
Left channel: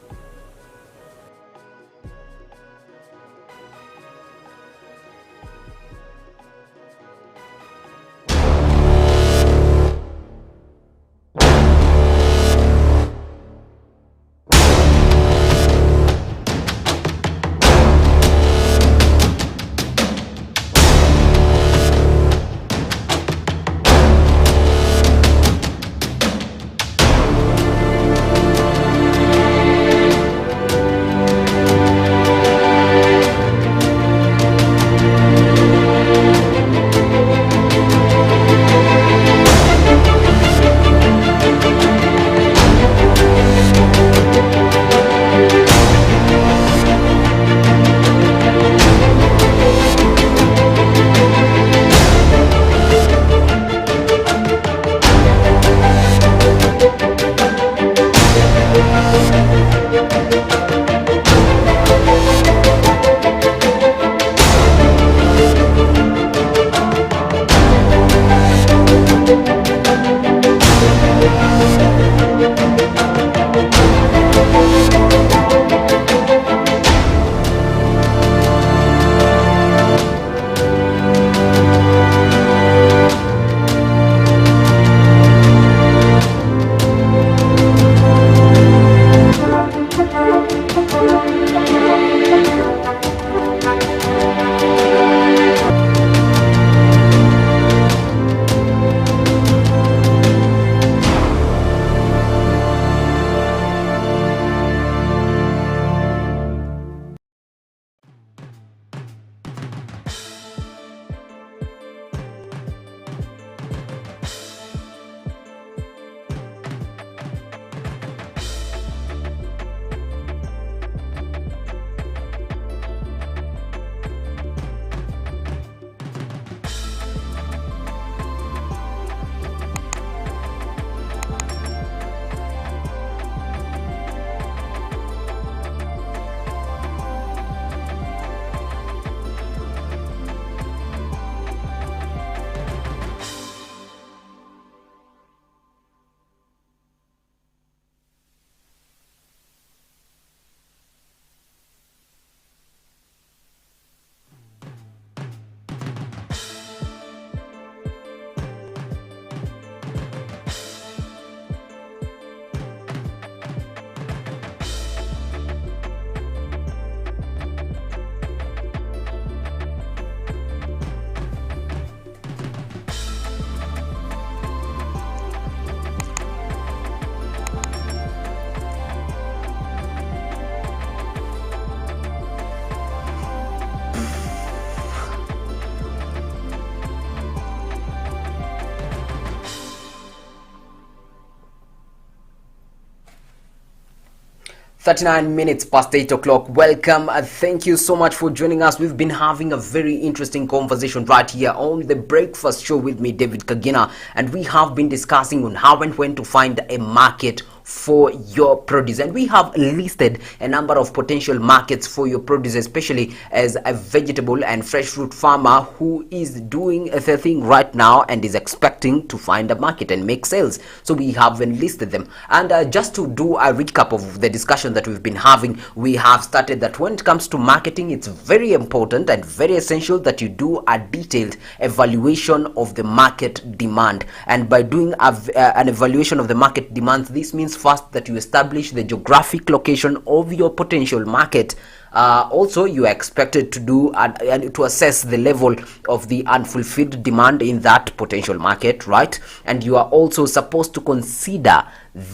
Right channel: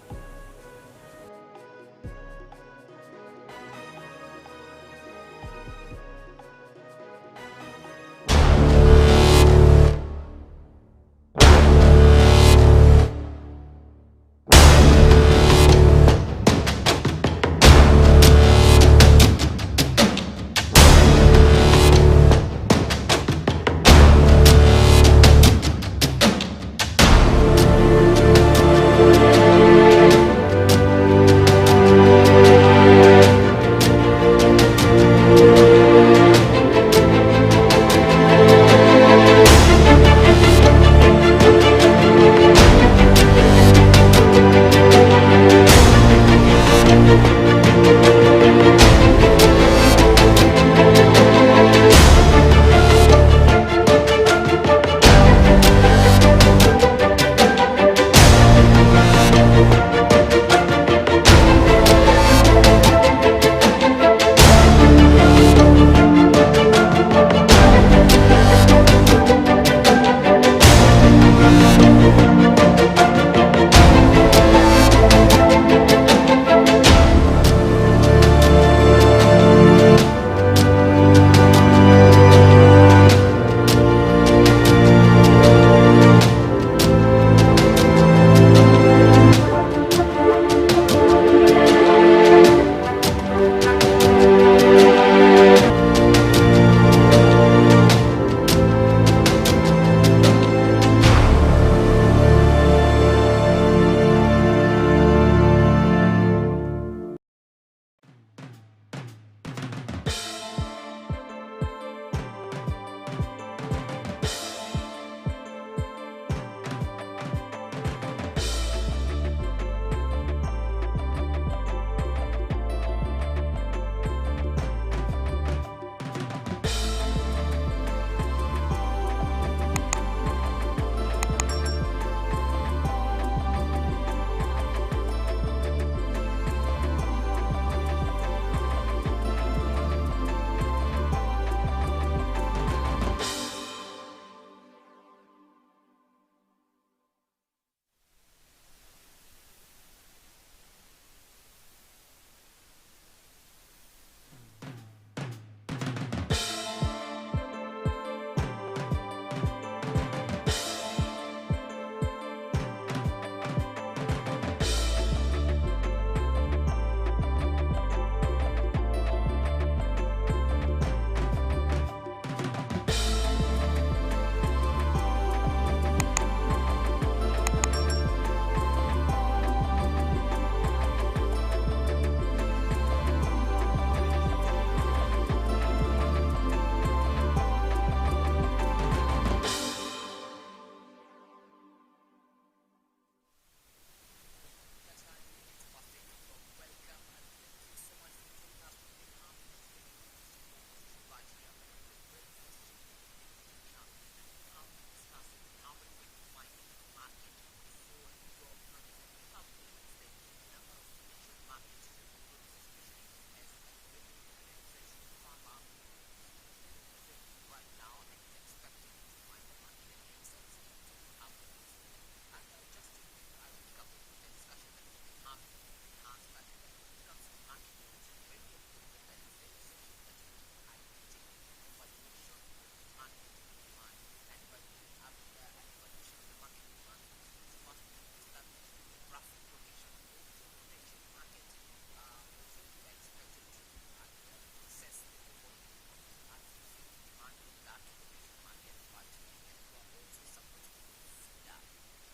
.39 past 8 o'clock. Welcome. Thank you so much for joining us. We've been having a very interesting conversation right here on the Breakfast Show with me, David Kagina, and we have been discussing on how and when to find a market for your produce. And we have listed a number of potential markets for your produce, especially as a vegetable and fresh fruit farmer who is doing the thing right now and is expecting to find a market and make sales. So we have enlisted them. And just to do a recap of the discussion that we've been having, we have started that when it comes to marketing, it's very important and very essential that you do a detailed evaluation of the market demand. And by doing an evaluation of the market demand, this means first that you establish the geographic location of your potential market. Also, you are expected to do and to assess the level of the unfulfilled demand in that potential market, right? And you are also supposed to consider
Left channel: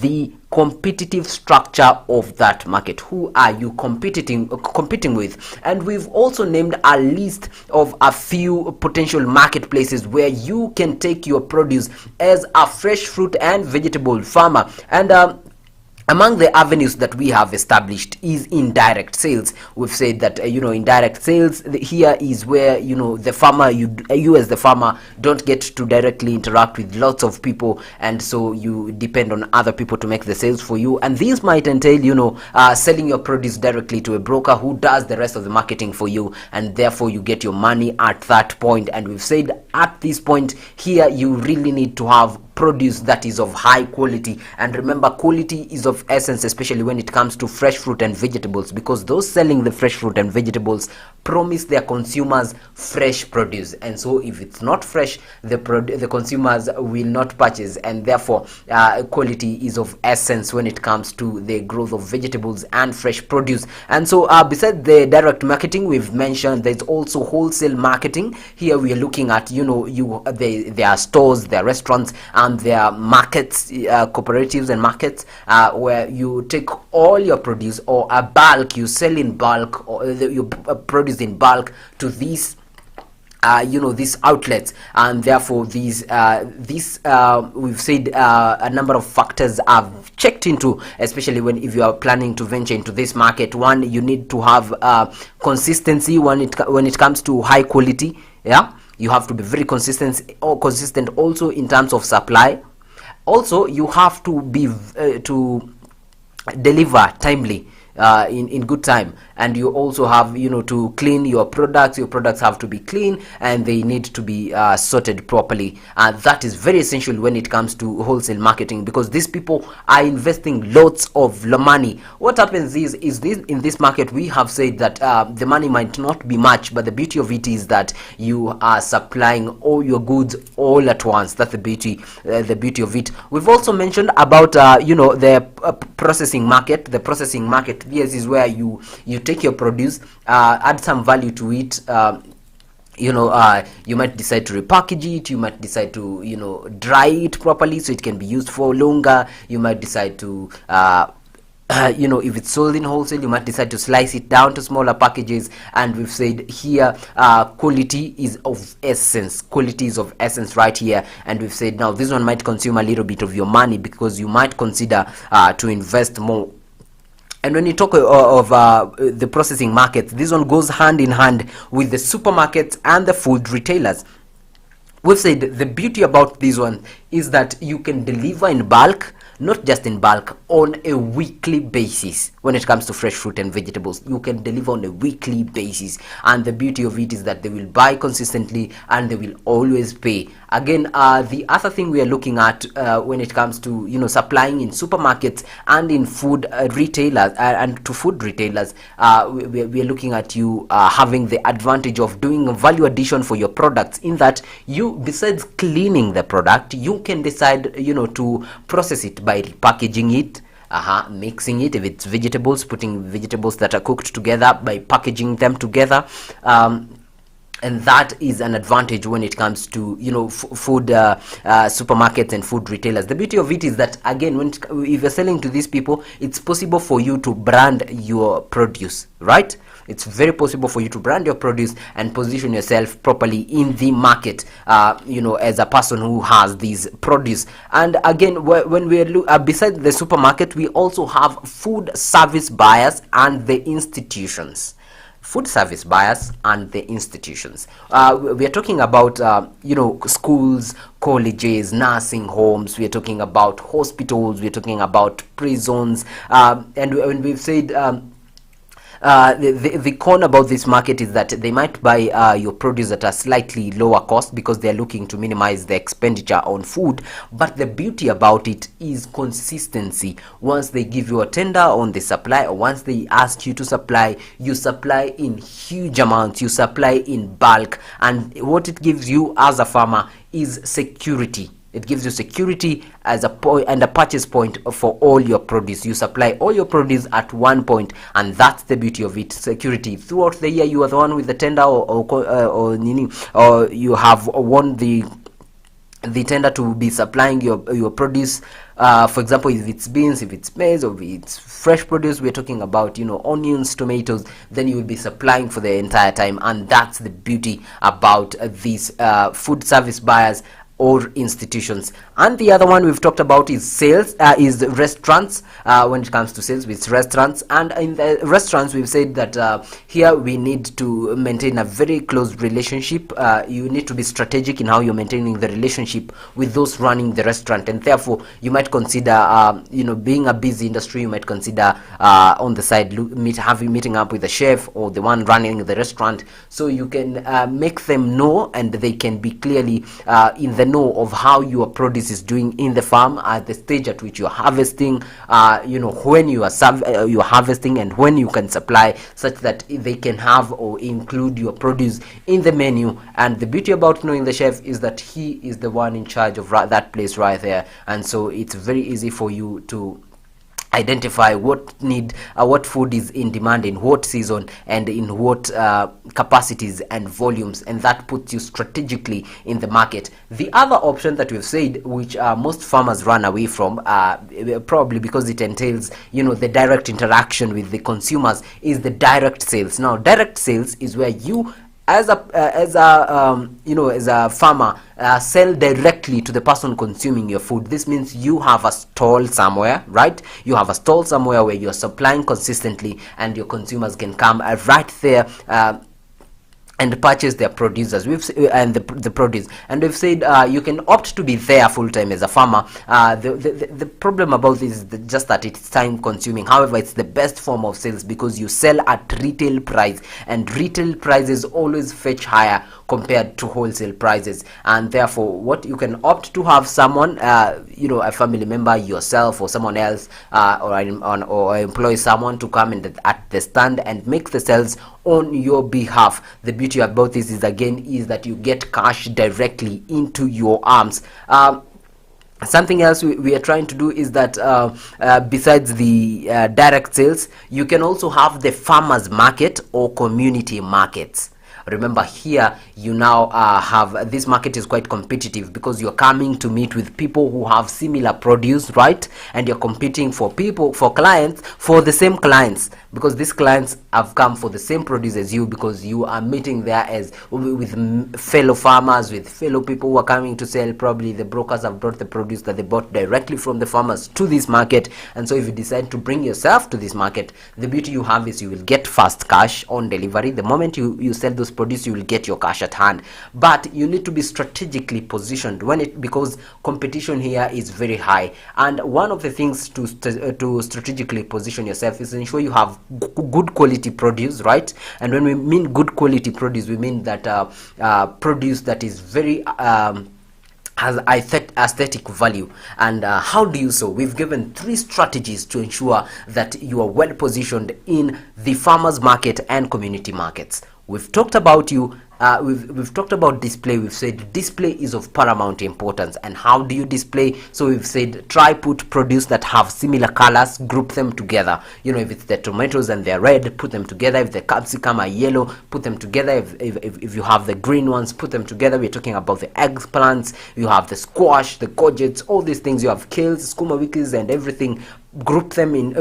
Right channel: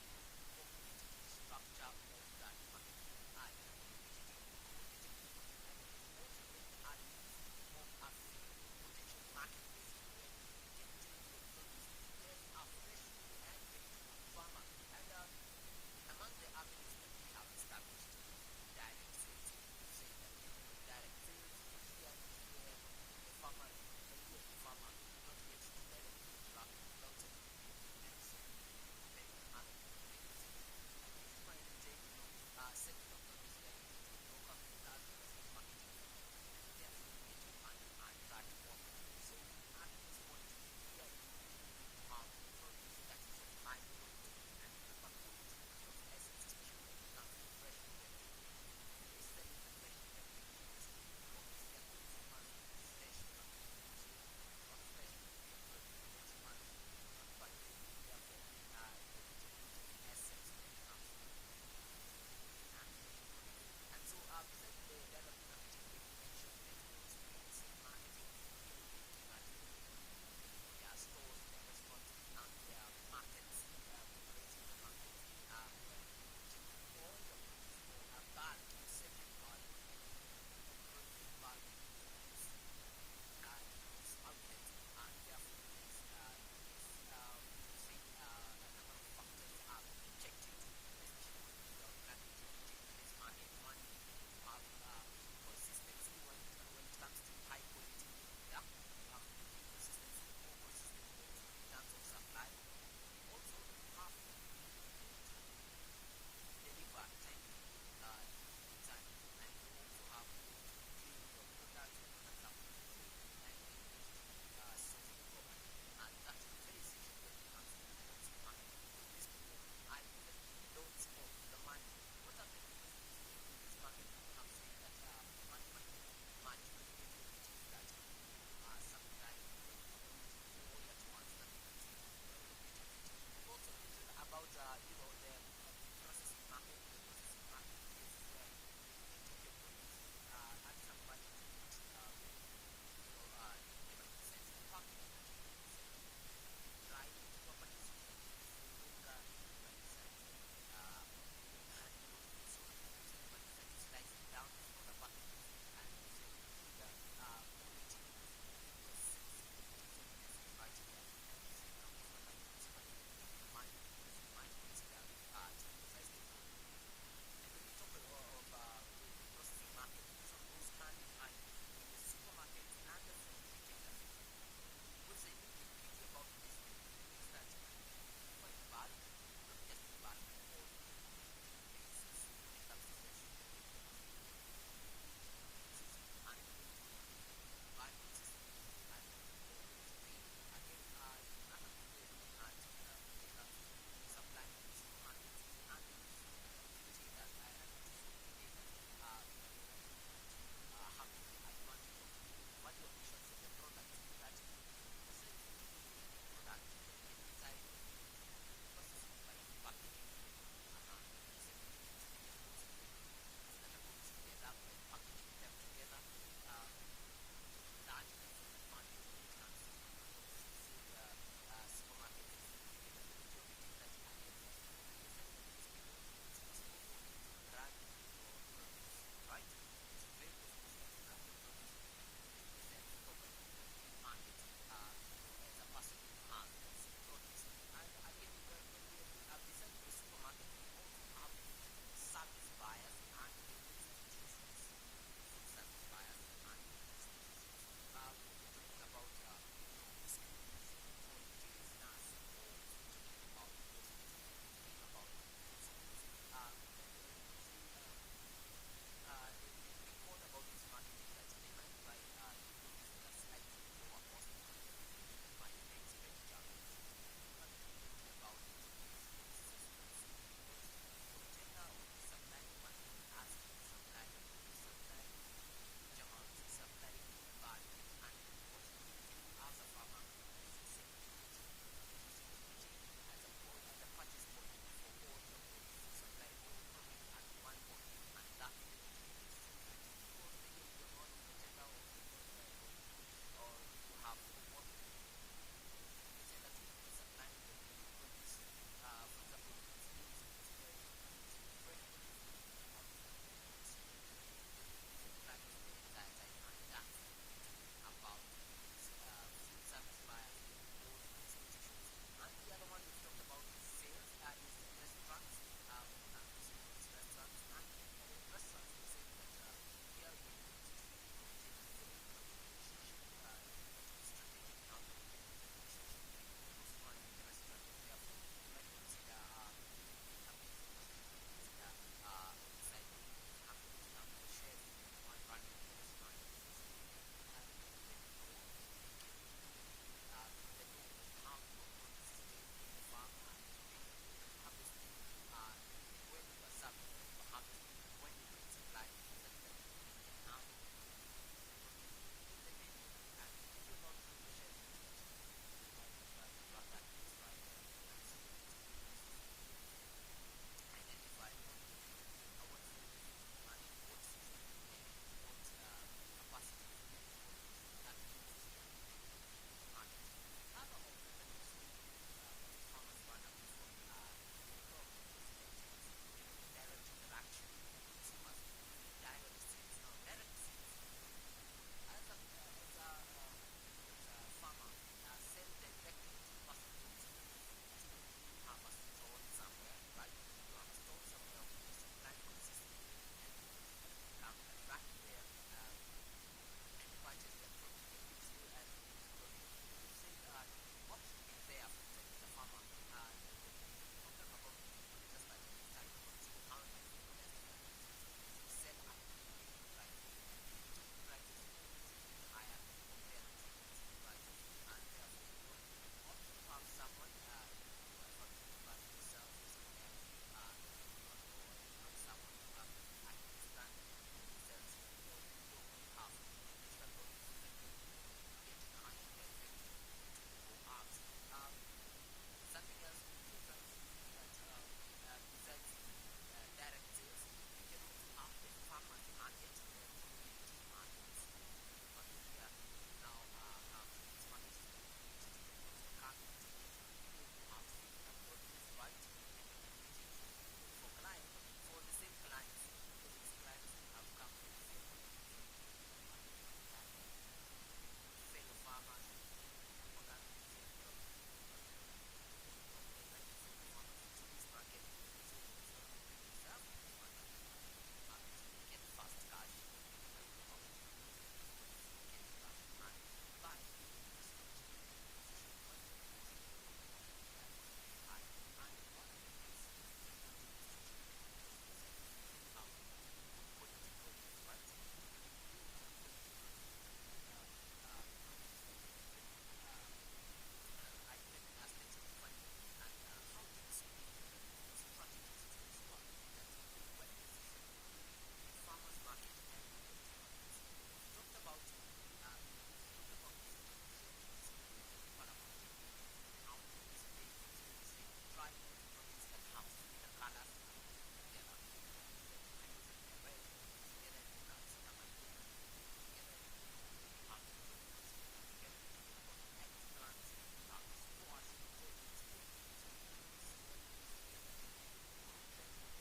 the competitive structure of that market. Who are you competing with? And we've also named a list of a few potential marketplaces where you can take your produce as a fresh fruit and vegetable farmer. And among the avenues that we have established is indirect sales. We've said that indirect sales here is where the farmer, you as the farmer don't get to directly interact with lots of people, and so you depend on other people to make the sales for you. And this might entail selling your produce directly to a broker who does the rest of the marketing for you, and therefore you get your money at that point. And we've said at this point here, you really need to have produce that is of high quality. And remember, quality is of essence, especially when it comes to fresh fruit and vegetables, because those selling the fresh fruit and vegetables promise their consumers fresh produce, and so if it's not fresh, the consumers will not purchase. And therefore quality is of essence when it comes to the growth of vegetables and fresh produce. And so besides the direct marketing we've mentioned, there's also wholesale marketing. Here we are looking at there are stores, there are restaurants, and there are markets, cooperatives and markets where you take all your produce or a bulk, you sell in bulk, or you produce in bulk to these these outlets. And therefore these we've said a number of factors I've checked into, especially if you are planning to venture into this market. One, you need to have consistency when it comes to high quality. You have to be very consistent also in terms of supply. Also, you have to be to deliver timely, in good time. And you also have to clean your products. Your products have to be clean and they need to be sorted properly. That is very essential when it comes to wholesale marketing, because these people are investing lots of money. What happens is this in this market, we have said that the money might not be much, but the beauty of it is that you are supplying all your goods all at once. That's the beauty of it. We've also mentioned about the processing market. The processing market, yes, is where you take your produce, add some value to it. You might decide to repackage it. You might decide to dry it properly so it can be used for longer. You might decide to if it's sold in wholesale, you might decide to slice it down to smaller packages. And we've said here quality is of essence. Quality is of essence right here. And we've said now this one might consume a little bit of your money, because you might consider to invest more. And when you talk of the processing market, this one goes hand in hand with the supermarkets and the food retailers. We've said the beauty about this one is that you can deliver in bulk, not just in bulk, on a weekly basis. When it comes to fresh fruit and vegetables, you can deliver on a weekly basis. And the beauty of it is that they will buy consistently and they will always pay. Again, the other thing we are looking at when it comes to supplying in supermarkets and in food retailers and to food retailers, we are looking at you having the advantage of doing a value addition for your products, in that you, besides cleaning the product, you can decide to process it by repackaging it, mixing it. If it's vegetables, putting vegetables that are cooked together, by packaging them together. And that is an advantage when it comes to food supermarkets and food retailers. The beauty of it is that, again, if you're selling to these people, it's possible for you to brand your produce, right? It's very possible for you to brand your produce and position yourself properly in the market, as a person who has these produce. And again, when we look besides the supermarket, we also have food service buyers and the institutions. food service buyers, and the institutions. We are talking about schools, colleges, nursing homes. We are talking about hospitals. We are talking about prisons, and when we've said the con about this market is that they might buy your produce at a slightly lower cost because they're looking to minimize the expenditure on food. But the beauty about it is consistency. Once they give you a tender on the supply, or once they ask you to supply, you supply in huge amounts, you supply in bulk, and what it gives you as a farmer is security. It gives you security as a point and a purchase point for all your produce. You supply all your produce at one point, and that's the beauty of it. Security throughout the year. You are the one with the tender, or you have won the tender to be supplying your produce. For example, if it's beans, if it's maize, or if it's fresh produce, we're talking about onions, tomatoes, then you will be supplying for the entire time. And that's the beauty about these food service buyers or institutions. And the other one we've talked about is sales, is restaurants. When it comes to sales, with restaurants, and in the restaurants we've said that here we need to maintain a very close relationship. You need to be strategic in how you're maintaining the relationship with those running the restaurant, and therefore you might consider being a busy industry, you might consider on the side meeting up with the chef or the one running the restaurant, so you can make them know, and they can be clearly in the know of how your produce is doing in the farm, at the stage at which you're harvesting, when you are you're harvesting, and when you can supply, such that they can have or include your produce in the menu. And the beauty about knowing the chef is that he is the one in charge of that place right there, and so it's very easy for you to identify what food is in demand in what season and in what capacities and volumes, and that puts you strategically in the market. The other option that we've said, which most farmers run away from, probably because it entails the direct interaction with the consumers, is the direct sales. Now, direct sales is where you as a farmer sell directly to the person consuming your food. This means you have a stall somewhere, right? You have a stall somewhere where you're supplying consistently, and your consumers can come right there and purchase their producers and the produce. And we've said you can opt to be there full time as a farmer. The problem about this is just that it's time consuming. However, it's the best form of sales because you sell at retail price, and retail prices always fetch higher compared to wholesale prices, and therefore what you can opt to have someone, a family member, yourself, or someone else, or employ someone to come in at the stand and make the sales on your behalf. The beauty about this is that you get cash directly into your arms. Something else we are trying to do is that besides the direct sales, you can also have the farmers market or community markets. Remember, here you now have this market is quite competitive because you're coming to meet with people who have similar produce, right? And you're competing for clients, for the same clients, because these clients have come for the same produce as you, because you are meeting there as with fellow farmers, with fellow people who are coming to sell. Probably the brokers have brought the produce that they bought directly from the farmers to this market, and so if you decide to bring yourself to this market, the beauty you have is you will get fast cash on delivery. The moment you sell those produce, you will get your cash at hand. But you need to be strategically positioned because competition here is very high, and one of the things to strategically position yourself is ensure you have good quality produce, right? And when we mean good quality produce, we mean that produce that is very has aesthetic value. And how do you so? We've given 3 strategies to ensure that you are well positioned in the farmers market and community markets. We've talked about we've talked about display. We've said display is of paramount importance. And how do you display? So we've said try put produce that have similar colors, group them together. If it's the tomatoes and they're red, put them together. If the capsicum are yellow, put them together. If you have the green ones, put them together. We're talking about the eggplants, you have the squash, the courgettes, all these things. You have kales, skuma wikis, and everything. Group them in,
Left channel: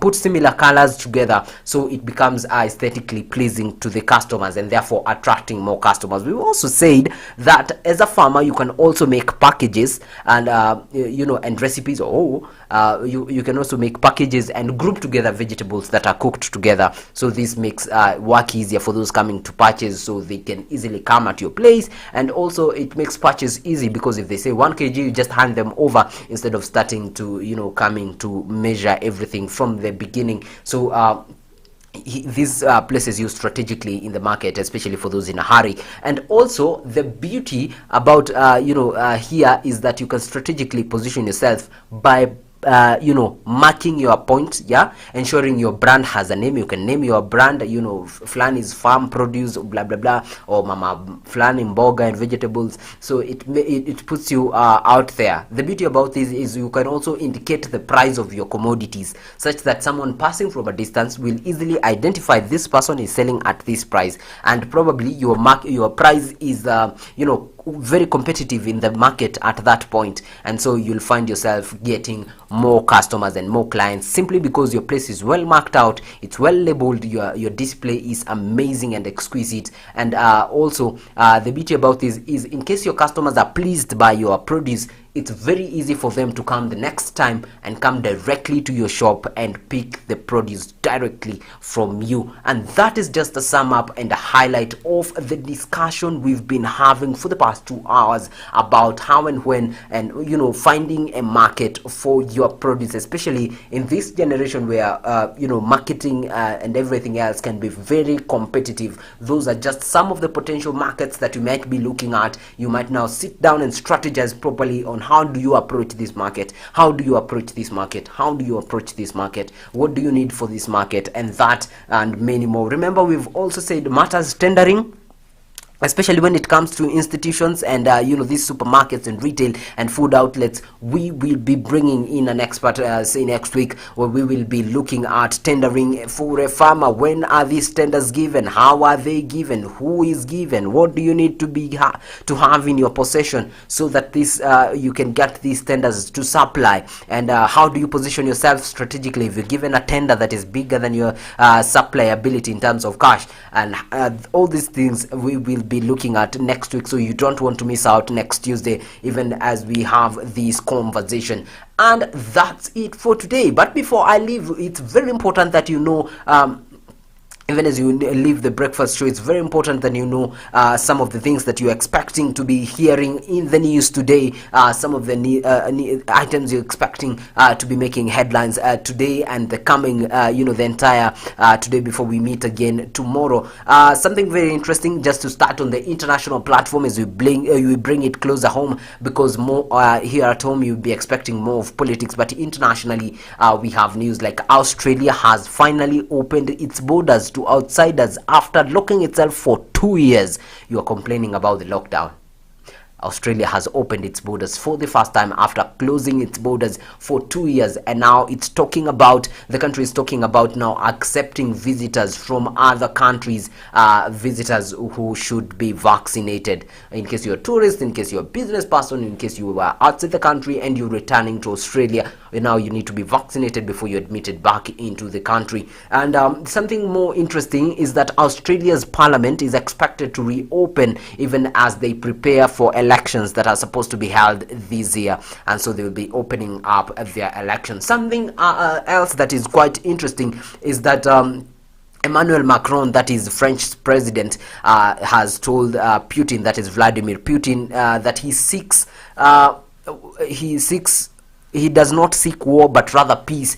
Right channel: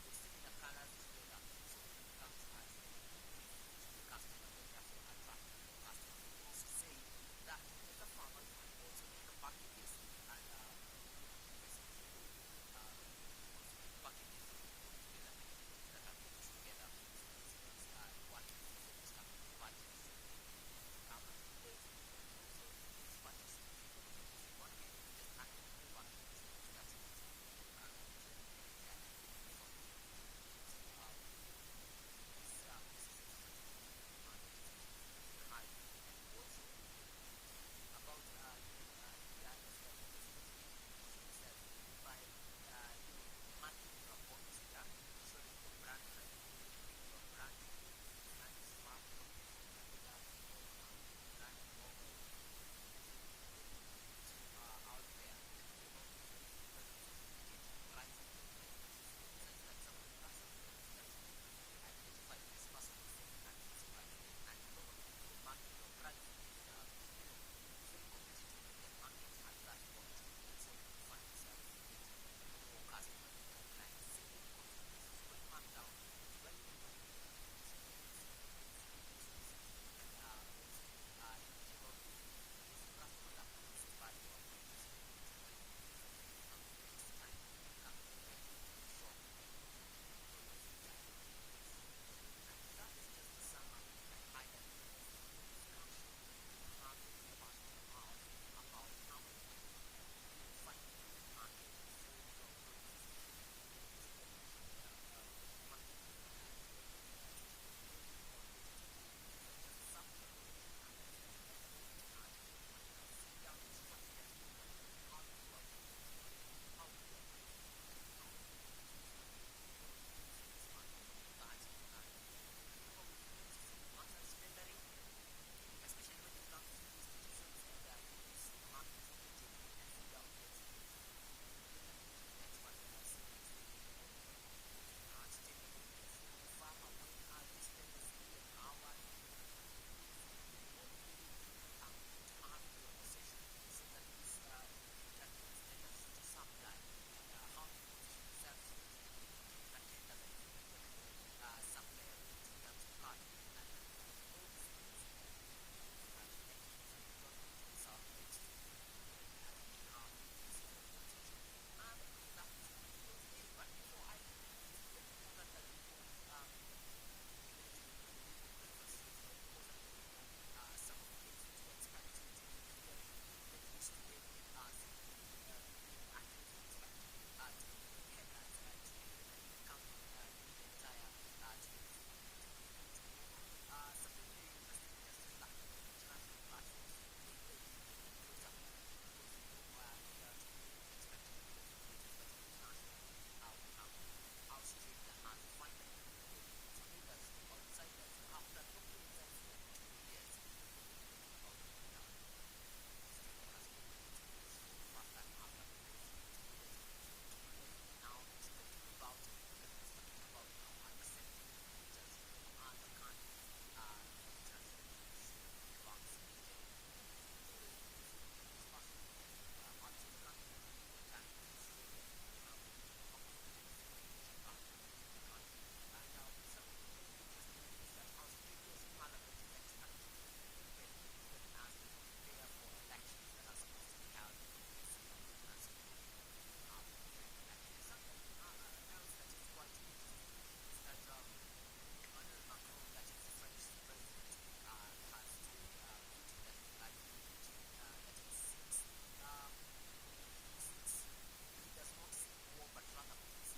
put similar colors together, so it becomes aesthetically pleasing to the customers, and therefore attracting more customers. We've also said that as a farmer, you can also make packages and and recipes, you can also make packages and group together vegetables that are cooked together. So this makes work easier for those coming to purchase, so they can easily come at your place. And also it makes purchase easy, because if they say 1 kg, you just hand them over instead of starting to coming to measure everything from the beginning. So these places you strategically in the market, especially for those in a hurry. And also the beauty about here is that you can strategically position yourself by marking your point, ensuring your brand has a name. You can name your brand, Flani's farm produce, blah blah blah, or Mama Flani mboga and vegetables. So it puts you out there. The beauty about this is you can also indicate the price of your commodities, such that someone passing from a distance will easily identify this person is selling at this price, and probably your price is very competitive in the market at that point. And so you'll find yourself getting more customers and more clients, simply because your place is well marked out, it's well labeled, your display is amazing and exquisite. And also the beauty about this is, in case your customers are pleased by your produce, it's very easy for them to come the next time and come directly to your shop and pick the produce directly from you. And that is just a sum up and a highlight of the discussion we've been having for the past 2 hours about how and when, and finding a market for your produce, especially in this generation where marketing and everything else can be very competitive. Those are just some of the potential markets that you might be looking at. You might now sit down and strategize properly on how do you approach this market, how do you approach this market, how do you approach this market, what do you need for this market, and that and many more. Remember, we've also said matters tendering, especially when it comes to institutions and these supermarkets and retail and food outlets. We will be bringing in an expert say next week, where we will be looking at tendering for a farmer. When are these tenders given, how are they given, who is given, what do you need to have in your possession so that this you can get these tenders to supply, and how do you position yourself strategically if you're given a tender that is bigger than your supply ability in terms of cash. And all these things we will be looking at next week, so you don't want to miss out next Tuesday, even as we have this conversation. And that's it for today. But before I leave, it's very important that even as you leave the breakfast show, it's very important that some of the things that you're expecting to be hearing in the news today, some of the items you're expecting to be making headlines today and the coming, the entire today before we meet again tomorrow. Something very interesting, just to start on the international platform, as we bring it closer home, because more here at home you'll be expecting more of politics, but internationally we have news like Australia has finally opened its borders to outsiders after locking itself for 2 years. You are complaining about the lockdown. Australia has opened its borders for the first time after closing its borders for 2 years, and now the country is talking about now accepting visitors from other countries, visitors who should be vaccinated. In case you're a tourist, in case you're a business person, in case you are outside the country and you're returning to Australia, now you need to be vaccinated before you're admitted back into the country. And something more interesting is that Australia's parliament is expected to reopen even as they prepare for elections that are supposed to be held this year, and so they will be opening up their elections. Something else that is quite interesting is that Emmanuel Macron, that is French president, has told Putin, that is Vladimir Putin, that he does not seek war, but rather peace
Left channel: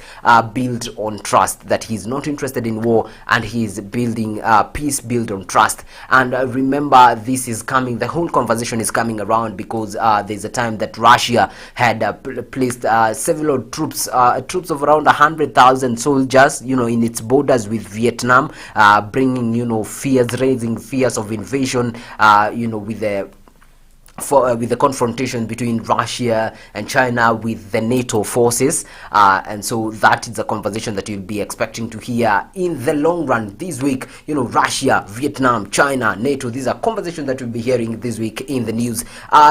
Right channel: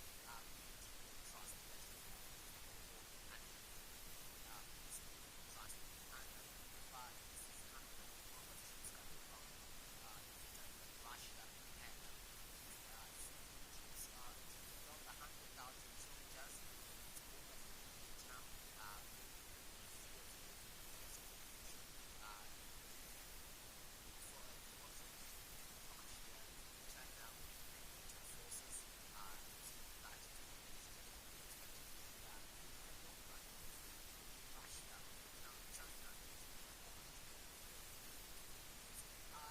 built on trust. That he's not interested in war, and he's building peace built on trust. And remember, this is coming, the whole conversation is coming around because there's a time that Russia had placed several troops of around 100,000 soldiers, in its borders with Vietnam, bringing, raising fears of invasion, with the confrontation between Russia and China with the NATO forces, and so that is a conversation that you'll be expecting to hear in the long run this week. Russia, Vietnam, China, NATO, these are conversations that we'll be hearing this week in the news.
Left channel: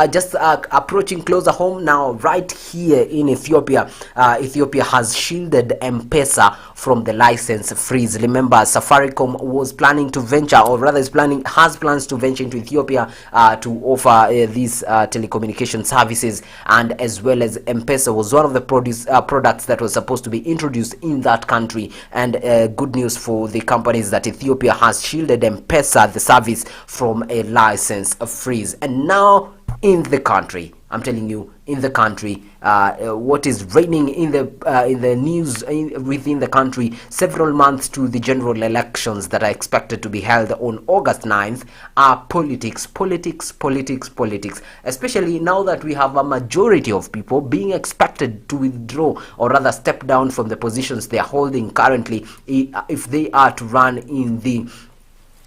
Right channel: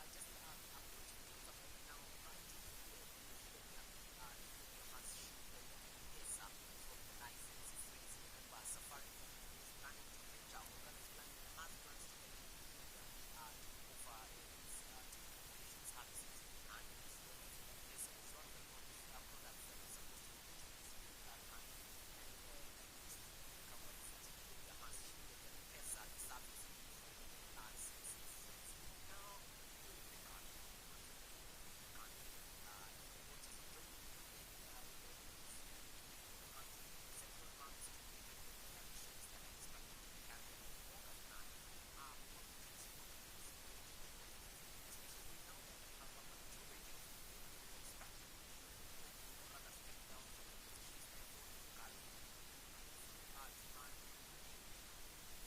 Just approaching closer home now, right here in Ethiopia. Ethiopia has shielded M-Pesa from the license freeze. Remember, Safaricom was planning to venture, or rather has plans to venture into Ethiopia to offer these telecommunication services, and as well as M-Pesa was one of the products that was supposed to be introduced in that country. And good news for the companies that Ethiopia has shielded M-Pesa, the service, from a license freeze. And now in the country, I'm telling you, in the country, what is reigning in the news within the country, several months to the general elections that are expected to be held on August 9th, are politics, especially now that we have a majority of people being expected to withdraw, or rather step down from the positions they are holding currently, if they are to run in the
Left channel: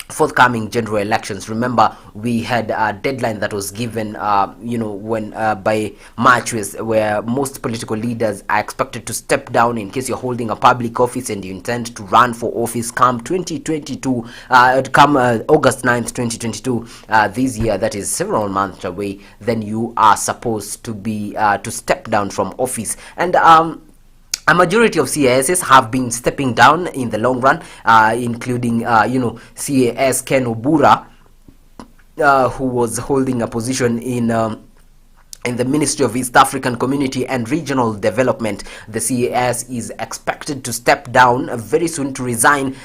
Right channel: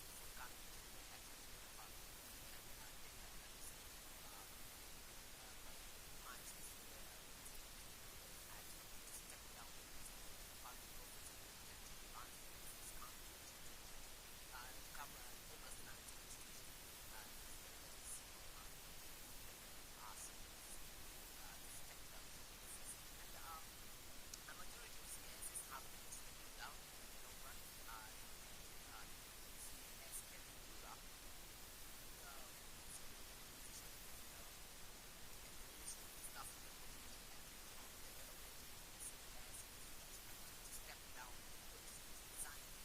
forthcoming general elections. Remember, we had a deadline that was given when by March, where most political leaders are expected to step down in case you're holding a public office and you intend to run for office come 2022, come August 9th 2022, this year. That is several months away. Then you are supposed to be to step down from office. And a majority of CASs have been stepping down in the long run, including CAS Ken Obura, who was holding a position in the Ministry of East African Community and Regional Development. The CAS is expected to step down very soon, to resign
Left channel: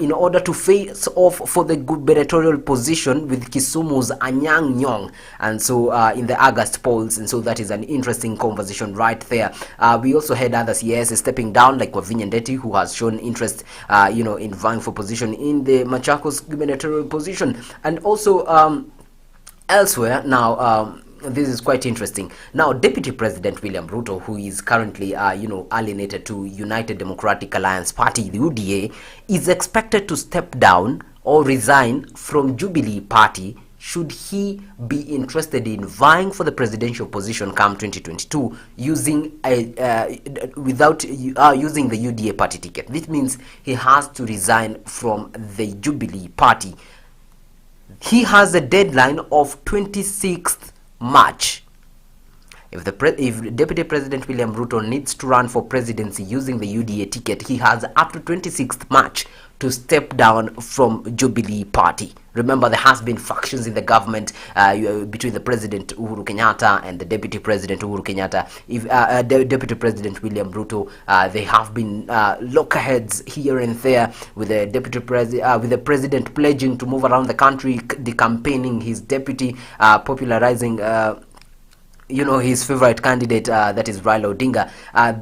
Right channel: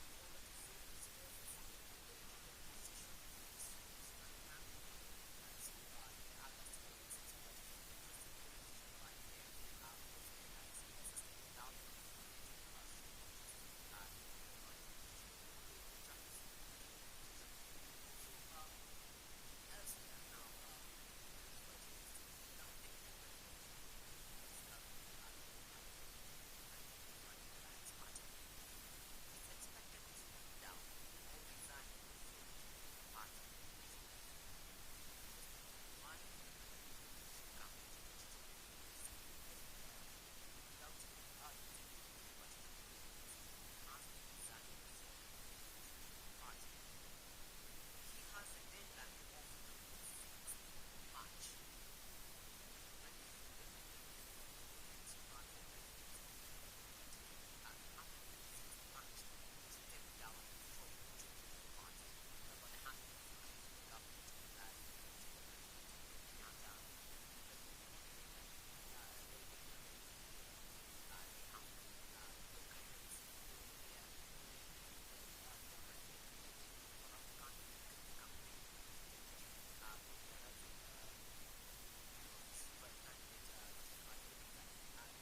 in order to face off for the gubernatorial position with Kisumu's Anyang' Nyong'o, and so in the August polls. And so that is an interesting conversation right there. We also had other CAS stepping down, like Wavinya Ndeti, who has shown interest in vying for position in the Machakos gubernatorial position. And also elsewhere now, this is quite interesting. Now, Deputy President William Ruto, who is currently, alienated to United Democratic Alliance Party, the UDA, is expected to step down or resign from Jubilee Party should he be interested in vying for the presidential position come 2022 using without using the UDA party ticket. This means he has to resign from the Jubilee Party. He has a deadline of 26th March. If Deputy President William Ruto needs to run for presidency using the UDA ticket, he has up to 26th March to step down from Jubilee Party. Remember, there has been factions in the government between the President Uhuru Kenyatta and the Deputy President Uhuru Kenyatta. If Deputy President William Ruto, they have been lockerheads here and there, with the with the President pledging to move around the country, campaigning his deputy, popularizing his favorite candidate, that is Raila Odinga.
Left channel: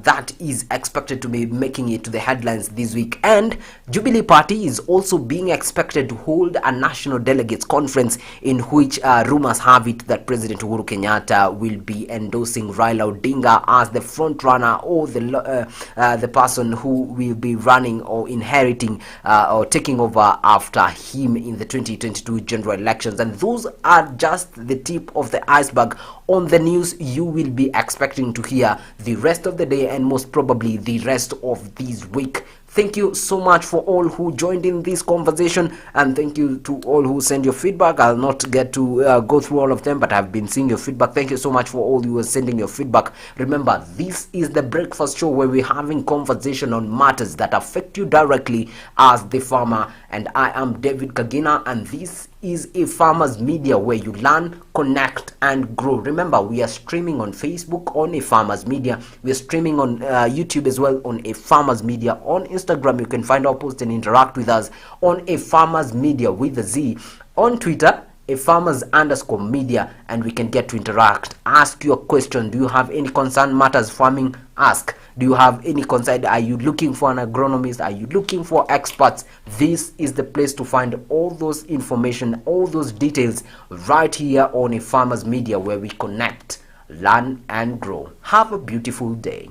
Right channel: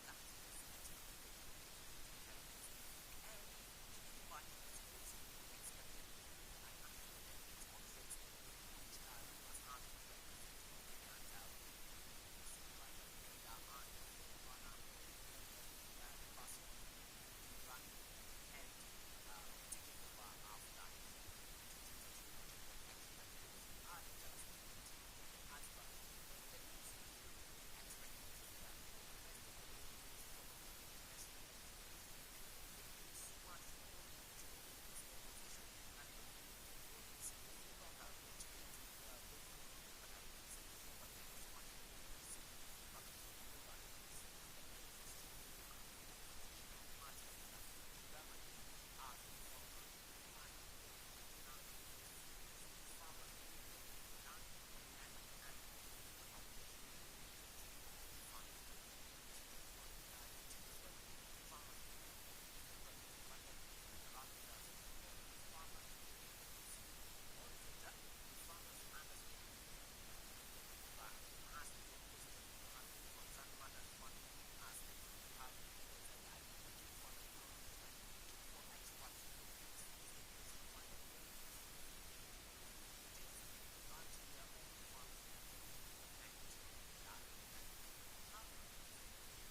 That is expected to be making it to the headlines this week. And Jubilee Party is also being expected to hold a national delegates conference, in which rumors have it that President Uhuru Kenyatta will be endorsing Raila Odinga as the front runner, or the person who will be running or inheriting or taking over after him in the 2022 general elections. And those are just the tip of the iceberg on the news you will be expecting to hear the rest of the day, and most probably the rest of this week. Thank you so much for all who joined in this conversation, and thank you to all who send your feedback. I'll not get to go through all of them, but I've been seeing your feedback. Thank you so much for all you are sending your feedback. Remember, this is the breakfast show where we're having conversation on matters that affect you directly as the farmer. And I am David Kagina, and this is Afarmers Media, where you learn, connect, and grow. Remember, we are streaming on Facebook on Afarmers Media. We are streaming on YouTube as well on Afarmers Media. On Instagram, you can find our posts and interact with us on Afarmers Media with a Z. On Twitter, Afarmers_media, and we can get to interact. Ask your question. Do you have any concern matters farming? Ask. Do you have any concern? Are you looking for an agronomist? Are you looking for experts? This is the place to find all those information, all those details, right here on Afarmers Media, where we connect, learn, and grow. Have a beautiful day.